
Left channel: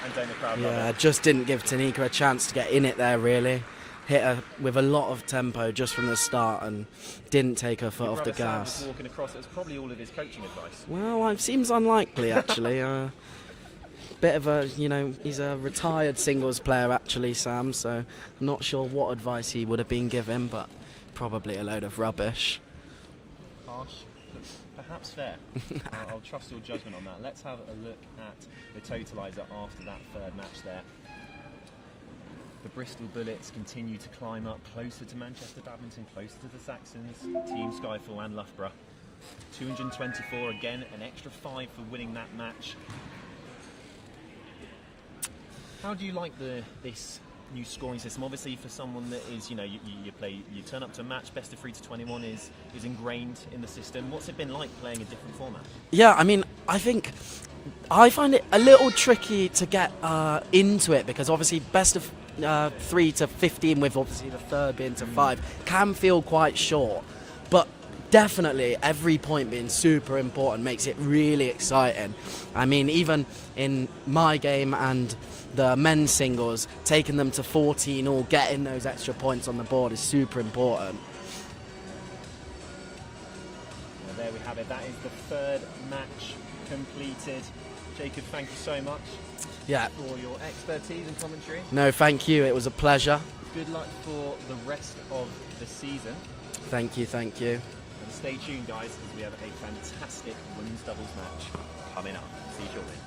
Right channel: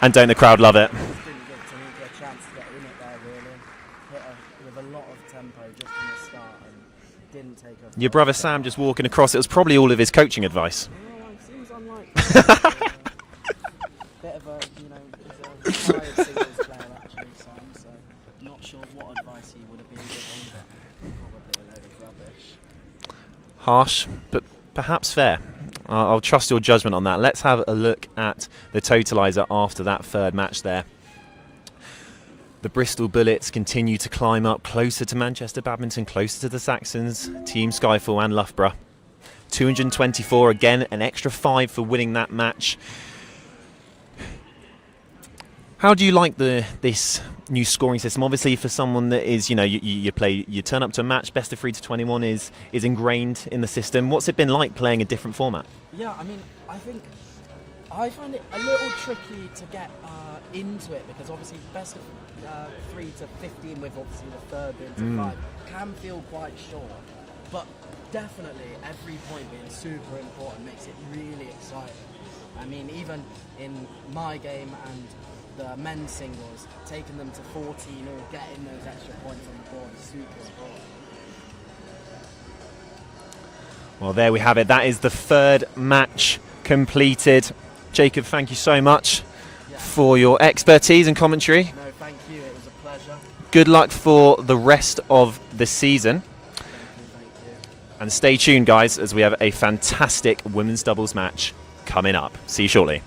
And don't the crowd love it? Just didn't give Tanika a chance to get in it there, really. Hit her with a lot of tempo just from the start and didn't take her foot Your off brother the Sam gas. just walking across, it was probably all of his coaching advice. Well, it seems unlikely, actually. Bit of a, he's a retired singles player, actually, Sam, so not sure what advice he would have been given, but probably a load of rubbish. Harsh, but perhaps fair. I'll trust your judgment on that. Let's have a look at the totaliser after that third match there. The Bristol Bullets continue to climb up closer to Manchester Badminton, closer to the Saxons, Team Skyfall and Loughborough. 224, again, an extra 5 for winning that match. How do you like this new scoring system? Obviously, for someone that is, you turn up to a match, best of 3 to 21 is ingrained in the system. What's it been like playing a different format? Yeah, I mean, I find it a little tricky to get into it because obviously best of 3 to 15 with obviously the third being to 5 can feel quite short, but definitely every point being super important makes it really exciting. I mean, even in my game and the men's singles, taking them to 14 or getting those extra points on the board is super important. Well, there we have it. That is the third match completed. Jacob, thank you so much for your expertise and commentary. No, thank you. It was a pleasure. Good luck for the rest of the season. Thank you, thank you. And stay tuned, guys, as we have a fantastic women's doubles match coming up. See you shortly.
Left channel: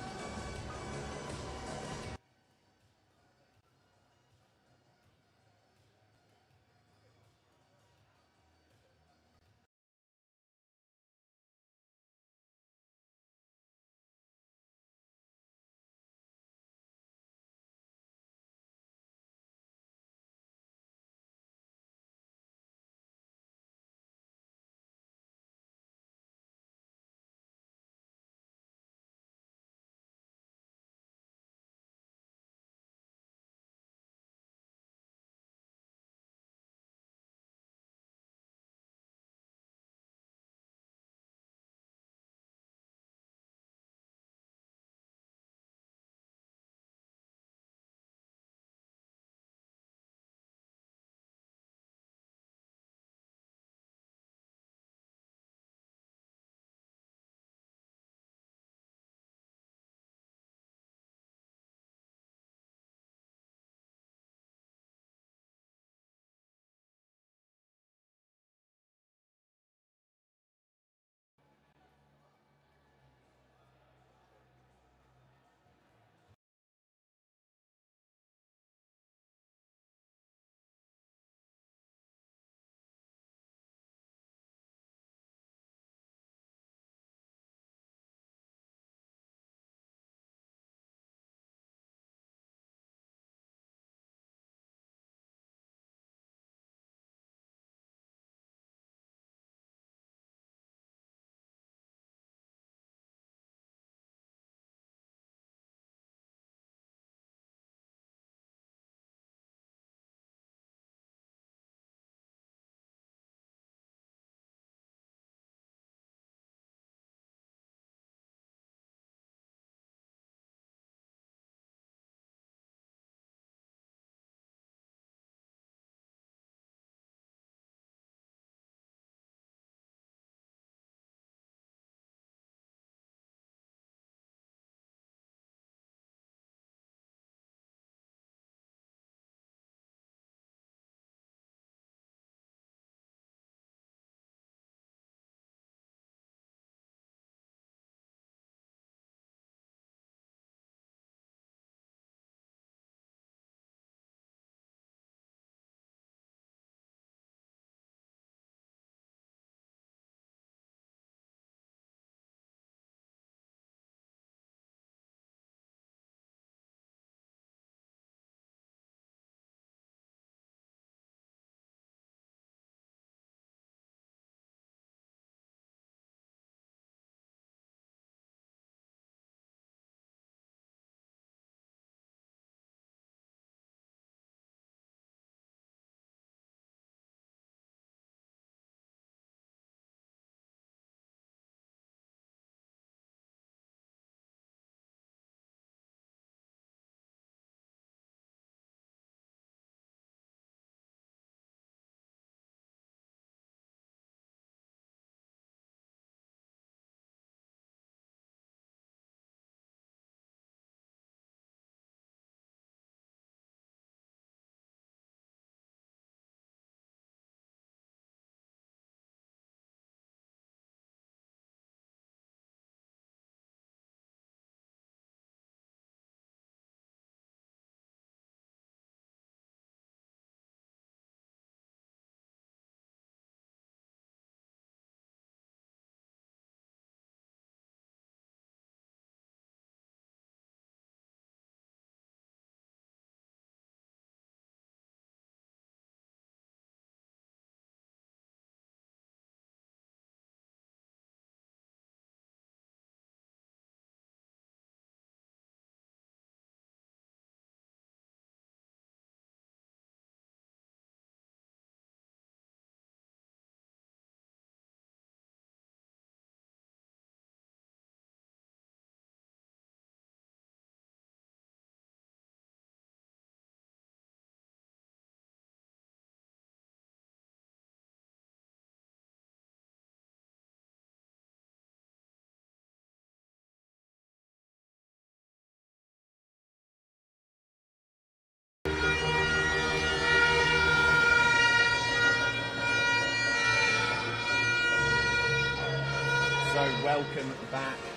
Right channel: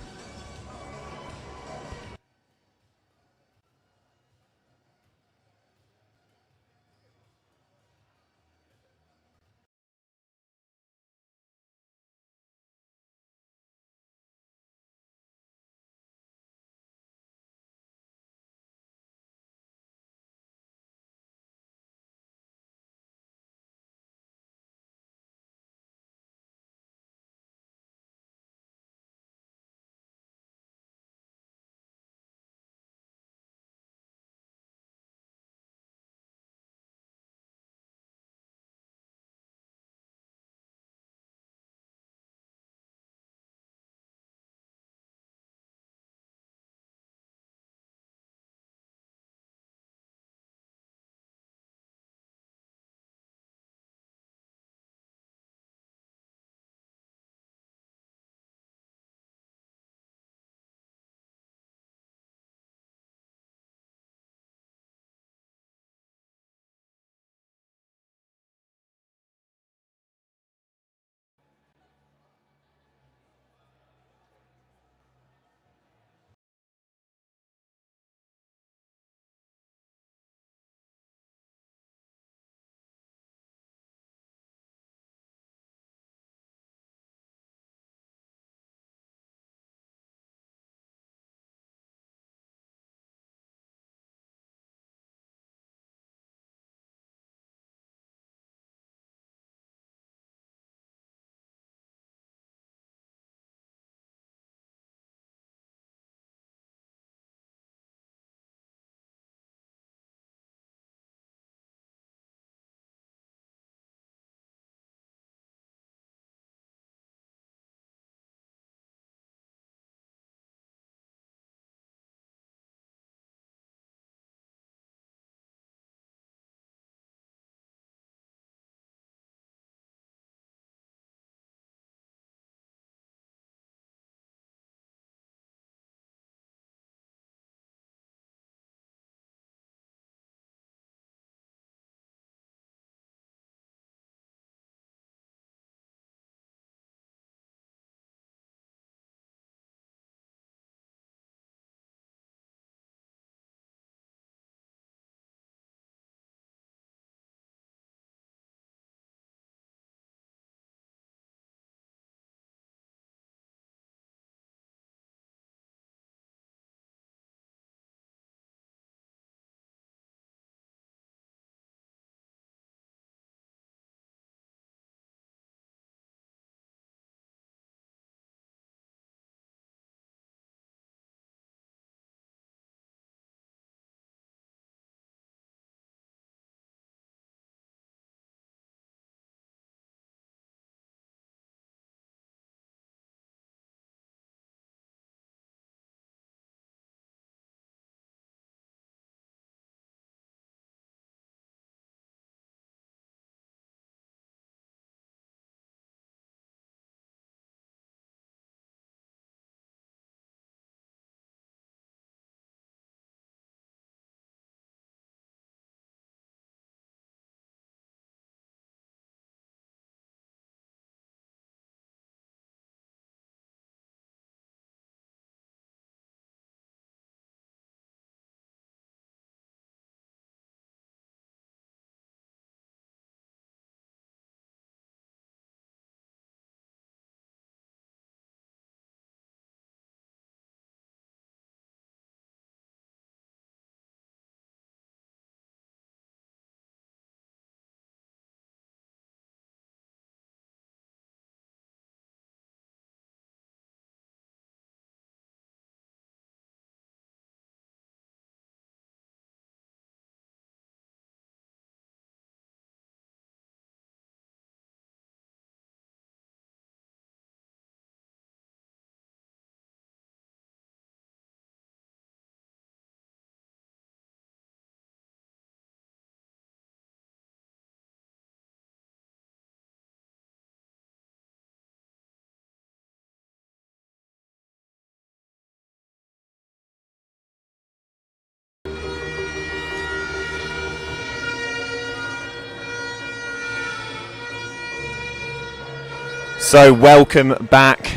So welcome back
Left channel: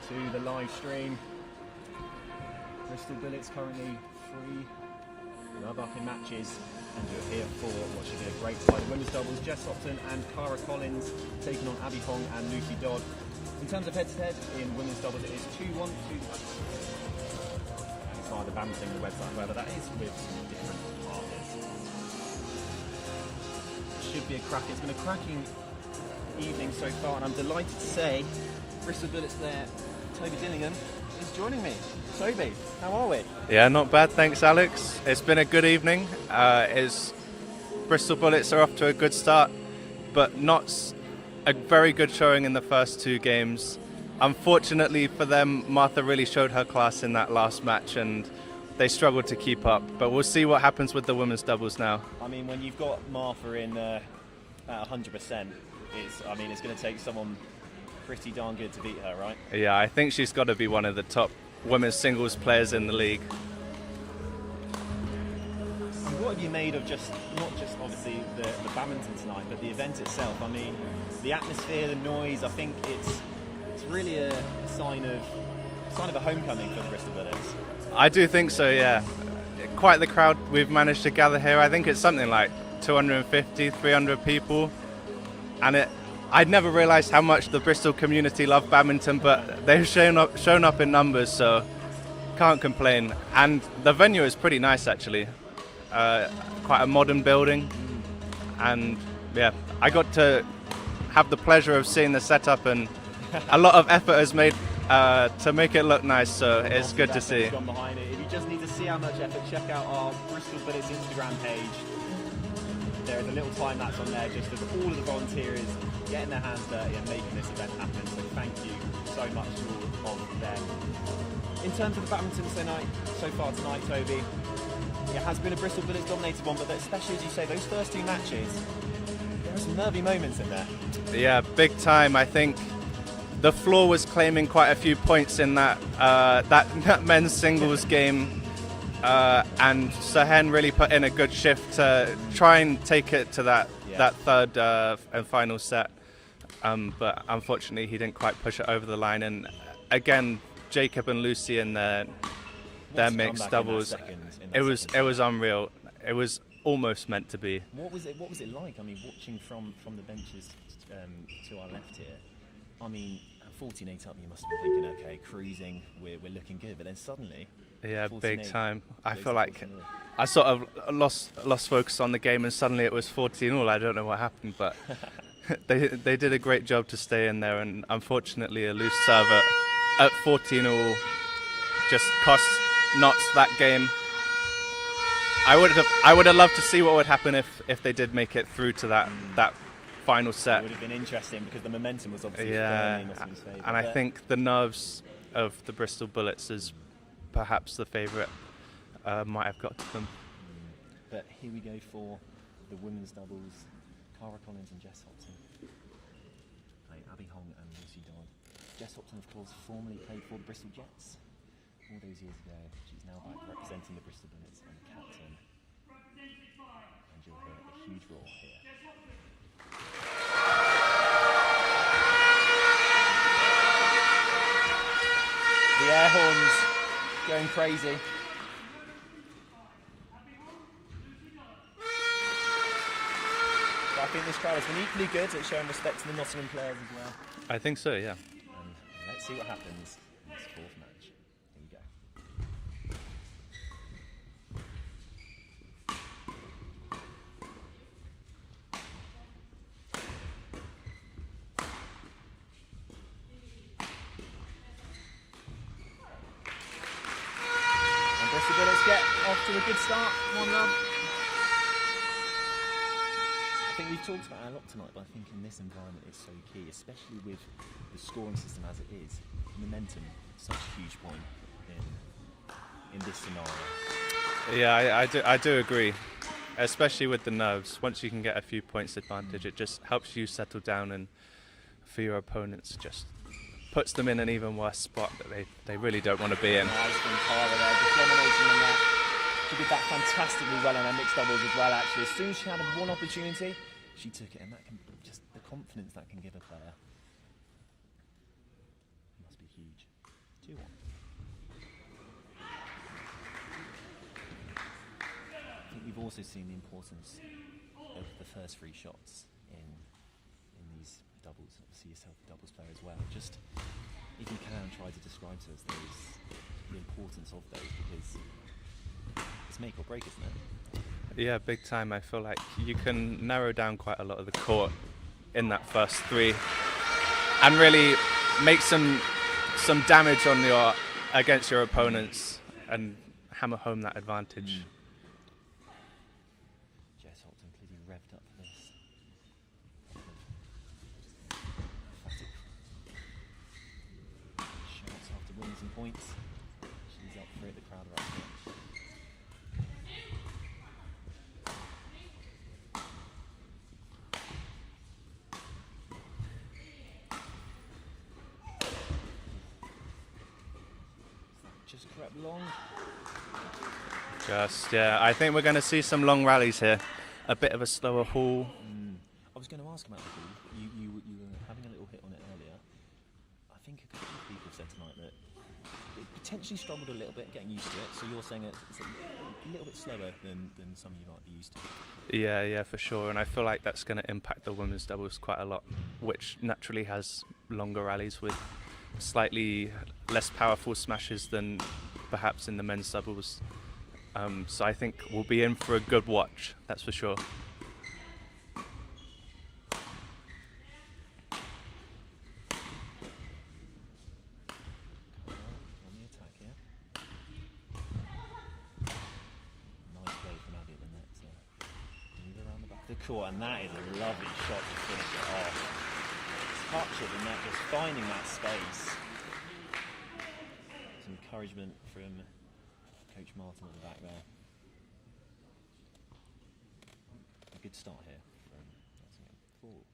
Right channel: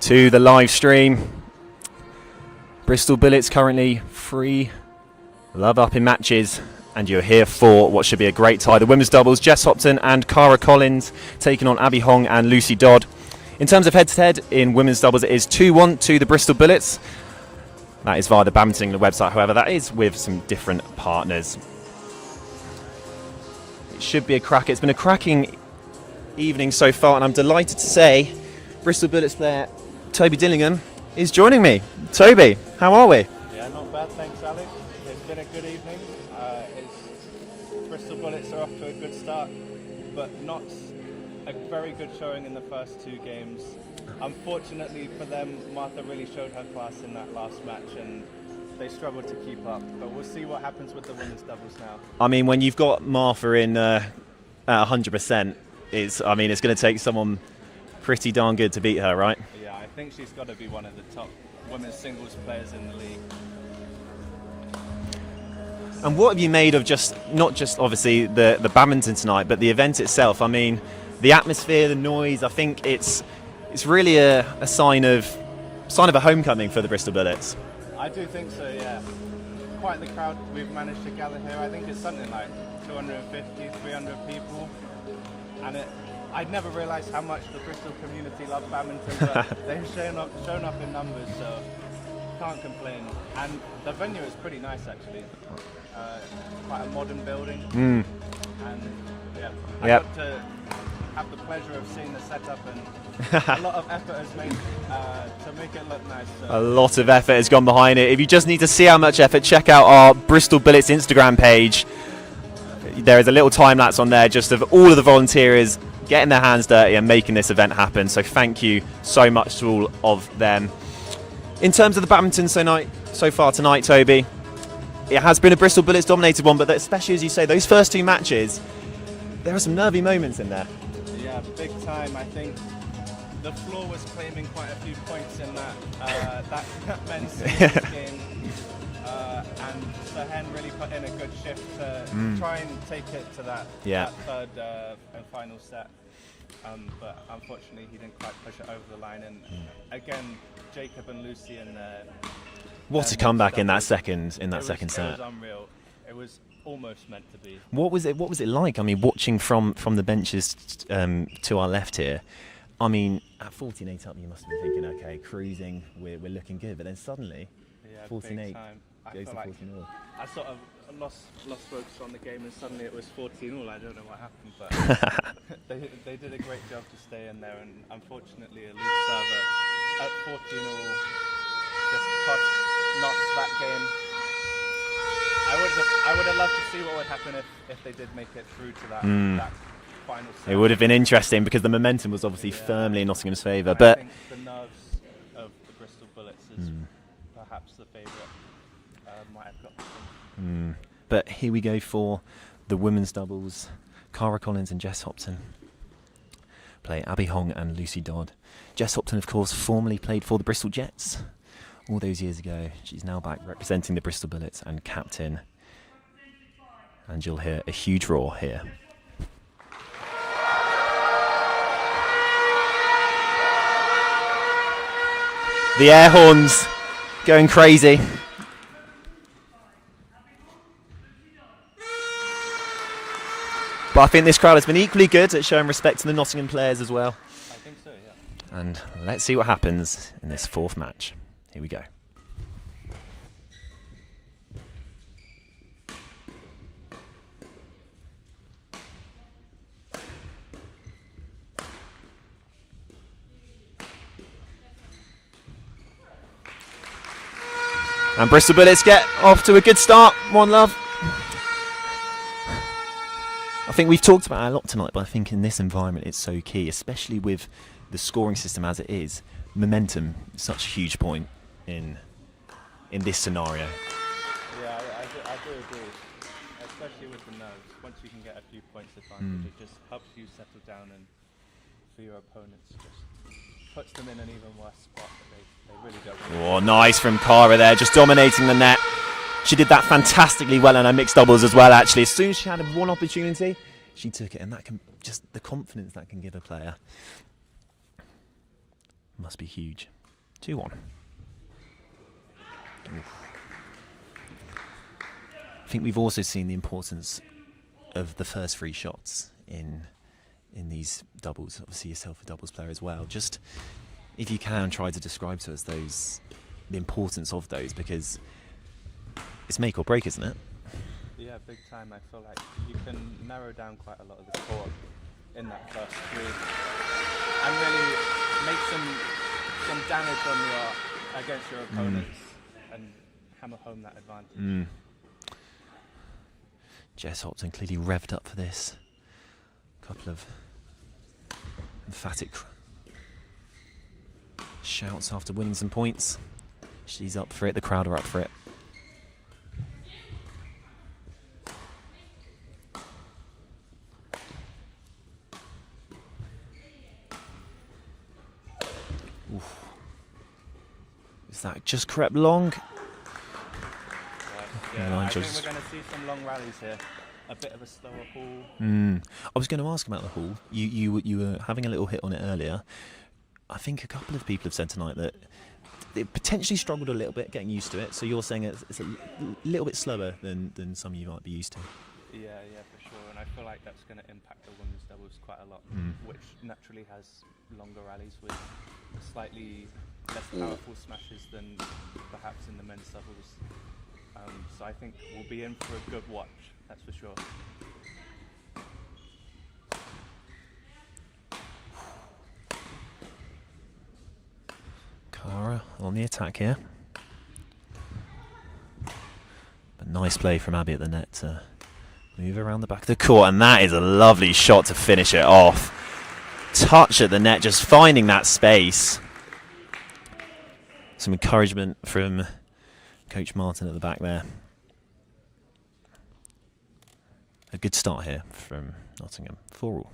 to the live stream. Bristol Bullets currently 3 love up in matches, and you're here for what should be a great tie. The women's doubles, Jess Hopton and Cara Collins taking on Abby Hong and Lucy Dodd. In terms of head-to-head in women's doubles, it is 2-1 to the Bristol Bullets. That is via the Badminton England website, however, that is with some different partners. It should be a cracker. It's been a cracking evening so far, and I'm delighted to say Bristol Bullets player Toby Dillingham is joining me. Toby, how are we? Yeah, not bad, thanks Alex. It's been a good evening. Bristol Bullets are off to a good start, but not a very good showing in the first 2 games. Unfortunately for them, Martha really showed her class in that last match and they struggled to keep up, but we'll see what happens with the women's doubles now. I mean, when you've got Martha in at 100%, it's going to take someone pretty darn good to beat her, right? Yeah, I think she's got to be one of the top women's singles players in the league. And what have you made of not just obviously the badminton tonight, but the event itself? I mean, the atmosphere, the noise, I think it's really a sign of a homecoming for the Bristol Bullets. I do think so, yeah. Quite the crowd we've managed to gather here. I think it's something like 250, 300 people. And I'd never realised how much the Bristol community love badminton, but they've shown up in numbers, so can't complain. And the venue is pretty nice, actually. Quite a modern building. And yeah, I got to have the pleasure of seeing the setup, and a lot of effort is made to make it look nice. So a lot of effort has gone behind it. If you just need to see how much effort, check out our Bristol Bullets Instagram page. There is a little time lapse on there just of all of the volunteers getting their hands dirty and making this event happen. So thank you so much to all of them. In terms of the badminton so far tonight, Toby, it has been a Bristol Bullets dominated one, but especially as you say, those first 2 matches, there are some nervy moments in there. Yeah, big time. I think the floor was claiming quite a few points in that men's singles game. And Sehen really put in a good shift to try and take it to that third and final set. But unfortunately, he didn't quite push it over the line. And again, Jacob and Lucy in their What a comeback in that second set. It was unreal. It was almost meant to be. What was it like? I mean, watching from the benches to our left here. I mean, at 14-8 up, you must have been thinking, okay, cruising, we're looking good. But then suddenly, yeah, big time. I feel like I sort of lost focus on the game, and suddenly it was 14-all. I don't know what happened, but they did a great job to stay in there. And unfortunately, a loose serve at 14-all just cost Notts that game. I would have loved to see what would happen if they did make it through to that final set. It would have been interesting because the momentum was obviously firmly in Nottingham's favour. But I think the nerves of the Bristol Bullets is perhaps the favourite might have got to them. But here we go for the women's doubles. Cara Collins and Jess Hopton play Abby Hong and Lucy Dodd. Jess Hopton, of course, formerly played for the Bristol Jets all those years ago. She's now back representing the Bristol Bullets and captain. And you'll hear a huge roar here. The air horns going crazy. But I think this crowd has been equally good at showing respect to the Nottingham players as well. I think so, yeah. And let's see what happens in this 4th match. Here we go. And Bristol Bullets get off to a good start. 1-love. I think we've talked about it a lot tonight, but I think in this environment it's so key, especially with the scoring system as it is. Momentum is such a huge point in this scenario. Yeah, I do agree, especially with the nerves. Once you can get a few points advantage, it just helps you settle down, and for your opponents, just puts them in an even worse spot that they really don't want to be in. Nice from Cara there, just dominating the net. She did that fantastically well in her mixed doubles as well, actually. As soon as she had one opportunity, she took it, and that can just the confidence that can give a player must be huge. 2-1. I think we've also seen the importance of the first 3 shots in these doubles. Obviously yourself a doubles player as well. Just if you can try to describe to us the importance of those, because it's make or break, isn't it? Yeah, big time. I feel like you can narrow down quite a lot of the court in that first 3 and really make some damage against your opponents and hammer home that advantage. Jess Hopton clearly revved up for this. Couple of emphatic shouts after winning some points. She's up for it, the crowd are up for it. Is that just crept long? Just, yeah, I think we're going to see some long rallies here. A bit of a slower haul. I was going to ask about the haul. You were having a little hit on it earlier. I think a couple of people have said tonight that it potentially struggled a little bit getting used to it. So you're saying it's a little bit slower than some of you might be used to. Yeah, for sure. And I feel like that's going to impact the women's doubles quite a lot, which naturally has longer rallies with slightly less powerful smashes than perhaps in the men's doubles. So I think we'll be in for a good watch, that's for sure. Cara on the attack here. A nice play from Abby at the net to move around the back of the court, and that is a lovely shot to finish it off. Touch at the net, just finding that space. Some encouragement from Coach Martin at the back there. A good start here from Nottingham. 4-all.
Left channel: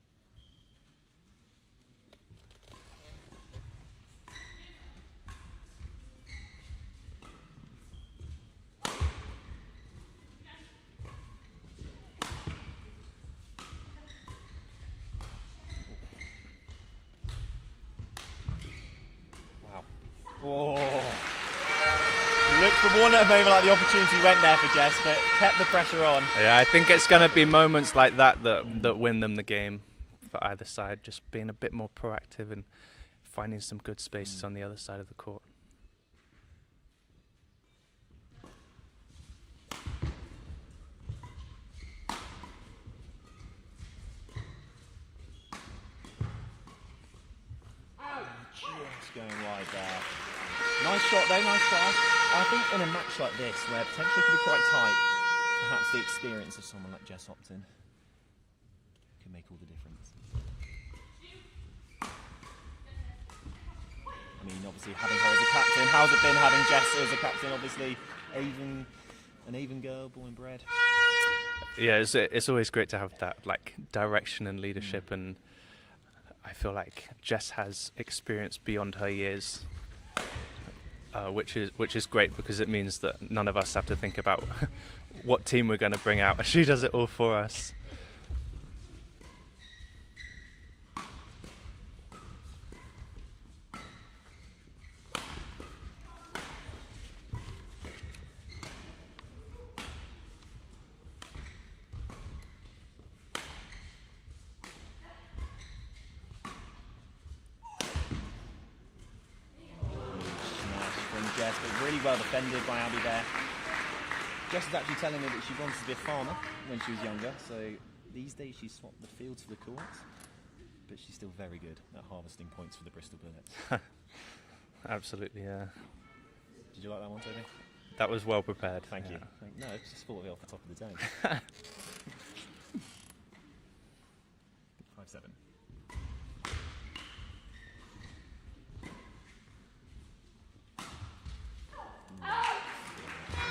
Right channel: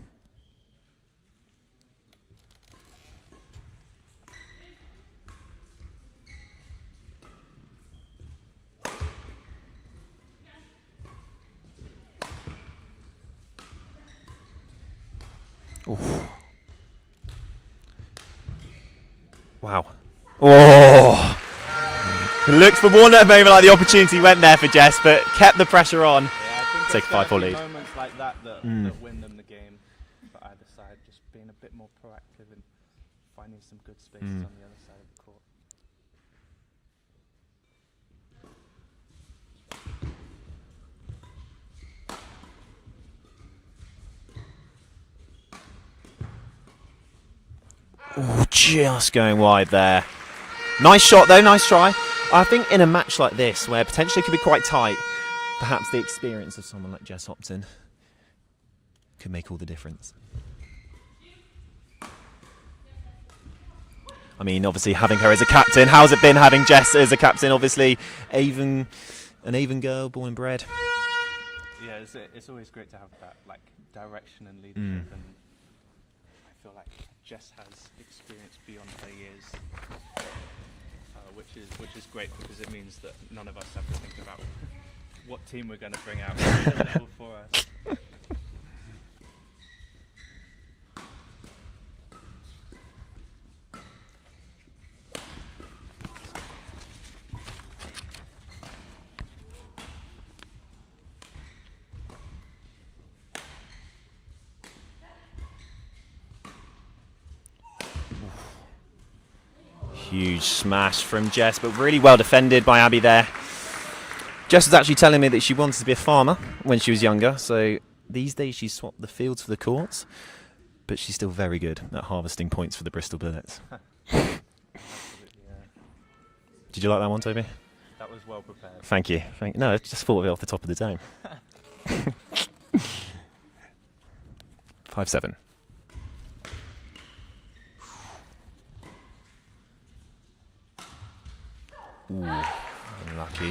Wow. Oh! Looked for one moment like the opportunity went there for Jess, but kept the pressure on. Yeah, I think it's going to be moments like that that win them the game for either side. Just being a bit more proactive and finding some good spaces on the other side of the court. Oh, just going wide there. Nice shot though, nice try. I think in a match like this, where potentially it could be quite tight, perhaps the experience of someone like Jess Hopton could make all the difference. I mean, obviously having her as a captain, how's it been having Jess as a captain? Obviously, an Avon girl, born and bred. Yeah, it's always great to have that like direction and leadership, and I feel like Jess has experience beyond her years. Which is great, because it means that none of us have to think about what team we're going to bring out. She does it all for us. Huge smash from Jess, but really well defended by Abby there. Jess was actually telling me that she wanted to be a farmer when she was younger, so these days she swapped the fields for the courts, but she's still very good at harvesting points for the Bristol Bullets. Absolutely, yeah. Did you like that one, Toby? That was well prepared. Thank you. No, I just thought of it off the top of the dome. 5-7. Ooh, unlucky.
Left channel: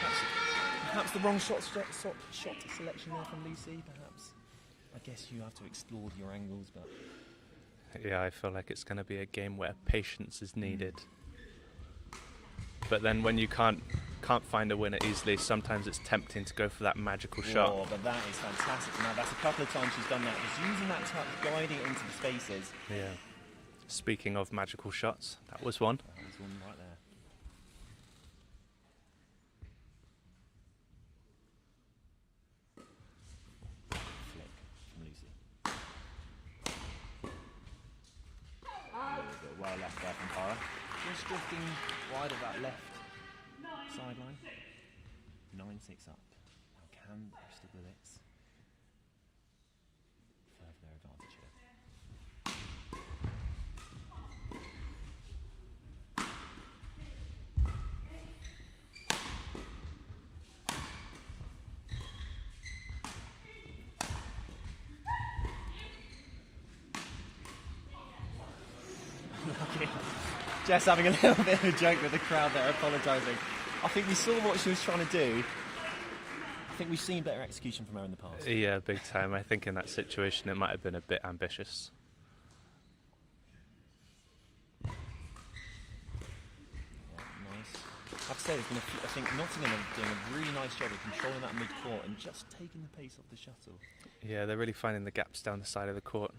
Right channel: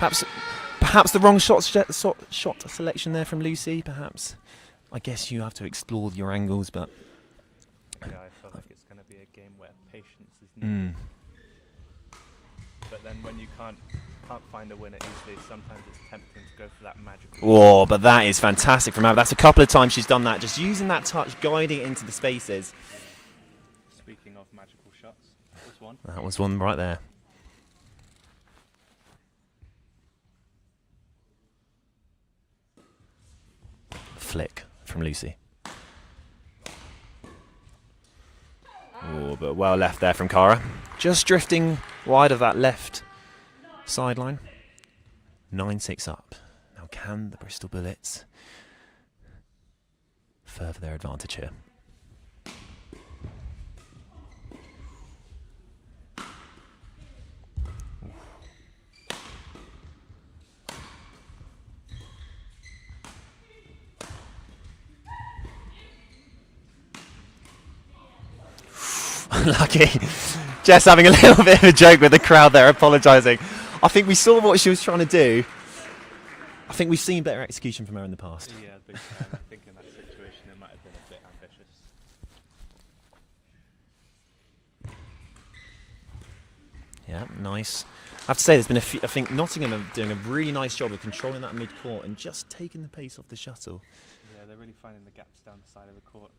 Perhaps the wrong shot selection there from Lucy. Perhaps. I guess you have to explore your angles, but yeah, I feel like it's going to be a game where patience is needed. But then when you can't can't find a winner easily. Sometimes it's tempting to go for that magical Oh, shot. but that is fantastic from Abby. That's a couple of times she's done that, just using that touch, guiding it into the spaces. Yeah. Speaking of magical shots, that was one. That was one right there. Flick from Lucy. Oh, but well left there from Cara. Just drifting wide of that left sideline. 9-6 up. Now can the Bristol Bullets further their advantage here? Unlucky. Jess having a little bit of a joke with the crowd there, apologising. I think we saw what she was trying to do. I think we've seen better execution from her in the past. Yeah, big time. I think in that situation it might have been a bit ambitious. Yeah, nice. I have to say, there's been a few, I think Nottingham are doing a really nice job of controlling that mid-court and just taking the pace off the shuttle. Yeah, they're really finding the gaps down the side of the court.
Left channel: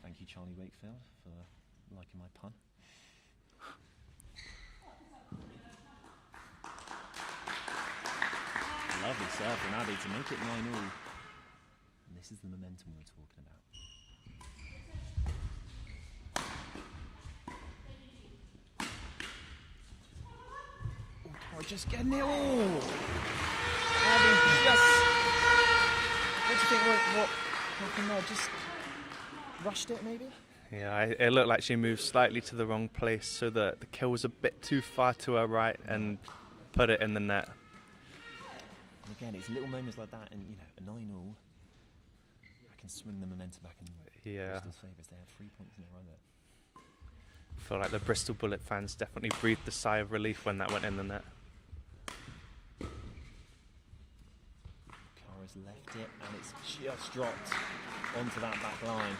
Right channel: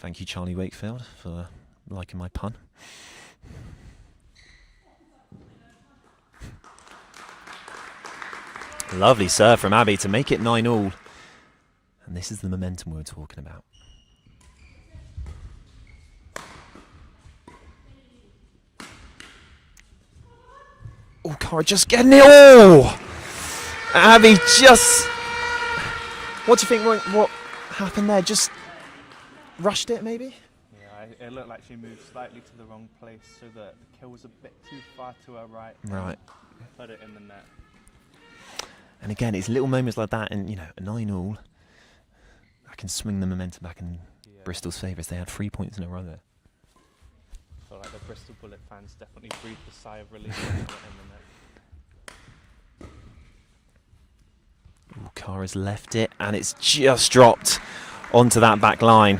Thank you, Charlie Wakefield, for liking my pun. Lovely serve from Abby to make it 9-all. And this is the momentum we're talking about. Oh, Cara just getting it all! Abby just... What do you think, what happened there? Just rushed it, maybe? Yeah, it looked like she moved slightly to the wrong place, so the kill was a bit too far to her right, and put it in the net. And again, it's little moments like that, and you know, a 9-all, I can swing the momentum back in Bristol's favour as they had 3 points in a row there. I feel like the Bristol Bullet fans definitely breathed a sigh of relief when that went in the net. Ooh, Cara's left it, and it's just dropped onto that back line.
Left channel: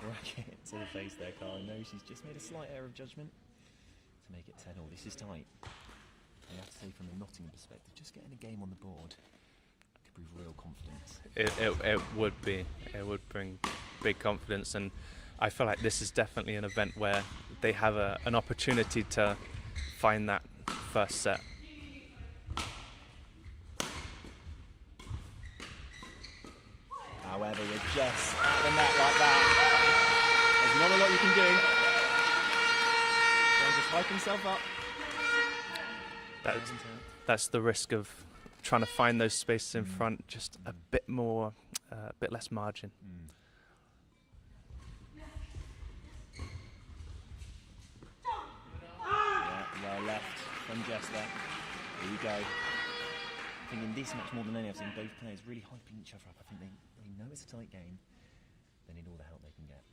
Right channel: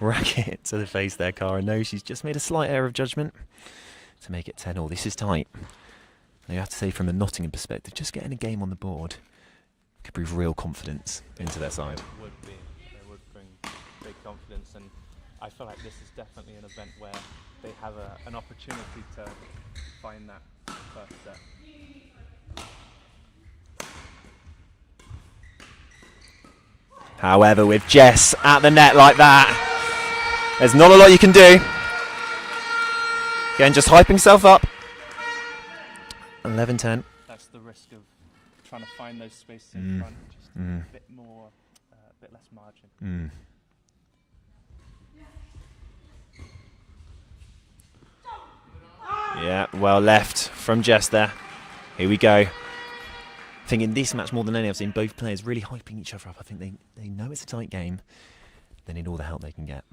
Racket to the face there, Cara. No, she's just made a slight error of judgment to make it 10-all. This is tight. You have to say, from a Nottingham perspective, just getting a game on the board could bring real confidence. It would be. It would bring big confidence, and I feel like this is definitely an event where they have an opportunity to find that first set. However, with Jess at the net like that, there's not a lot you can do. Again, just hyping himself up. 11-10. That's the risk of trying to find those spaces in front, just a bit more, a bit less margin. Yeah, well left from Jess there. Here we go. I think in this match more than any, I've seen both players really hyping each other up. I think they know it's a tight game. They need all the help they can get.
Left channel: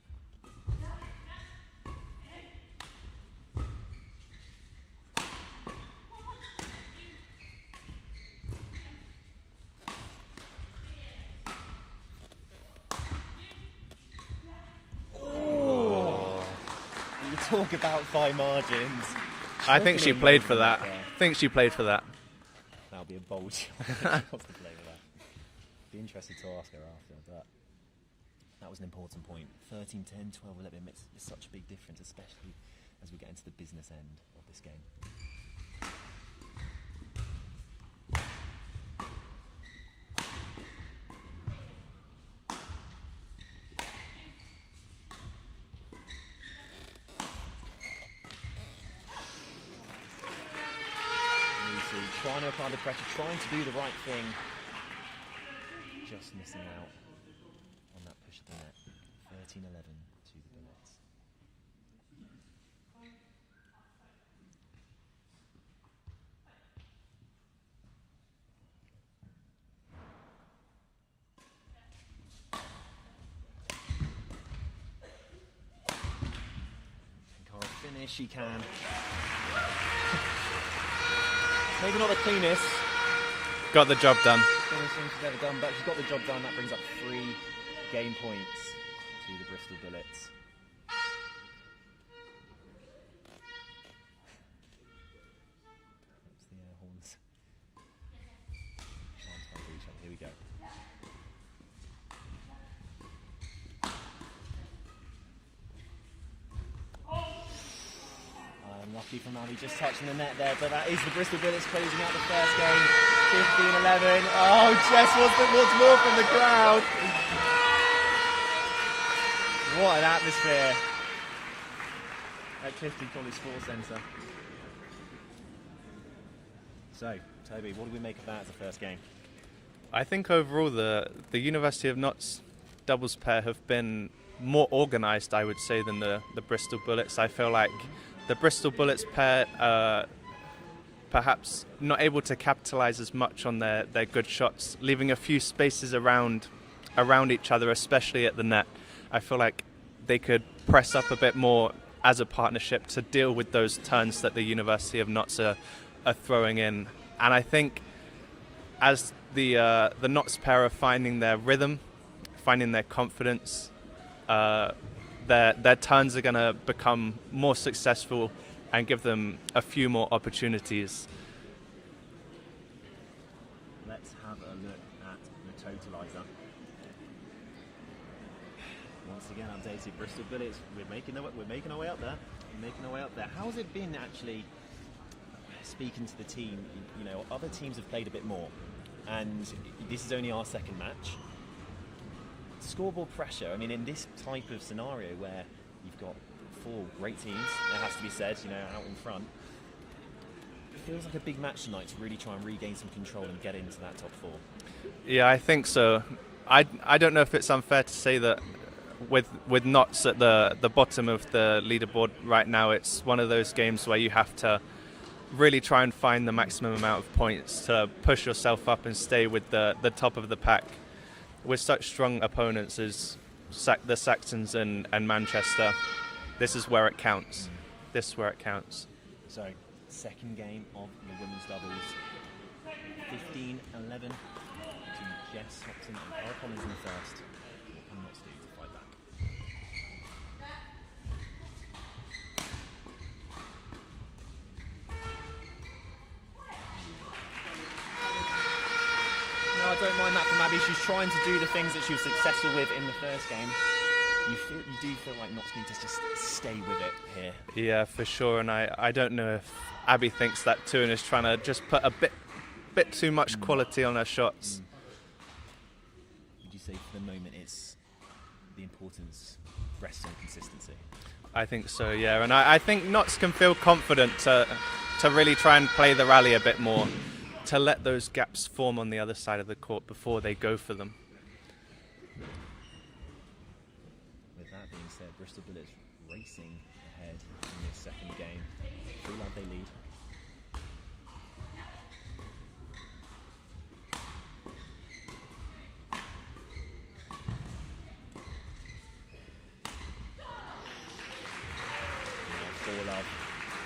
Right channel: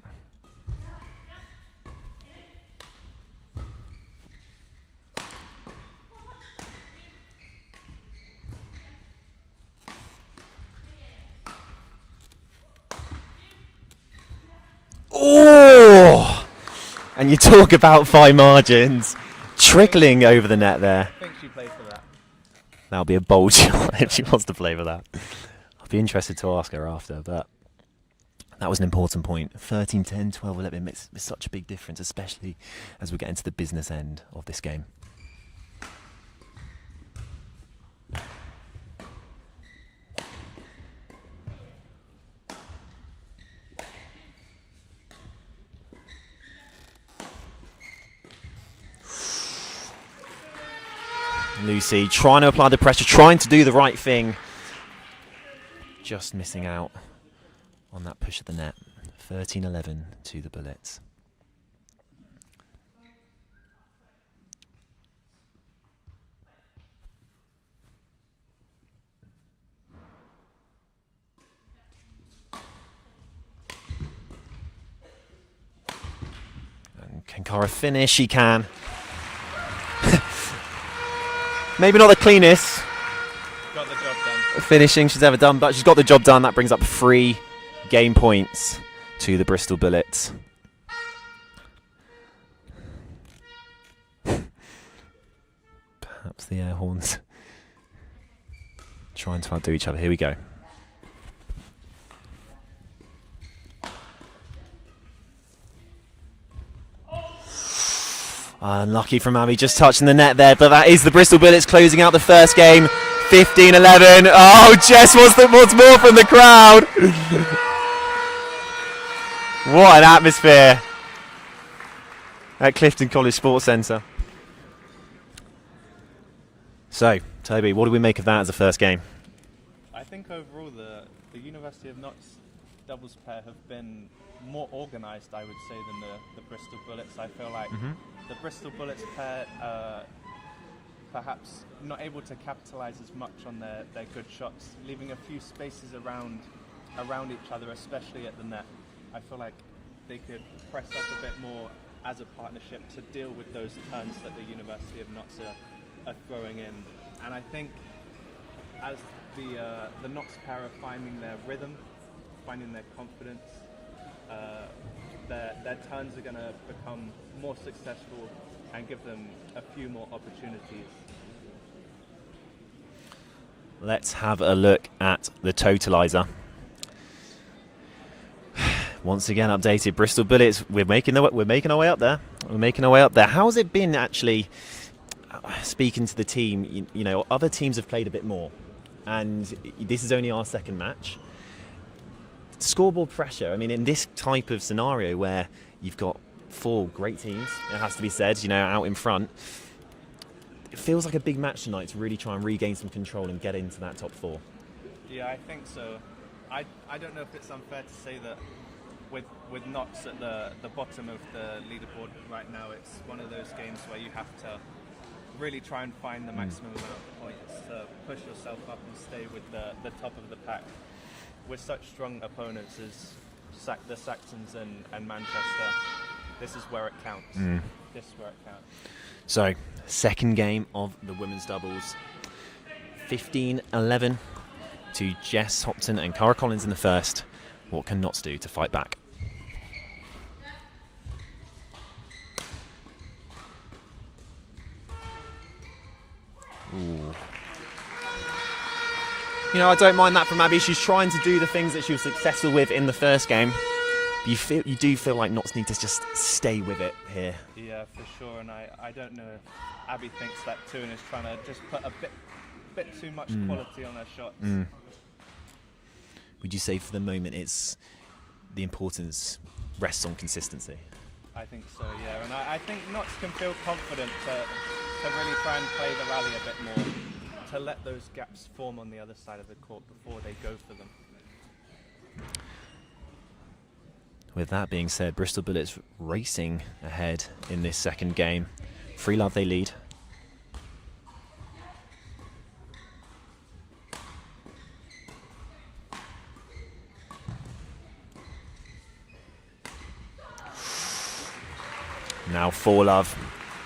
Oh! And you talk about fine margins. Trickling over the net there. I think she played for that. That'll be a bold shot if she wants to play for that. I'll be interested to ask her after, but that was an important point. 13-10, 12-11 makes such a big difference, especially as we get into the business end of this game. Lucy trying to apply the pressure, trying to do the right thing. Just missing out on that push of the net. 13-11 to the Bullets. And can Cara finish? She can. Maybe not the cleanest Got the job done. finishing she's ever done, but she's got the job done. That brings up 3 game points to the Bristol Bullets. the air horns. Trying to outdo each other. Here we go. Unlucky from Abby, just touching the net there, but that is the Bristol Bullets closing out the first game, 15-11. Oh, Jess wants more from the crowd. What an atmosphere at Clifton College Sports Centre. So, Toby, what do we make of that as a first game? I think overall the University of Notts doubles pair have been more organised, I would say, than the Bristol Bullets. I feel like the Bristol Bullets pair perhaps not able to capitalise as much on their good shots, leaving a few spaces around each other, especially at the net. I feel like they could press up a bit more as a partnership to deal with those turns that the University of Notts are throwing in. And I think as the Notts pair are finding their rhythm, finding their confidence, their turns are going to become more successful and give them a few more opportunities. Let's have a look at the totalizer. Once again updated, Bristol Bullets, we're making our way up there. We're making our way up there. How's it been actually speaking to the team? You know, other teams have played a bit more, and this is only our second match. Scoreboard pressure, I mean, in this type of scenario where you've got 4 great teams, it has to be said, you know, out in front, it feels like a big match tonight to really try and regain some control and get into that top 4. Yeah, I think so. I don't know if it's unfair to say that with Notts at the bottom of the leaderboard right now, it's one of those games where you have to really try and find the maximum amount of points to push yourself up and stay with the top of the pack. With such strong opponents as the Saxons and Manchester, this is where it counts. This is where it counts. So, second game of the women's doubles. 15-11 to Jess Hopton and Cara Collins in the first. What can Notts do to fight back? Ooh. You know, I don't mind that from Abby. She's trying to do the things that she was successful with in the first game. You do feel like Notts need to just stay with it here. Yeah, for sure. And I don't know if Abby thinks that too and is trying to just put a bit too much quality on her shots. Would you say for the moment it's the importance rests on consistency? I think so, yeah. And I think Notts can feel confident to really try and play the rally a bit more, to let those gaps form on the other side of the court before they go for them. With that being said, Bristol Bullets racing ahead in this second game. 3-love they lead. Now 4-love.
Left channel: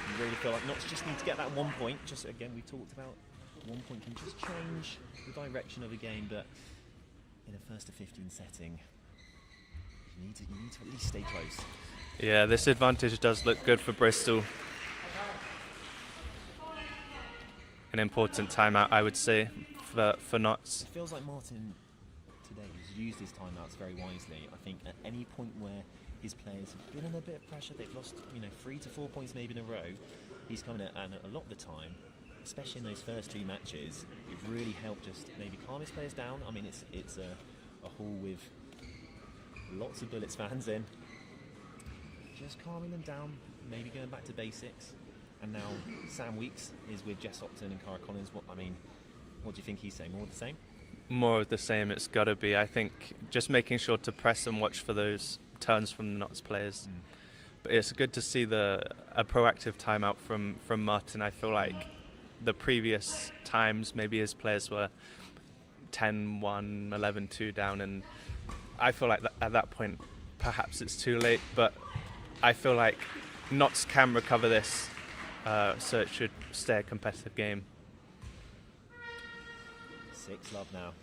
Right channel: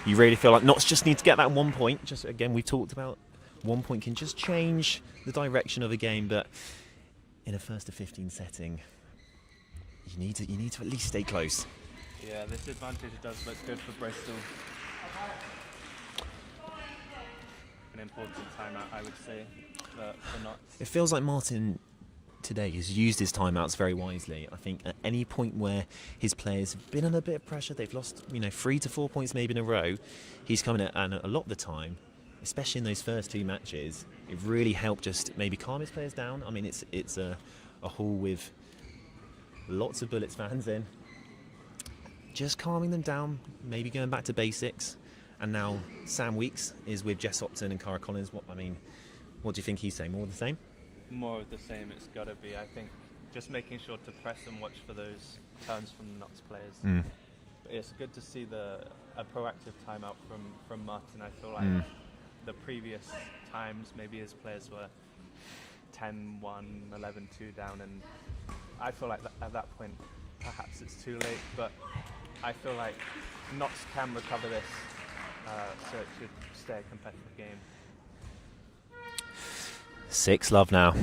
You really feel like Notts just need to get that 1 point. Just again, we've talked about 1 point can just change the direction of a game, but in a first to 15 setting, you need to at least stay close. Yeah, this advantage does look good for Bristol. An important timeout, I would say, for Notts. It feels like Martin today has used his timeouts very wisely. I think at any point where his players have been under a bit of pressure, they've lost 3 to 4 points maybe in a row, he's coming at, and a lot of the time, especially in those first 2 matches, it really helped just maybe calm his players down. I mean, it's a hall with lots of Bullets fans in, just calming them down, maybe going back to basics. And now Sam Weeks is with Jess Hopton and Cara Collins. What do you think he's saying? More of the same? More of the same, it's got to be. I think just making sure to press and watch for those turns from the Notts players. But it's good to see a proactive timeout from Martin. I feel like the previous times, maybe his players were 10-1, 11-2 down, and I feel like at that point, perhaps it's too late, but I feel like Notts can recover this, so it should stay a competitive game. 6-love now.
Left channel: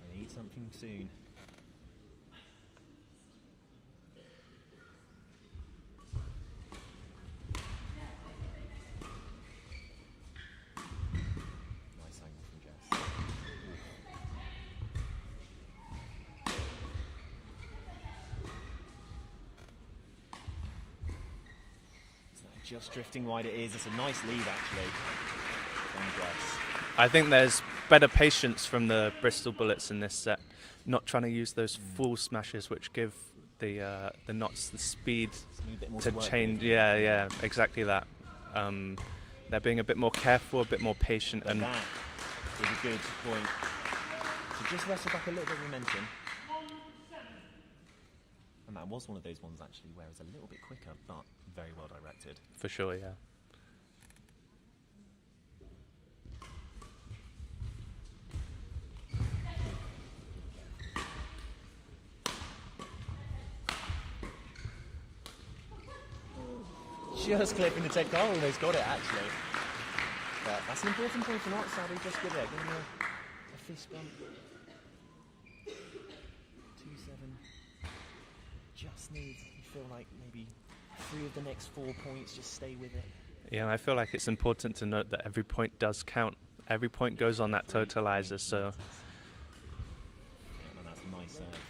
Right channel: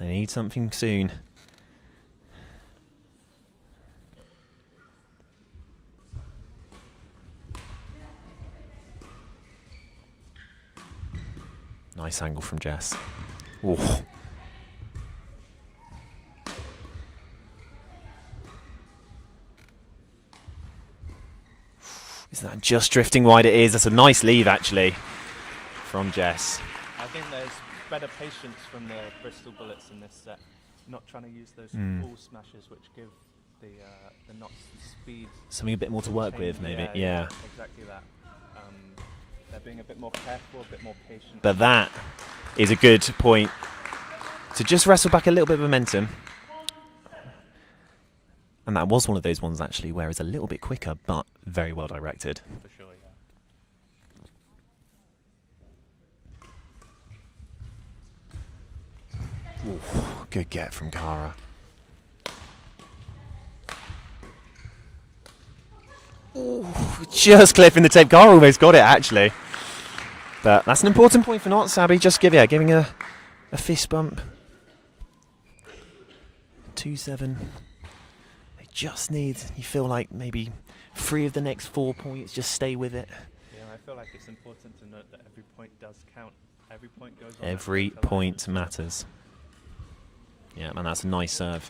They need something soon. Nice angle from Jess. Ooh. Is that just drifting wide? It is. That's a nice leave, actually, from Jess. I think there's better patience from the Bristol Bullets in this set, not trying to use those full smashes which give the knots the speed. Something a bit more to work with. Maybe. Yeah, exactly that. They're being a bit more careful, a bit more patient. But that is a good point to just wrestle back a little bit of momentum. And that was one of those ones, actually, where it's a little bit quicker, but very well directed. For sure, yeah. Ooh, good get from Cara. Ooh, just clipping the tape. Cara almost got it, actually. But that's an important point for Knots, Abby. Just giving a fist bump. 2-7. They just need, you feel like maybe 3 of the next 4 points, just stay with it. Yeah, I feel like it's important to note that every point does count. Every point goes on Every that totalizer. point matters. Yeah, man, that's a nice serve.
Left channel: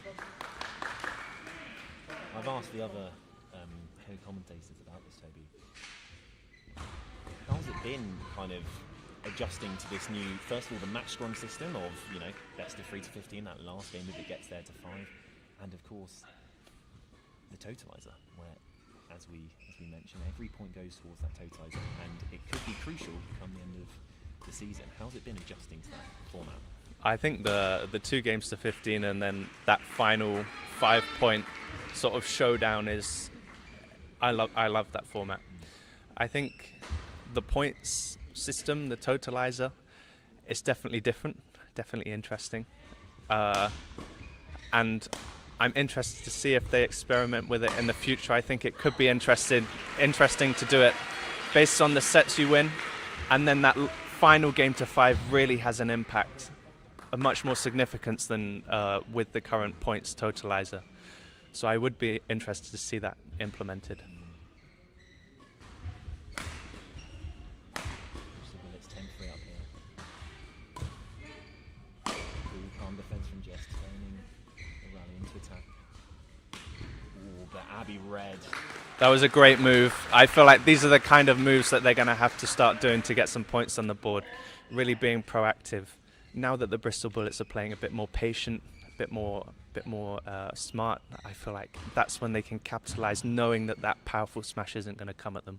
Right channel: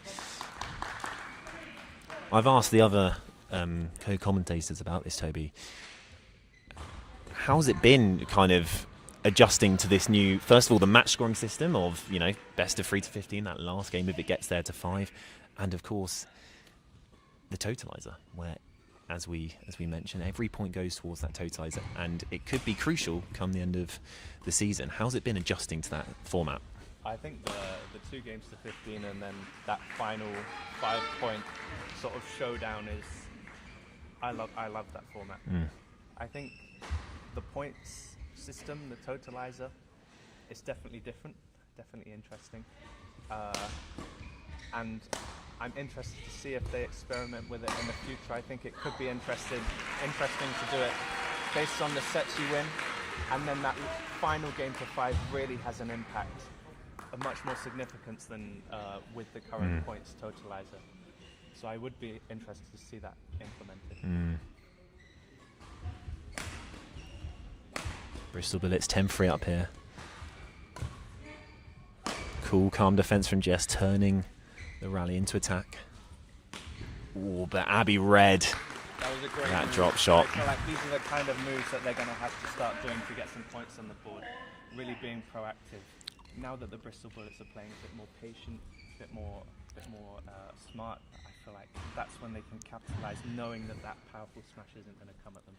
I've asked the other co-commentators about this, Toby. How's it been kind of adjusting to this new, first of all, the match scoring system of, you know, best of 3 to 15, that last game if it gets there to 5, and of course the totalizer, where as we mentioned, every point goes towards that totalizer, and it could be crucial come the end of the season. How's it been adjusting to that format? I think the 2 games to 15 and then that final 5-point sort of showdown is, I love that format. I think the points system, the totalizer, is definitely different, definitely interesting, and I'm interested to see if they experiment with it in the future. I think it could be interesting to do it based on the sets you win, and then that final game to 5 really has an impact, a much more significance than with the current points totalizer. So I would be interested to see that implemented. Bristol Bullets 10-3 up here. Cool, calm defense from Jess, turning the rally into attack. Ooh, but Abby read. That was a great That move. drop shot. I feel like these are the kind of moves that they're going to have to start doing to get some points on the board, really being proactive. Now that the Bristol Bullets are playing a bit more patient, a bit more smart, I feel like that's when they can capitalize, knowing that that powerful smash isn't going to come at them.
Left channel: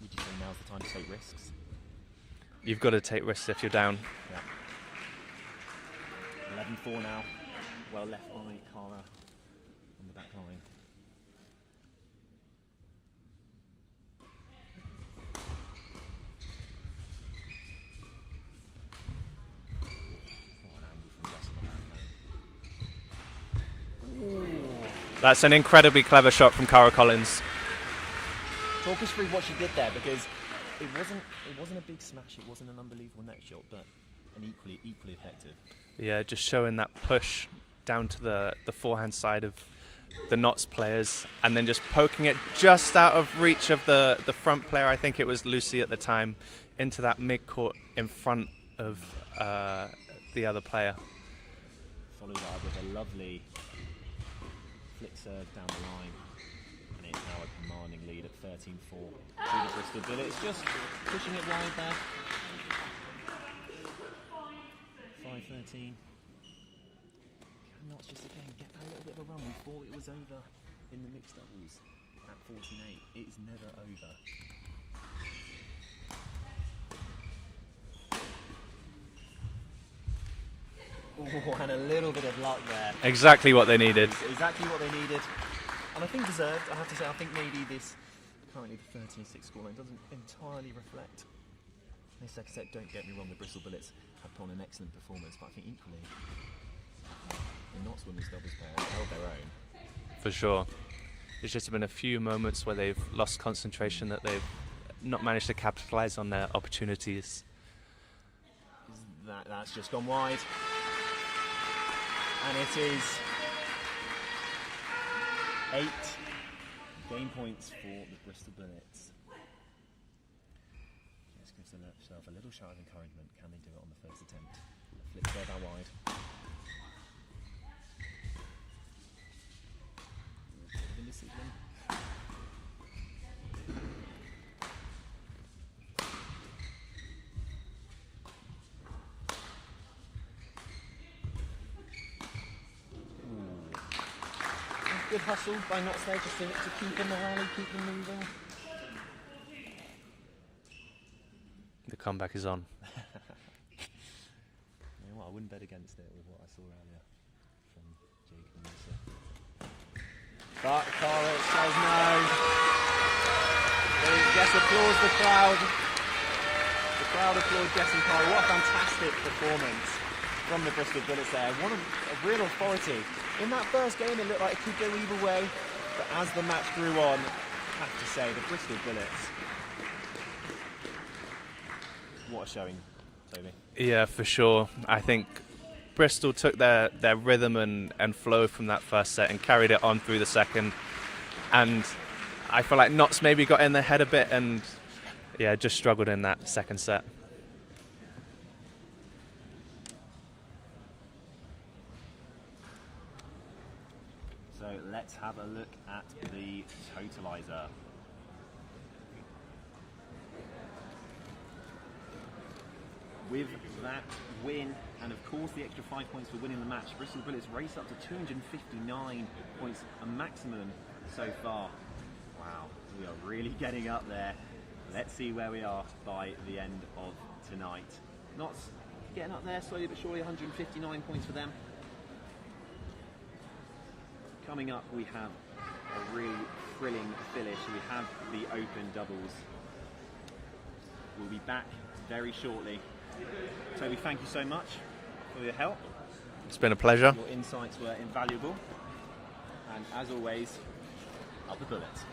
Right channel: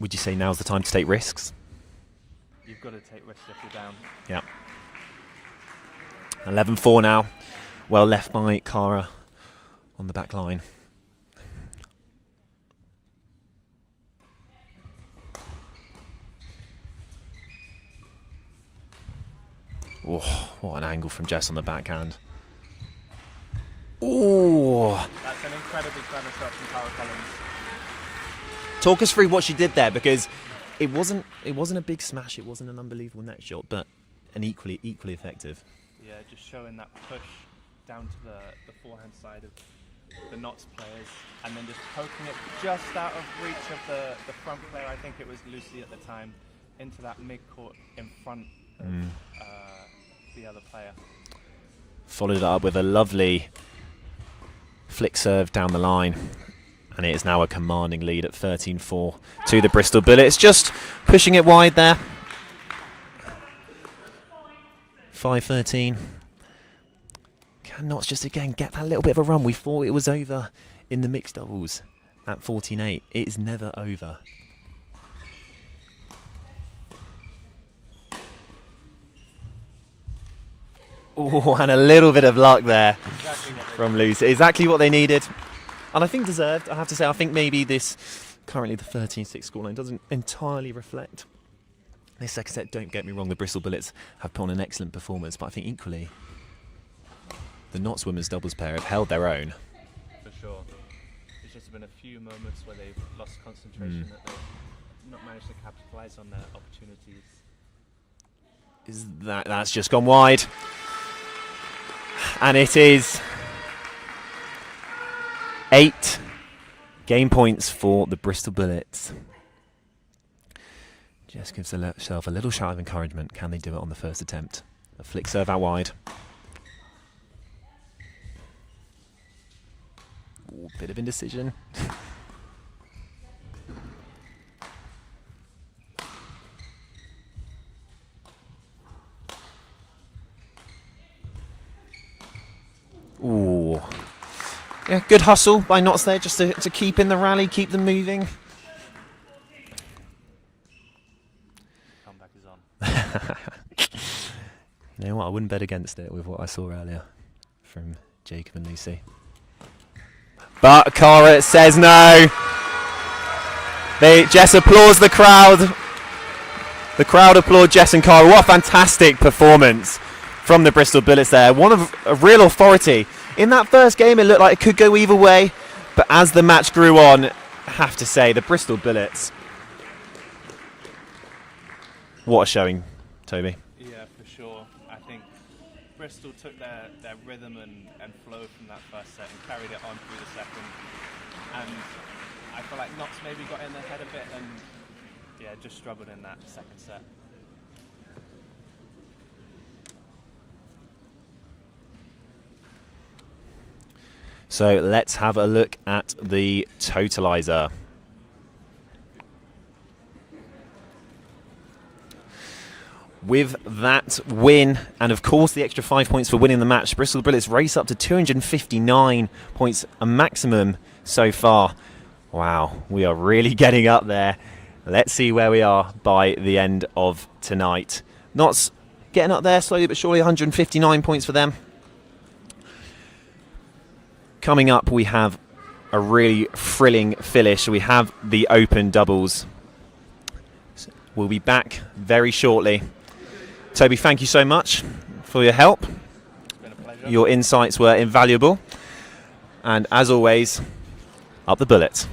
Would you say now's the time to take risks? You've got to take risks if you're down. Yeah. 11-4 now. Well left by Cara on the back line. Oh, what an angle from Jess on the backhand. Oh, That's an incredibly clever shot from Cara Collins. talk us through what she did there, because it wasn't a big smash, it wasn't an unbelievable neck shot, but an equally effective. Yeah, just showing that push down to the forehand side of the Knots players, and then just poking it just out of reach of the front player. I think it was Lucy at the time, into that mid-court in front of the other player. Followed it up with a lovely flick serve down the line, and it is now a commanding lead at 13-4 to the Bristol Bullets, just pushing it wide there. 5-13. Can Knots just again get that little bit of a run? We thought it was over in the mixed doubles at 14-8. It is never over. Oh, and a little bit of luck there. Exactly what they from needed. Lucy. Exactly what they needed. And I think deserved, I have to say. I think maybe this, currently the 13-6 scoreline, doesn't entirely reflect this second set. Don't get me wrong, the Bristol Bullets have put on an excellent performance, but I think equally the Knots women's doubles pair have held their own. For sure. There's just been a few moments where they've lost concentration, that they've not managed to capitalize on their opportunities. That's just gone wide. And it is 8 game points for the Bristol Bullets. Jess gives herself a little shout of encouragement. Can they do it on the first attempt? A flick serve out wide. Ooh, bit of indecision. Ooh. Yeah, good hustle by Notts there, just to keep in the rally, keep them moving. The comeback is on. You know what, I wouldn't bet against it with what I saw earlier from Jacob and Lucy. But Cara says no. Jess applauds the crowd. The crowd applaud Jess and Cara. What a fantastic performance from the Bristol Bullets there. One of a real authority. In that first game, it looked like it could go either way. But as the match grew on, I have to say, the Bristol Bullets. What a showing, Toby. Yeah, for sure. I think Bristol took their rhythm and flow from that first set and carried it on through the second. And I feel like Notts maybe got in their head a bit and, yeah, just struggled in that second set. So let's have a look at the totalizer. With that win, and of course the extra 5 points for winning the match, Bristol Bullets race up to 259 points, a maximum so far. Wow, we are really getting up there. Let's see where we are by the end of tonight. Notts getting up there slowly but surely, 159 points for them. Coming up, we have a really thrilling finish. We have the open doubles. We'll be back very shortly. Toby, thank you so much for your help. It's been a pleasure. Your insights were invaluable. And as always, up the Bullets.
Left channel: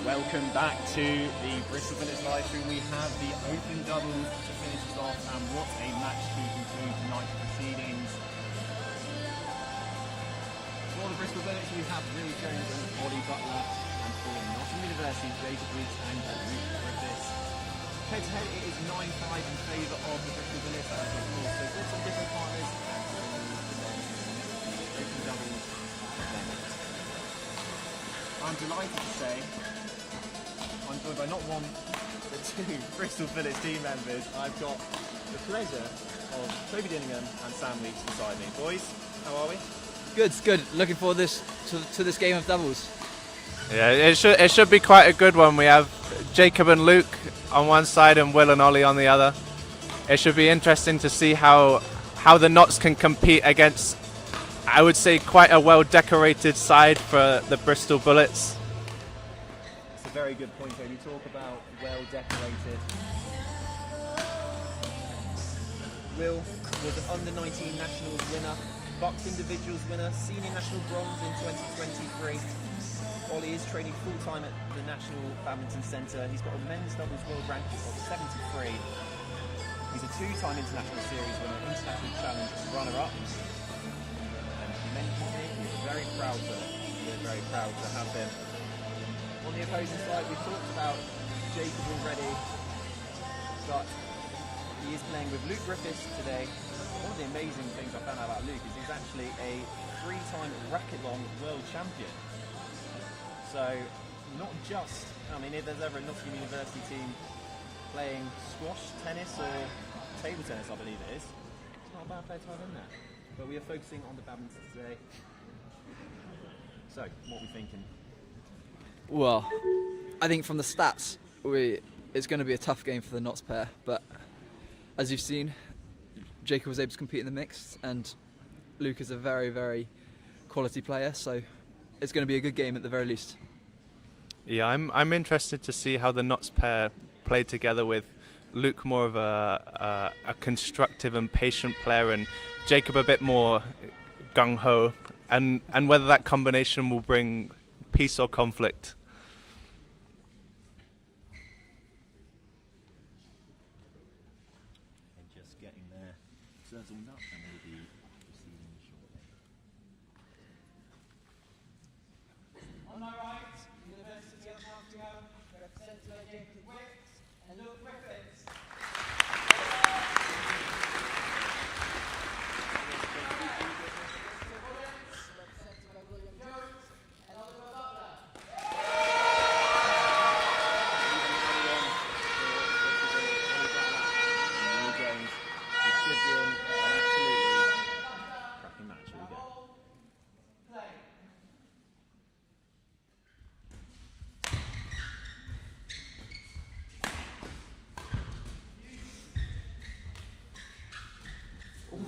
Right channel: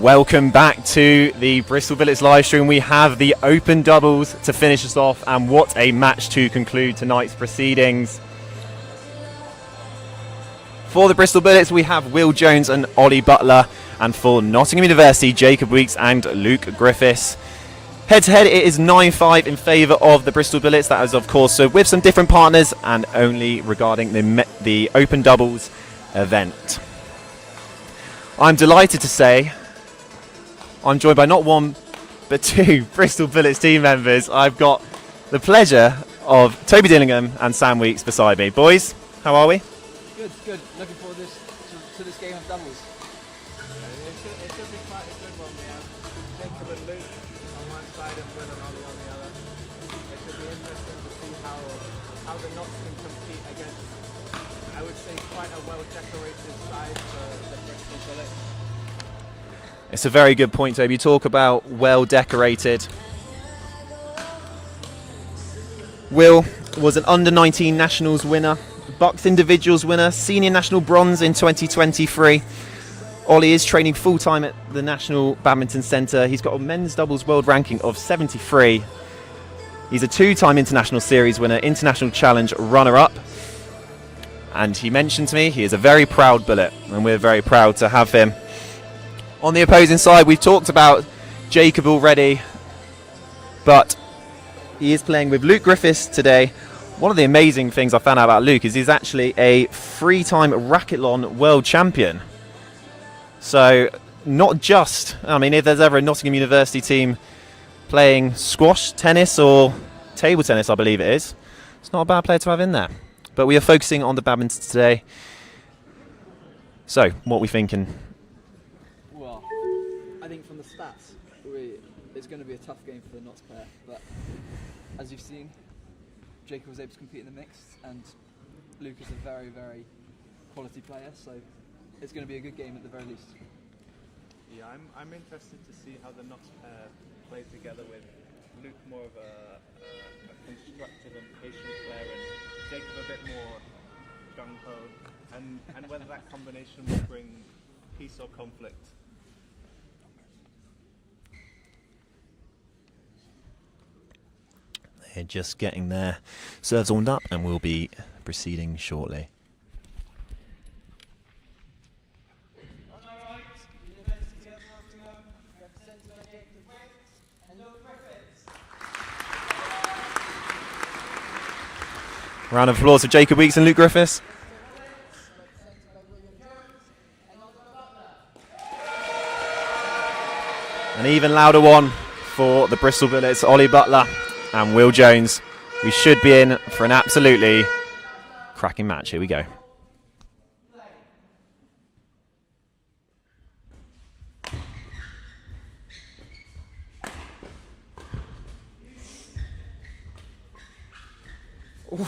Welcome back to the Bristol Bullets live stream. We have the open doubles to finish us off, and what a match to conclude tonight's proceedings. For the Bristol Bullets, we have Will Jones and Ollie Butler, and for Nottingham University, Jacob Weeks and Luke Griffiths. Head to head, it is 9-5 in favour of the Bristol Bullets. That is, of course, so with some different partners and only regarding the open doubles event. I'm delighted to say I'm joined by not one, but two Bristol Bullets team members. I've got the pleasure of Toby Dillingham and Sam Weeks beside me. Boys, how are we? Good, good. Looking forward to this game of doubles. Yeah, it should be quite a good one. We have Jacob and Luke on one side and Will and Ollie on the other. It should be interesting to see how the Knots can compete against, I would say, quite a well-decorated side for the Bristol Bullets. It's a very good point, Toby. You talk about well-decorated. Will was an under-19 Nationals winner, Bucks Individuals winner, Senior National Bronze in 2023. Ollie is training full-time at the National Badminton Centre. He's got a men's doubles world ranking of 73. He's a two-time International Series winner, International Challenge runner-up. And he mentioned to me he is a very proud Bullet, and we're very proud to have him. On the opposing side, we've talked about Jacob already, but he is playing with Luke Griffiths today. One of the amazing things I found out about Luke is he's actually a three-time Racketlon world champion. So not just, I mean, if there's ever a Nottingham University team playing squash, tennis or table tennis, I believe it is, it's not a bad player to have in there. But we are focusing on the badminton today. So, what are we thinking? Well, I think from the stats, it's going to be a tough game for the Knots pair. But as you've seen, Jacob was able to compete in the mixed, and Luke is a very, very quality player. So it's going to be a good game at the very least. Yeah, I'm interested to see how the Knots pair play together, with Luke more of a constructive and patient player, and Jacob a bit more gung-ho, and whether that combination will bring peace or conflict. They're just getting their serves warmed up, and we'll be proceeding shortly. On my right, University of Nottingham, represented by Jacob Weeks and Luke Griffiths. Round of applause for Jacob Weeks and Luke Griffiths. Represented by William Jones and Oliver Butler. An even louder one for the Bristol Bullets, Ollie Butler and Will Jones. We should be in for an absolutely cracking match. Here we go.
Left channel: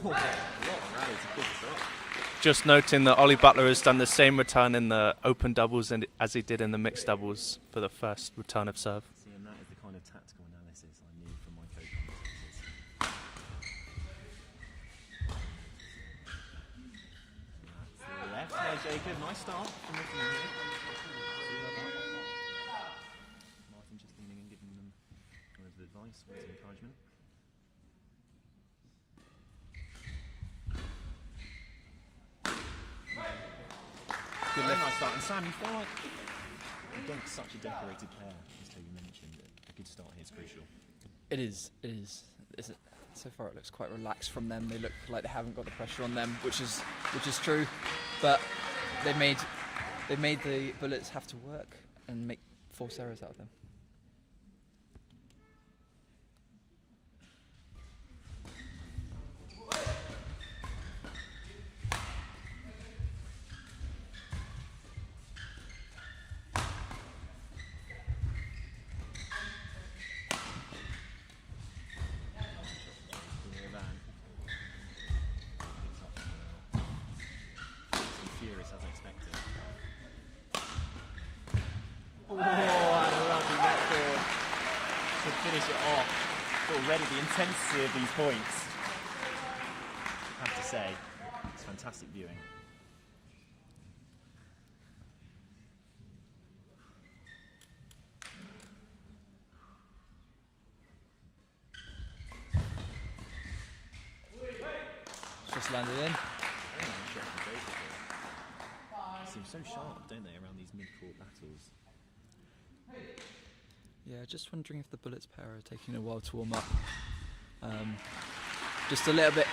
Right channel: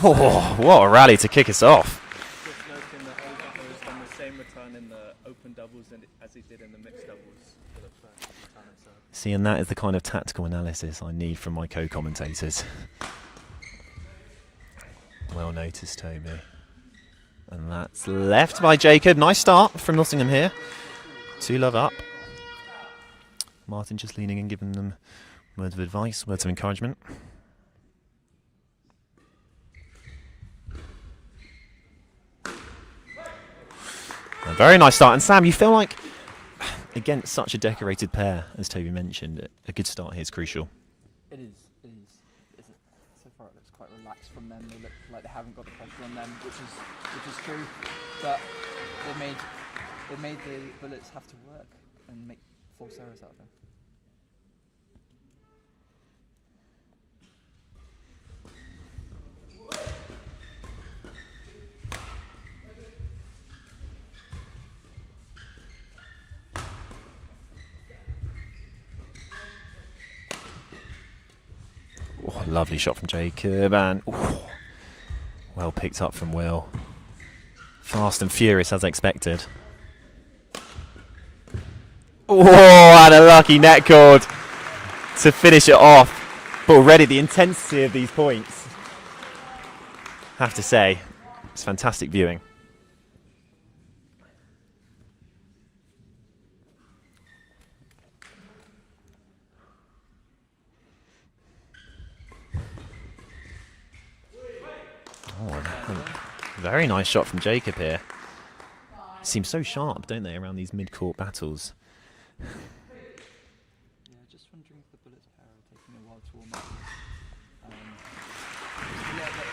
Oh, what a rally to kick us off. Just noting that Ollie Butler has done the same return in the open doubles as he did in the mixed doubles for the first return of serve. See, and that is the kind of tactical analysis I need from my co-commentators. Well noticed, Toby. And that's left by Jacob. Nice start from Nottingham here. 2-love up. Martin just leaning and giving them words of advice, words of encouragement. A very nice start. And Sam, you feel like, against such a decorated pair, as Toby mentioned, a good start here is crucial. It is. So far, it looks quite relaxed from them. They look like they haven't got the pressure on them, which is true. But they've made the Bullets have to work and make force errors out of them. Oh, lovely shot from Jacob, and well picked up from Will. Fast and furious as expected. Oh, and a lucky net cord to finish it off. But already the intensity of these points, have to say, it's fantastic viewing. Very nice shot from Jacob here. Seems so sharp, don't they, around these mid-court battles? Yeah, just wondering if the Bullets pair are taking a while to warm up. Just a little bit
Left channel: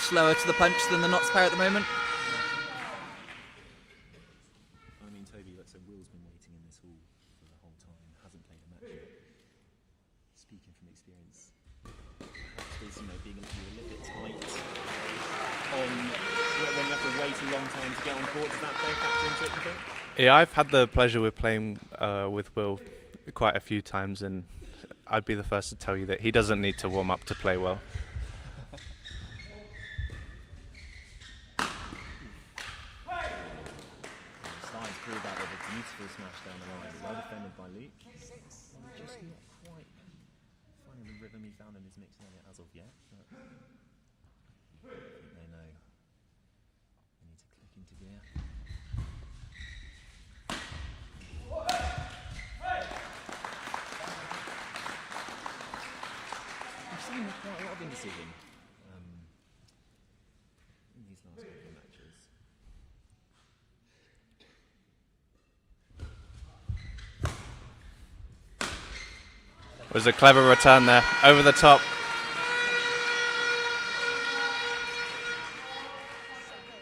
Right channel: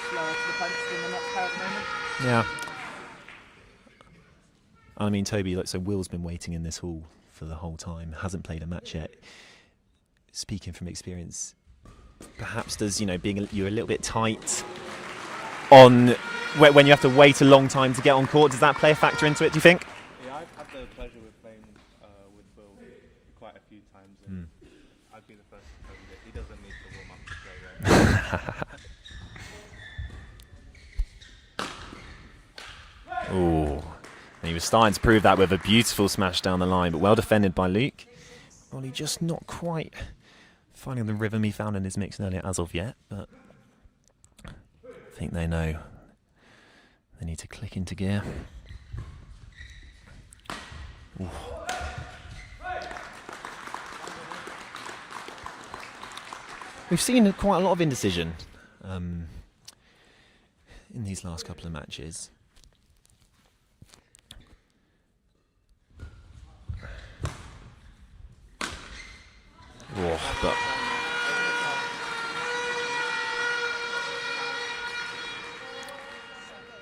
slower to the punch than the Notts pair at the moment. Yeah. I mean, Toby, like, so Will's been waiting in this hall for the whole time, hasn't played a match yet. Speaking from experience, perhaps does, you're a little bit tight on when you have to wait a long time to get on court, does that play a factor into it, do you think? Yeah, I've had the pleasure with playing with Will quite a few times, and I'd be the first to tell you that he doesn't need to warm up to play well. Ooh. He was starting to prove that with a beautiful smash down the line, but well defended by Luke. Well, he just not quite finding the rhythm he found in his mix earlier as of yet, but I think they know they need to click into gear. Ooh. We've seen quite a lot of indecision in these last couple of matches. It was a clever return there, over the top.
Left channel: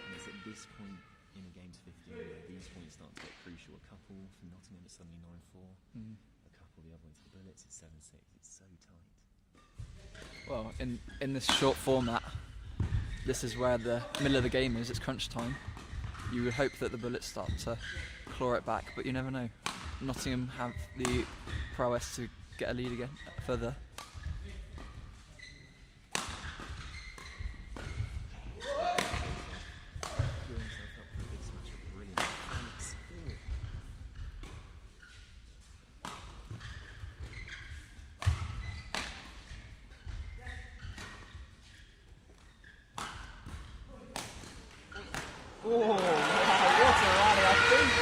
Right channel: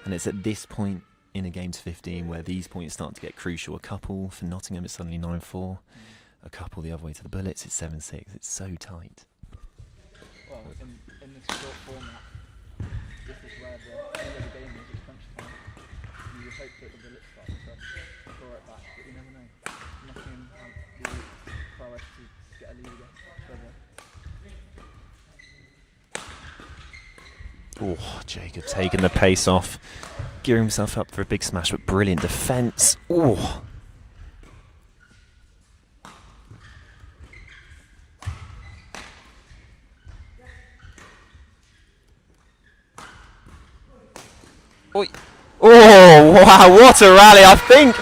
And it's at this point in a game to 15 where these points start to get crucial. A couple for Nottingham, it's suddenly 9-4. A couple the other way to the Bullets, it's 7-6. It's so tight. Well, in this short format, this is where the middle of the game is. It's crunch time. You would hope that the Bullets start to claw it back, but you never know. Nottingham have the prowess to get a lead again further. Oh, Jacob taking the pace off, gearing himself up for a big smash, but brilliant defence. Oh. Oi. Oh, wow, what a rally. I think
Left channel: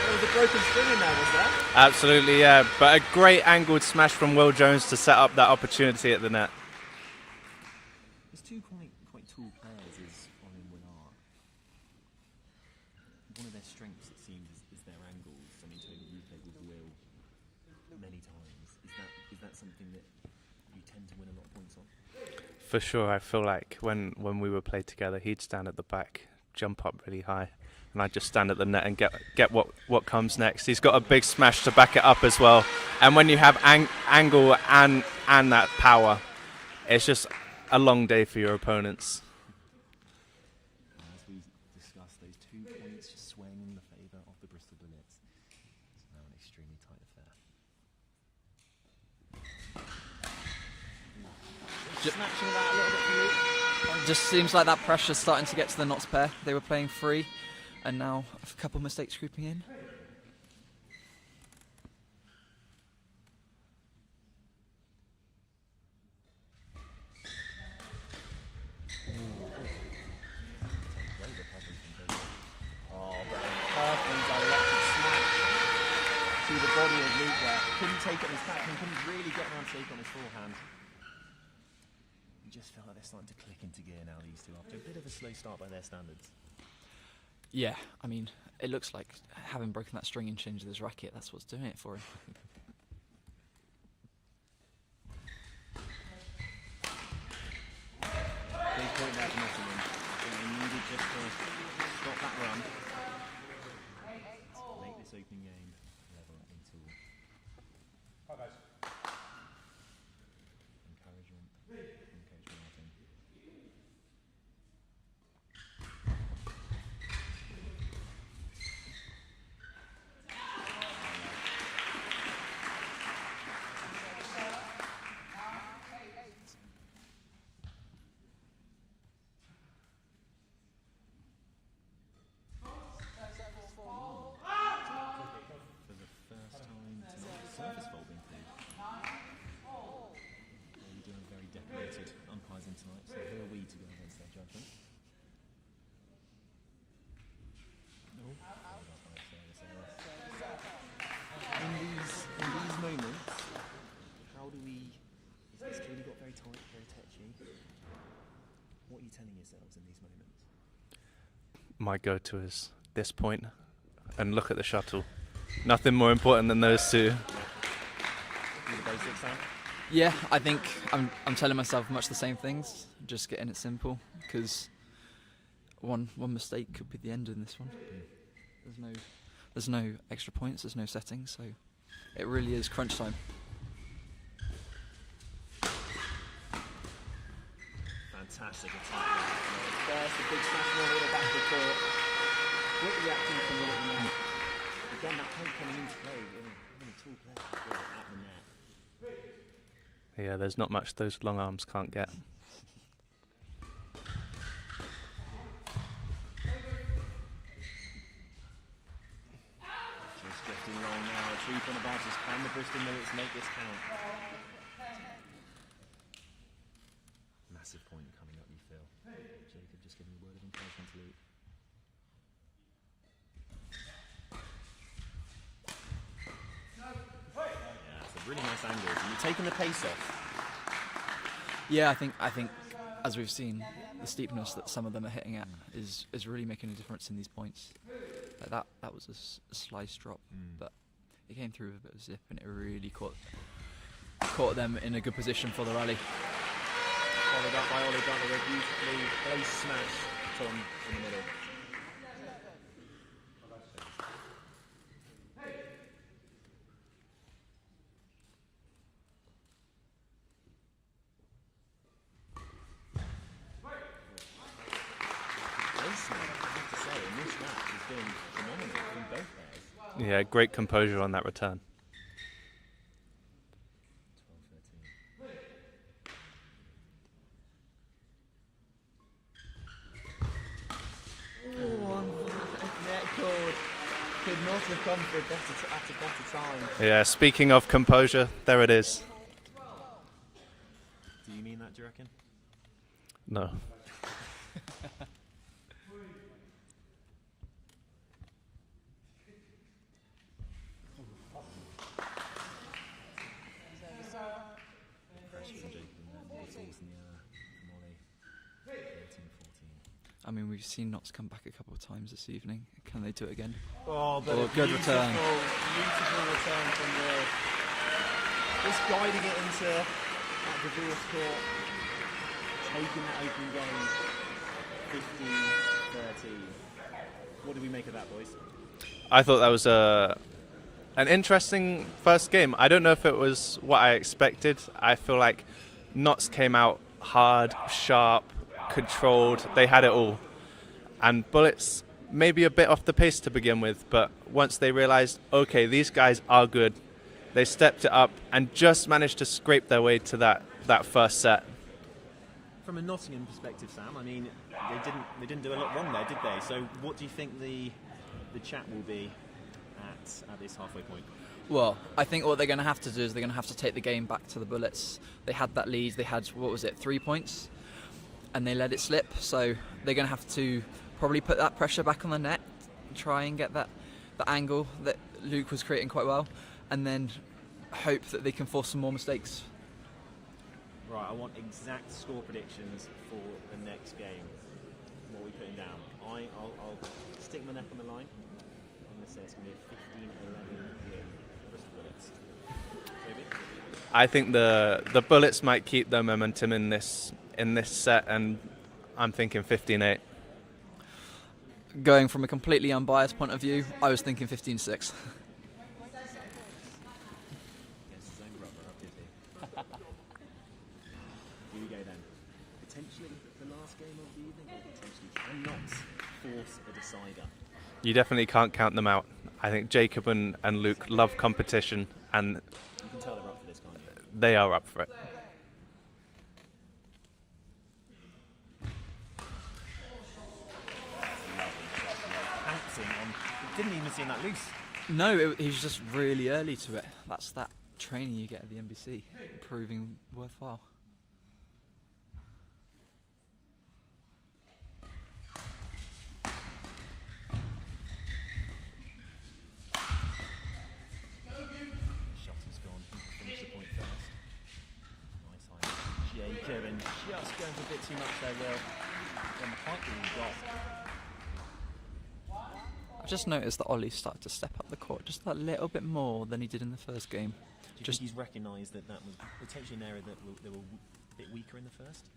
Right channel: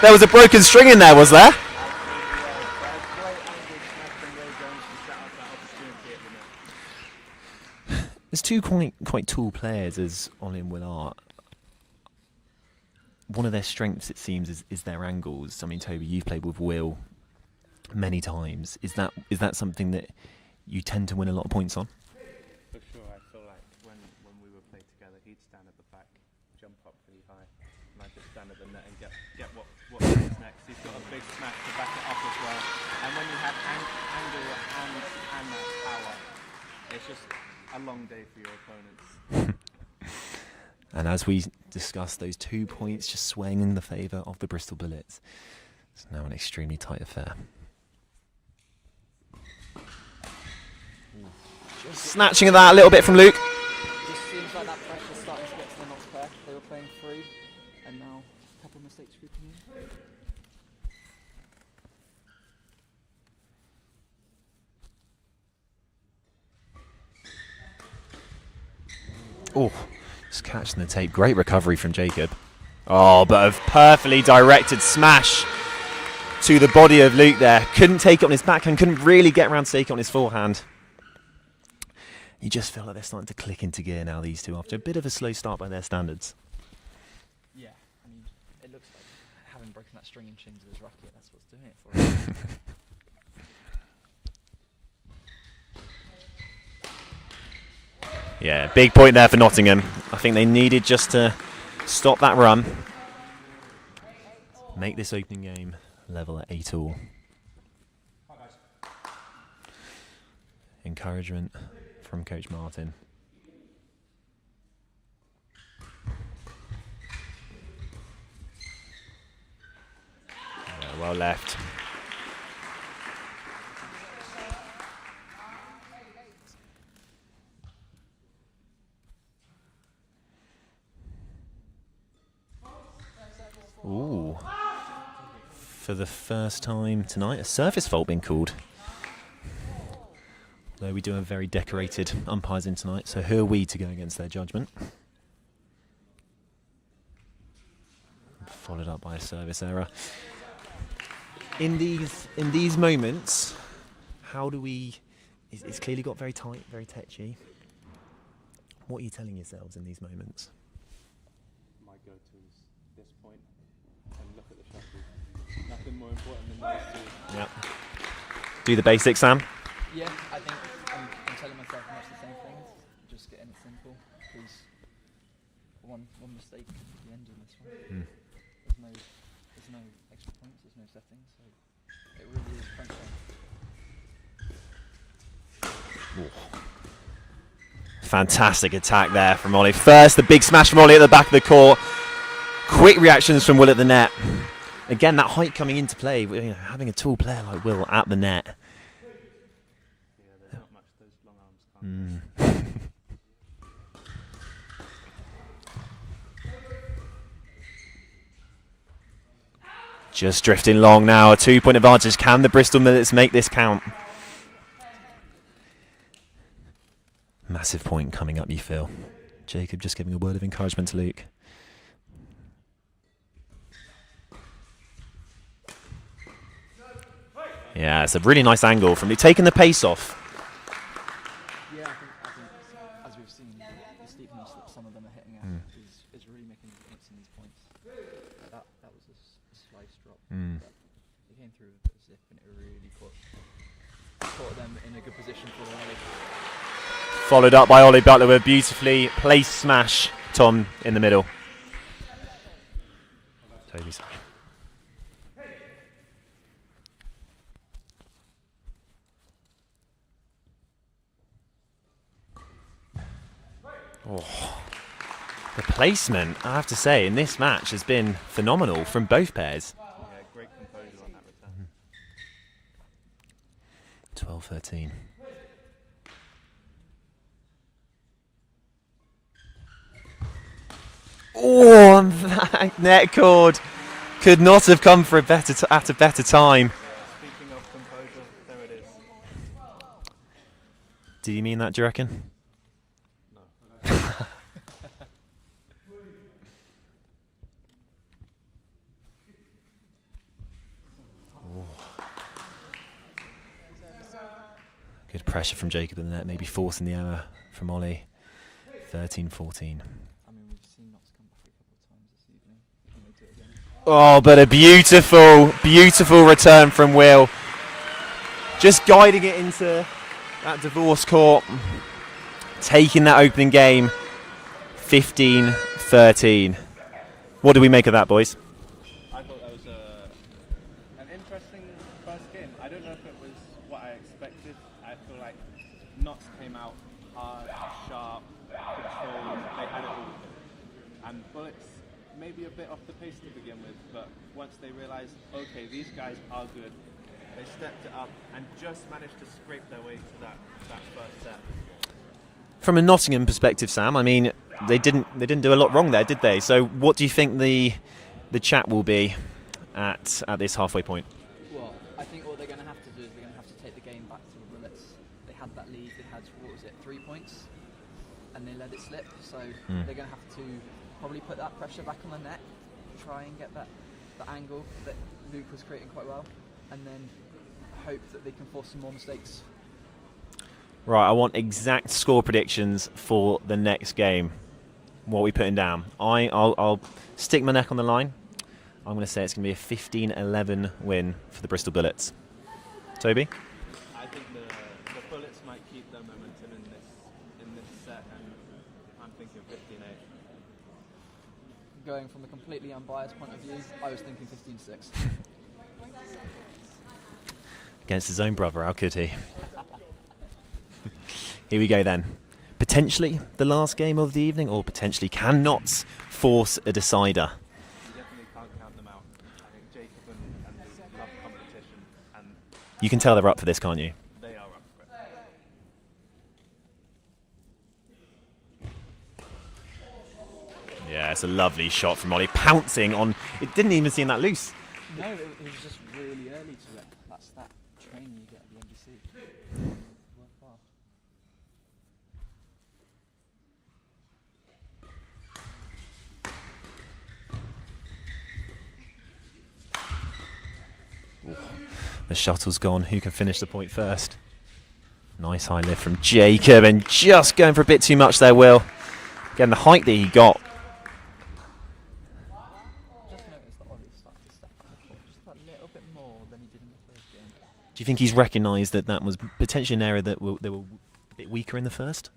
there was a broken string in there, was there? Absolutely, yeah. But a great angled smash from Will Jones to set up that opportunity at the net. There's two quite tall players, as Ollie and Will are. One of their strengths, it seems, is their angles. I mean, Toby, you've played with Will many times. Is that something that you tend to win a lot of points on? For sure, I feel like when we were played together, he'd stand at the back, jump up really high, and I'd just stand at the net and get what comes next. He's got a big smash to back it up as well. And when you have angle and that power, it's just a long day for your opponents. And as we discussed, those 2 points just swaying in the favour of the Bristol Bullets. It's now an extremely tight affair. Snatching at that a little bit from Luke. It just seems like that pressure's starting to get to the Notts pair. They were playing free, and now a couple of mistakes creeping in. Oh, just catching the tape. Great recovery from Jacob. Oh, but a perfectly directed smash to the body of Luke there. Couldn't take it on his backhand, couldn't really get around to take it on his forehand. You just feel like they're starting to click into gear now, these two, after a bit of a slow start by their standards. Yeah, I mean, it looks like having broken that string and changed this racket, that's what's doing it for him. Yeah, big point there for Nottingham. I think they needed just to stop that run. Make this opening game level at 8-all. Encouragement from Coach Martin. Yeah, well left. Ooh. For the first time tonight, a service fault being called. Though we do have very decorated umpires in tonight, so who are we to go against their judgment? Followed up by a service error. In these moments, how do we? It's clearly got very tight, very tetchy. What are you telling yourselves in these moments? my go-to is this point, and look at the shuttle. Nothing more important than those two. Yep. Do the basics, Sam. Yeah, I think I'm telling myself much the same things. Just getting it simple, because one mistake could be the end in this one. There's no extra points. There's no settings, so it really is crunch time. Fantastic attack there from Ollie. First, the big smash from Ollie at the back of the court. Quick reactions from Will at the net. Again, that height coming into play, you know, having a tall player like Will at the net. Yeah, there's not much those long arms can't get. Just drifting long now, a 2-point advantage. Can the Bristol Bullets make this count? Massive point coming up, you feel. Jacob just giving a word of encouragement to Luke. Yeah, it's a really nice angle from Luke, taking the pace off. Yeah, I think as we've seen, the steepness that some of them are hitting at is really making a difference in these points. That was a slice drop, but it came through with a bit of zip, and it really caught them in a good position for the rally. Followed up by Ollie Butler with a beautifully placed smash. Tom in the middle. Toby's. Oh. The placement, I have to say, in this match has been phenomenal from both pairs. Yeah, great composure on that return. 12-13. Oh, and that net cord could not have come for at a better time. Yeah, speaking of composure, there it is. Do you mean that, do you reckon? No. Good pressure from Jacob in the net, maybe forcing the error from Ollie. 13-14. I mean, we've seen Notts come back a couple of times this evening. Can they do it again? Oh, but a beautiful, beautiful return from Will. Just guiding it into that divorce court. Taking that opening game, 15-13. What do we make of that, boys? I thought that was an interesting first game. I don't know if it was what I expected. I feel like Notts came out hard, sharp, controlled. They had it all. And Bullets maybe a bit off the pace to begin with, but once they realized, okay, these guys are good, they stepped it up and just managed to scrape their way to that first set. From a Nottingham perspective, Sam, I mean, they didn't do a lot wrong there, did they? So what do you think the chat will be at this halfway point? Well, I think what they're going to have to do is they're going to have to take the game back to the Bullets. They had that lead. They had, 3 points? And they let it slip. So they're going to have to probably put that pressure back on the net, try and get the angle that Luke was creating quite well, and then hope that they can force some more mistakes. Right, I want exact score predictions for the next game. What are we putting down? I'll stick my neck on the line. I'm going to say it's going to be a 15-11 win for the Bristol Bullets. Toby? I think the Bullets might keep their momentum in this set, and I'm thinking 15-8. Going from a completely unbiased point of view, I was thinking 15-6. Against his own brother, how could he? Here we go then. Potentially the last game of the evening, or potentially can Notts force a decider? You definitely can't count them out. I think Jacob and Luke love competition, and You can tell they're up for this, can't you? they are up for it. Yeah, it's a lovely shot from Ollie, pouncing on. It didn't even seem that loose. No, he's just really early to it. That's that training you get at the NBC, proving worthwhile. The shuttle's gone. Who can finish the point first? Nice high lift from Jacob, and just going for a bit too much there, Will. Again, the height that he got. just noticed that Ollie started to step up the court just a little bit more than he did in the first game. Do you think he's recognised that that was potentially an area that they were a bit weaker in the first?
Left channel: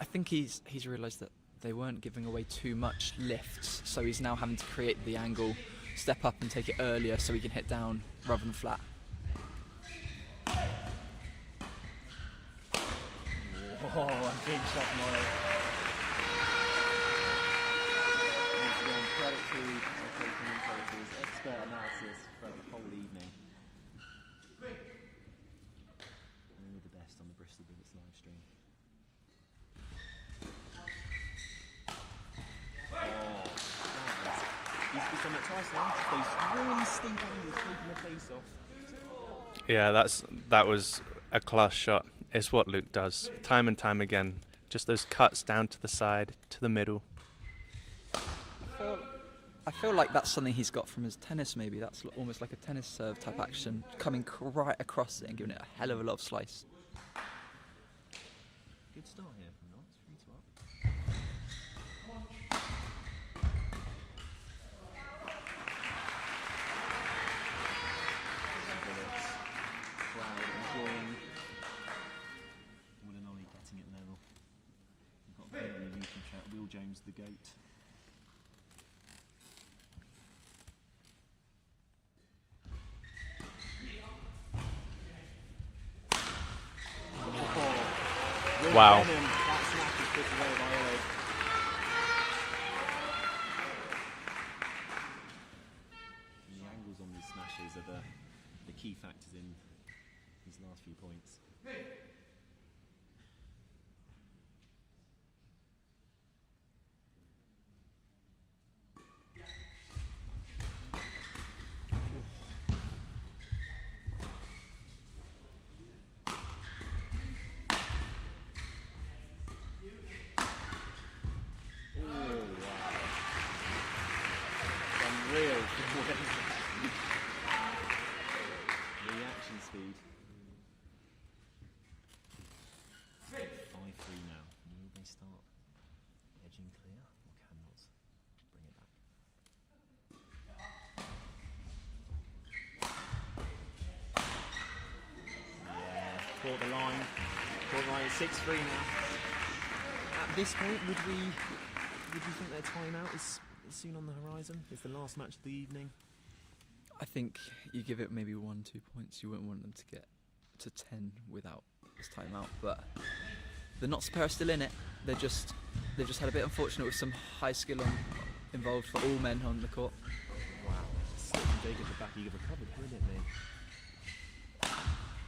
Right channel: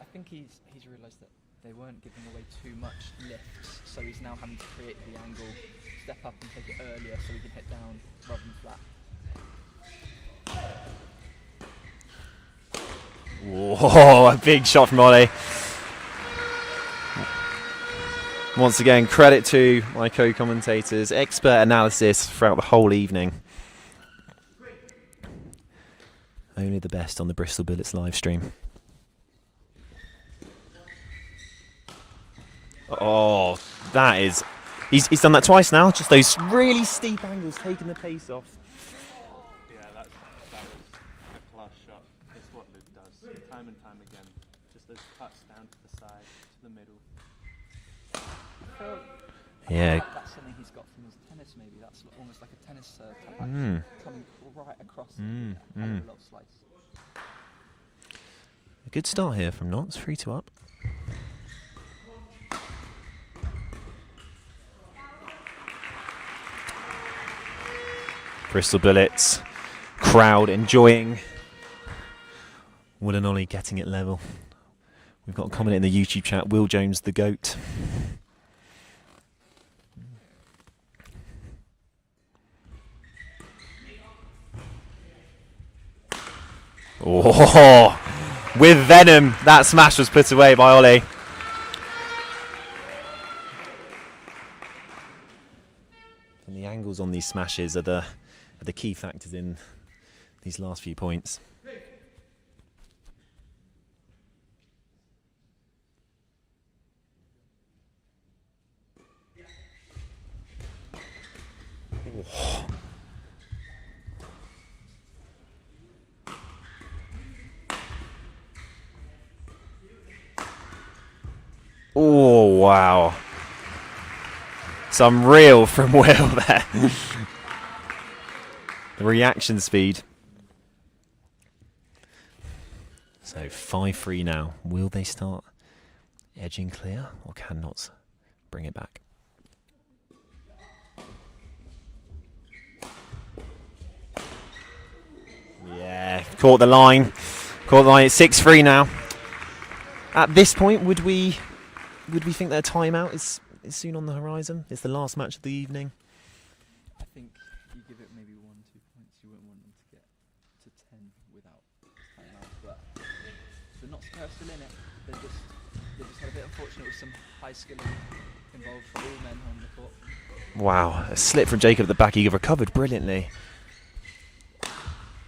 I think he's realised that they weren't giving away too much lifts, so he's now having to create the angle, step up and take it earlier so he can hit down rather than flat. Whoa, a big shot from Ollie. Once again, credit to my co-commentators, expert analysis throughout the whole evening. Only the best on the Bristol Bullets live stream. Oh, that is... He's done that twice now, just those really steep angles taking the pace off. Yeah, that was a class shot. It's what Luke does, time and time again. Just those cuts down to the side, to the middle. I feel like that's something he's got from his tennis, maybe. That's almost like a tennis serve type action, coming right across it and giving it a hell of a lot of slice. A good start here from Notts, 3-2 up. Bristol Bullets, crowd enjoying Will and Ollie getting it level. We've got a comment in the YouTube chat, Will Jones the GOAT. Oh, with venom, that smash was put away by Ollie. And the angles on these smashes are the key factors in these last few points. Oh, wow. Some real from Will there. The reaction speed. So 5-3 now. Will they start edging clear, or can Notts bring it back? Yeah, caught the line. Caught the line. It's 6-3 now. At this point, would we think that a timeout is soon on the horizon? It's the last match of the evening. I think you give it maybe 1-2 points. You wouldn't want them to get to 10 without this timeout, but the Notts pair are still in it. They just had a bit unfortunate with some high skill involved for all men on the court. Wow, a slip from Jacob at the back. He recovered brilliantly.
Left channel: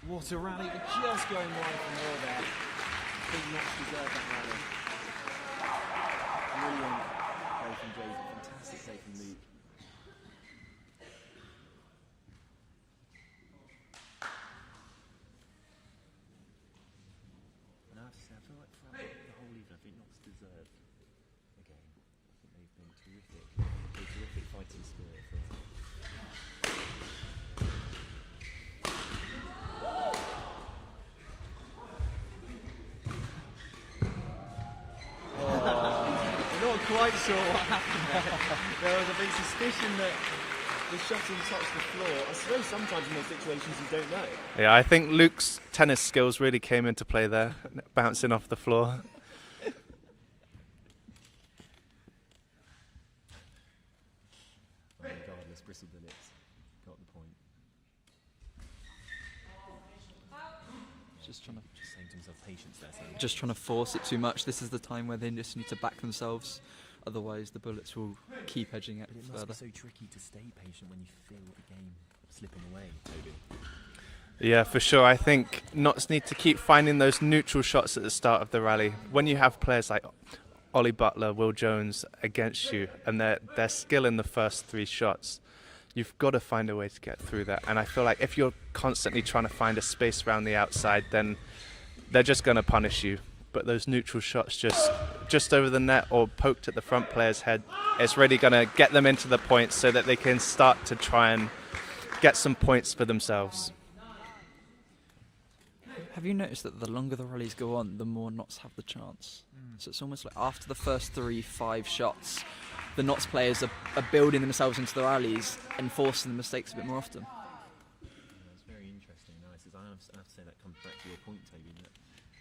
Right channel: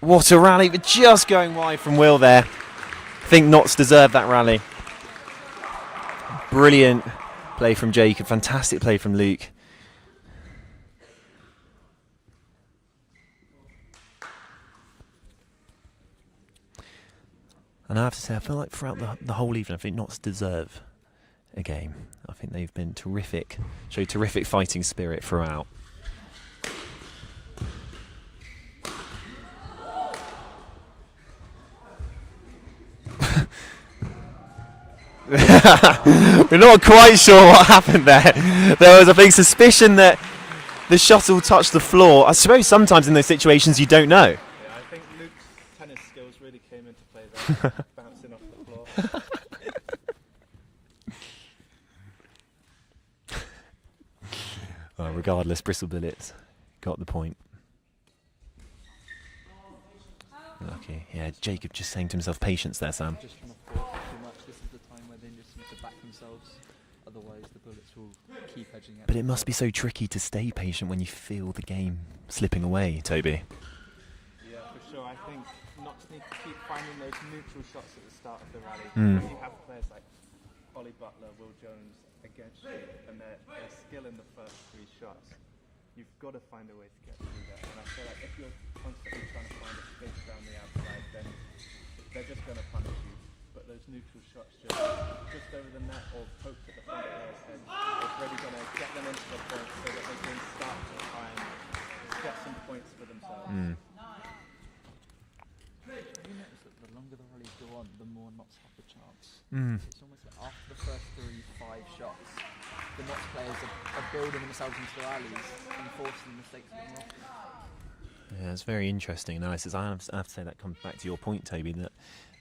What a rally, but just going wide from Will there. I think Notts deserved that rally. Brilliant play from Jacob, fantastic play from Luke. And I have to say, I feel like throughout the whole evening, I think Notts deserve a game. I think they've been terrific, showed terrific fighting spirit throughout. We're not quite sure what happened there. There was a big suspicion that the shuttle touched the floor. I suppose sometimes in those situations you don't know. Yeah, I think Luke's tennis skills really came into play there, bouncing off the floor. Well, regardless, Bristol Bullets got the point. Lucky. Yeah, Jacob just saying to himself, patience there, Sam. Just trying to force it too much. This is the time where they just need to back themselves. Otherwise, the Bullets will keep edging it. But it must be so tricky to stay patient when you feel the game slipping away, Toby. Yeah, for sure. I think Notts need to keep finding those neutral shots at the start of the rally. When you have players like Ollie Butler, Will Jones against you, and their skill in the first 3 shots, you've got to find a way to get through that. And I feel like if you're constantly trying to find a space around the outside, then they're just going to punish you. But those neutral shots just over the net or poked at the front player's head, it's really going to get them into the points so that they can start to try and get some points for themselves. Have you noticed that the longer the rallies go on, the more Notts have the chance? So it's almost like after the first 3-5 shots, the Notts players are building themselves into the rallies and forcing the mistakes a bit more often. Yeah, it's very interesting analysis. I have to say that comes back to your point, Toby, that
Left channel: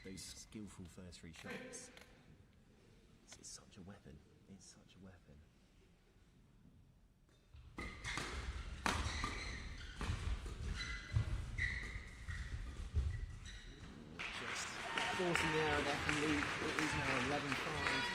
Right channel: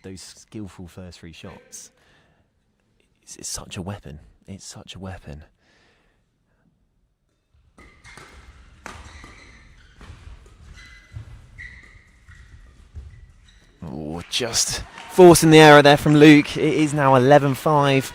those skillful first 3 shots, it's such a weapon. It's such a weapon. Oh, just forcing the error there from Luke. It is now 11-5.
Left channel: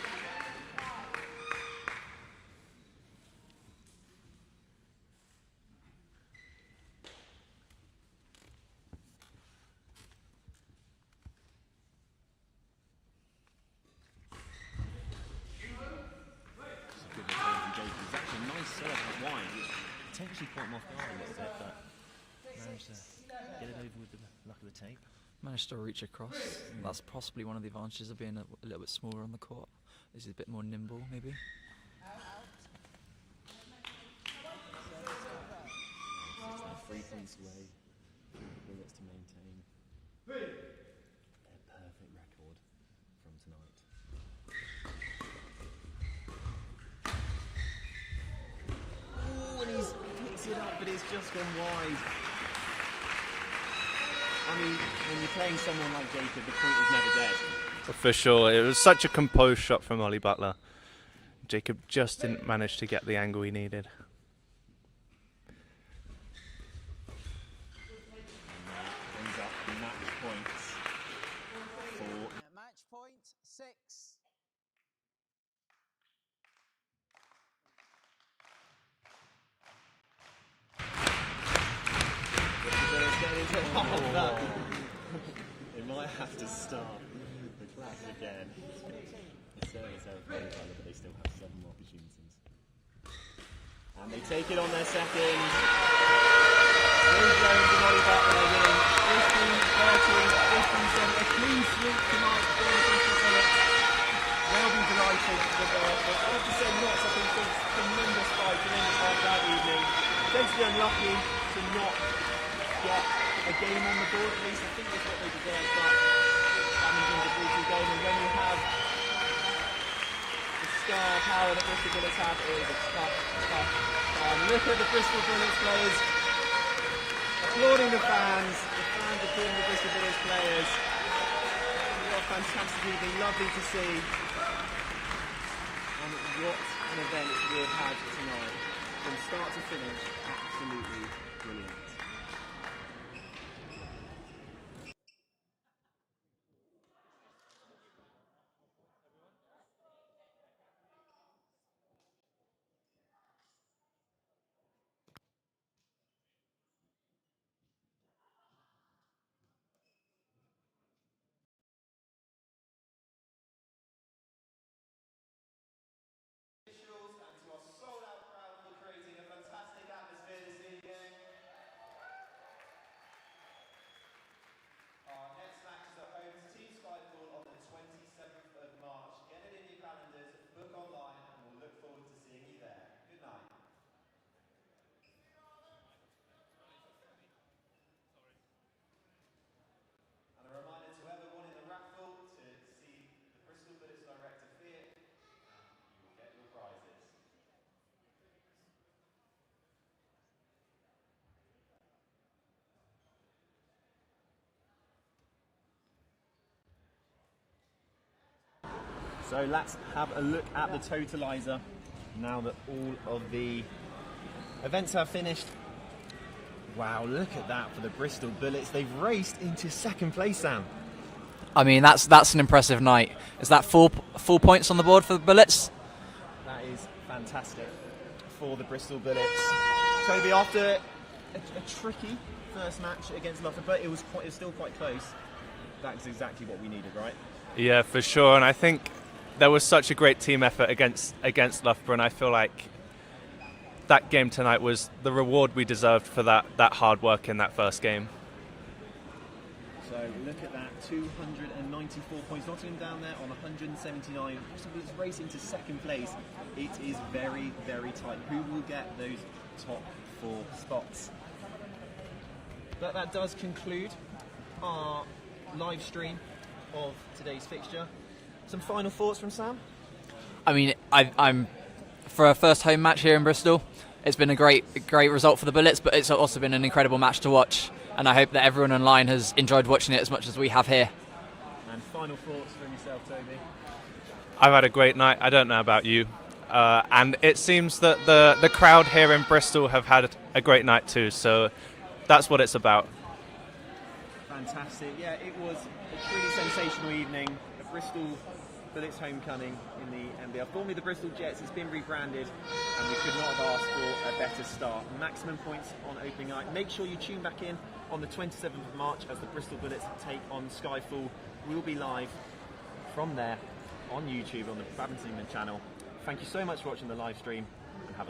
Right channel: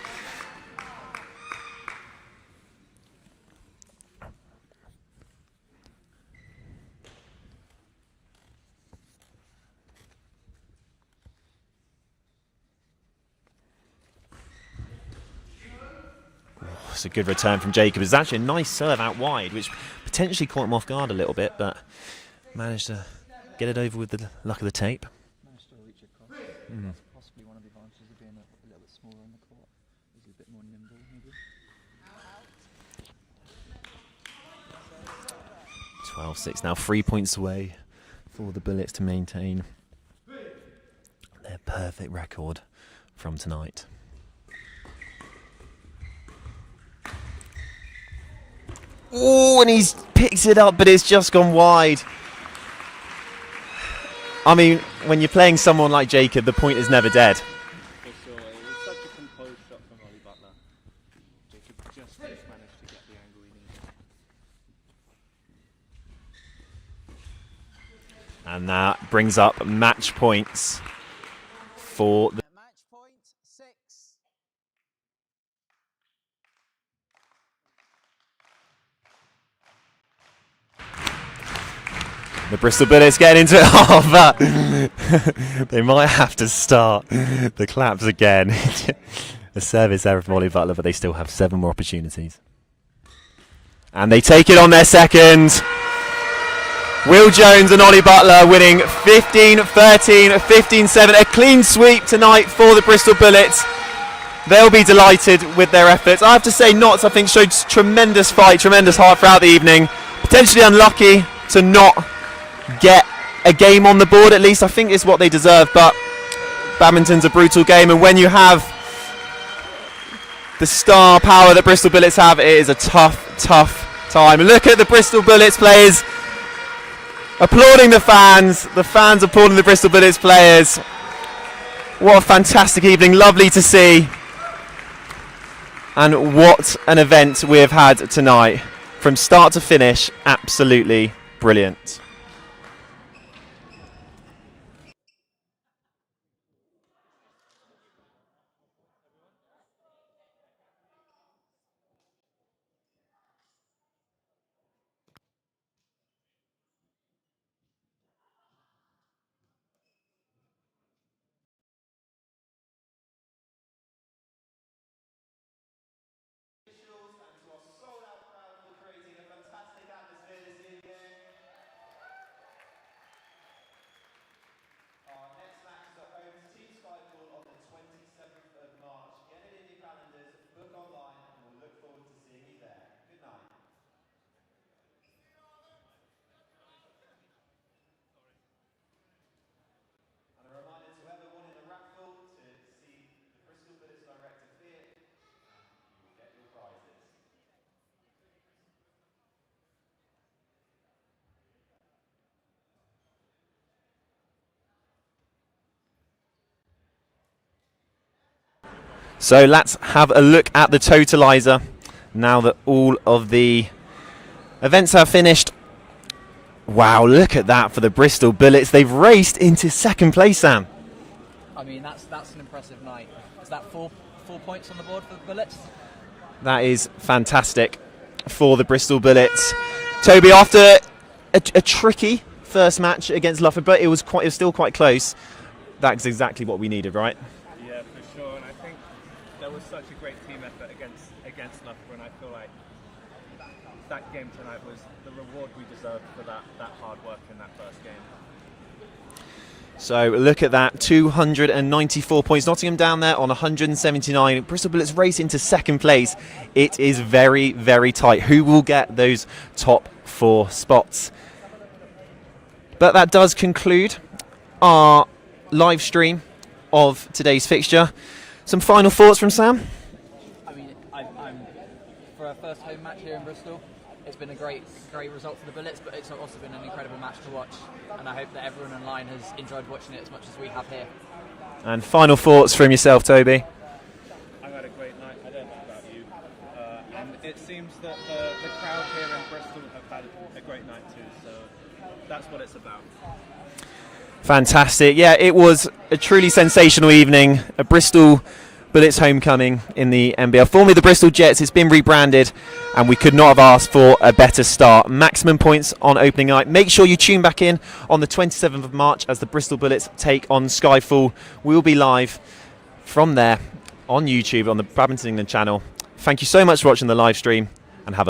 It's a good return from Jacob. It's actually a nice serve out wide, which potentially caught him off guard a little bit, but managed to get it over with the luck of the tape. Managed to reach across. That's possibly one of the advantages of being a little bit smaller on the court. Is a bit more nimble, maybe. 12-6 now, 3 points away for the Bullets to maintain their perfect record from tonight. Oh, and he's picked it up, but it's just gone wide. I mean, when you're playing someone like Jacob, the point is never dead. For sure, it was such a composed shot from Ollie Butler. Jacob just didn't manage to get the angle he needed. And that brings up match points for the Match point 6. Bristol Bullets getting into it. Oh, but they might have to start the claps again. A service error from Ollie Butler, but they still have 7 more opportunities. And they take it on their second. Will Jones and Ollie Butler winning 15-13, 15-7. A clean sweep tonight for the Bristol Bullets. They'll be delighted with their efforts. I have to say, Notts, I think, showed tremendous fight, tremendous heart throughout the evening. Potentially unlucky to not get a game on the board, at least. I think it's what they deserve, but badminton's a brutal game, and when you have the star power that Bristol Bullets have, it is a tough, tough time. Look at the Bristol Bullets players applauding the fans applauding the Bristol Bullets players. What a fantastic evening, lovely to see. And what an event we have had tonight. From start to finish, absolutely brilliant. So let's have a look at the totalizer now that all of the events have finished. Wow, look at that for the Bristol Bullets. They've raced into second place, Sam. I mean, that's an impressive night. Is that four points on the board for the Bullets? That is fantastic for the Bristol Bullets. Toby, after a tricky first match against Loughborough, but it was still quite close. That's exactly what we needed, right? Yeah, for sure. And I think there was such a great team effort against Loughborough, and I feel like that game tonight was the reward we deserved for that hard work in that first game. So look at that, 294 points. Nottingham down there on 179. Bristol Bullets race into second place. It is very, very tight. Who will get those top 4 spots? But that does conclude our live stream of today's fixture. Some final thoughts from Sam? I mean, I'm for a first home match here in Bristol. It's been a great result for the Bullets, but it's also been an incredible match to watch, and I hope that everyone online has enjoyed watching it as much as we have here. And final thoughts from yourself, Toby? I've had a great night. I don't know about you. And it seems that the crowd here in Bristol have had a great night too, so that's what it's about. Fantastic. Yeah, it was a truly sensational evening. A Bristol Bullets homecoming in the NBL. Formerly the Bristol Jets, it's been rebranded, and we could not have asked for a better start. Maximum points on opening night. Make sure you tune back in on the 27th of March as the Bristol Bullets take on Skyfall. We will be live from there on YouTube on the Badminton England channel. Thank you so much for watching the live stream, and have a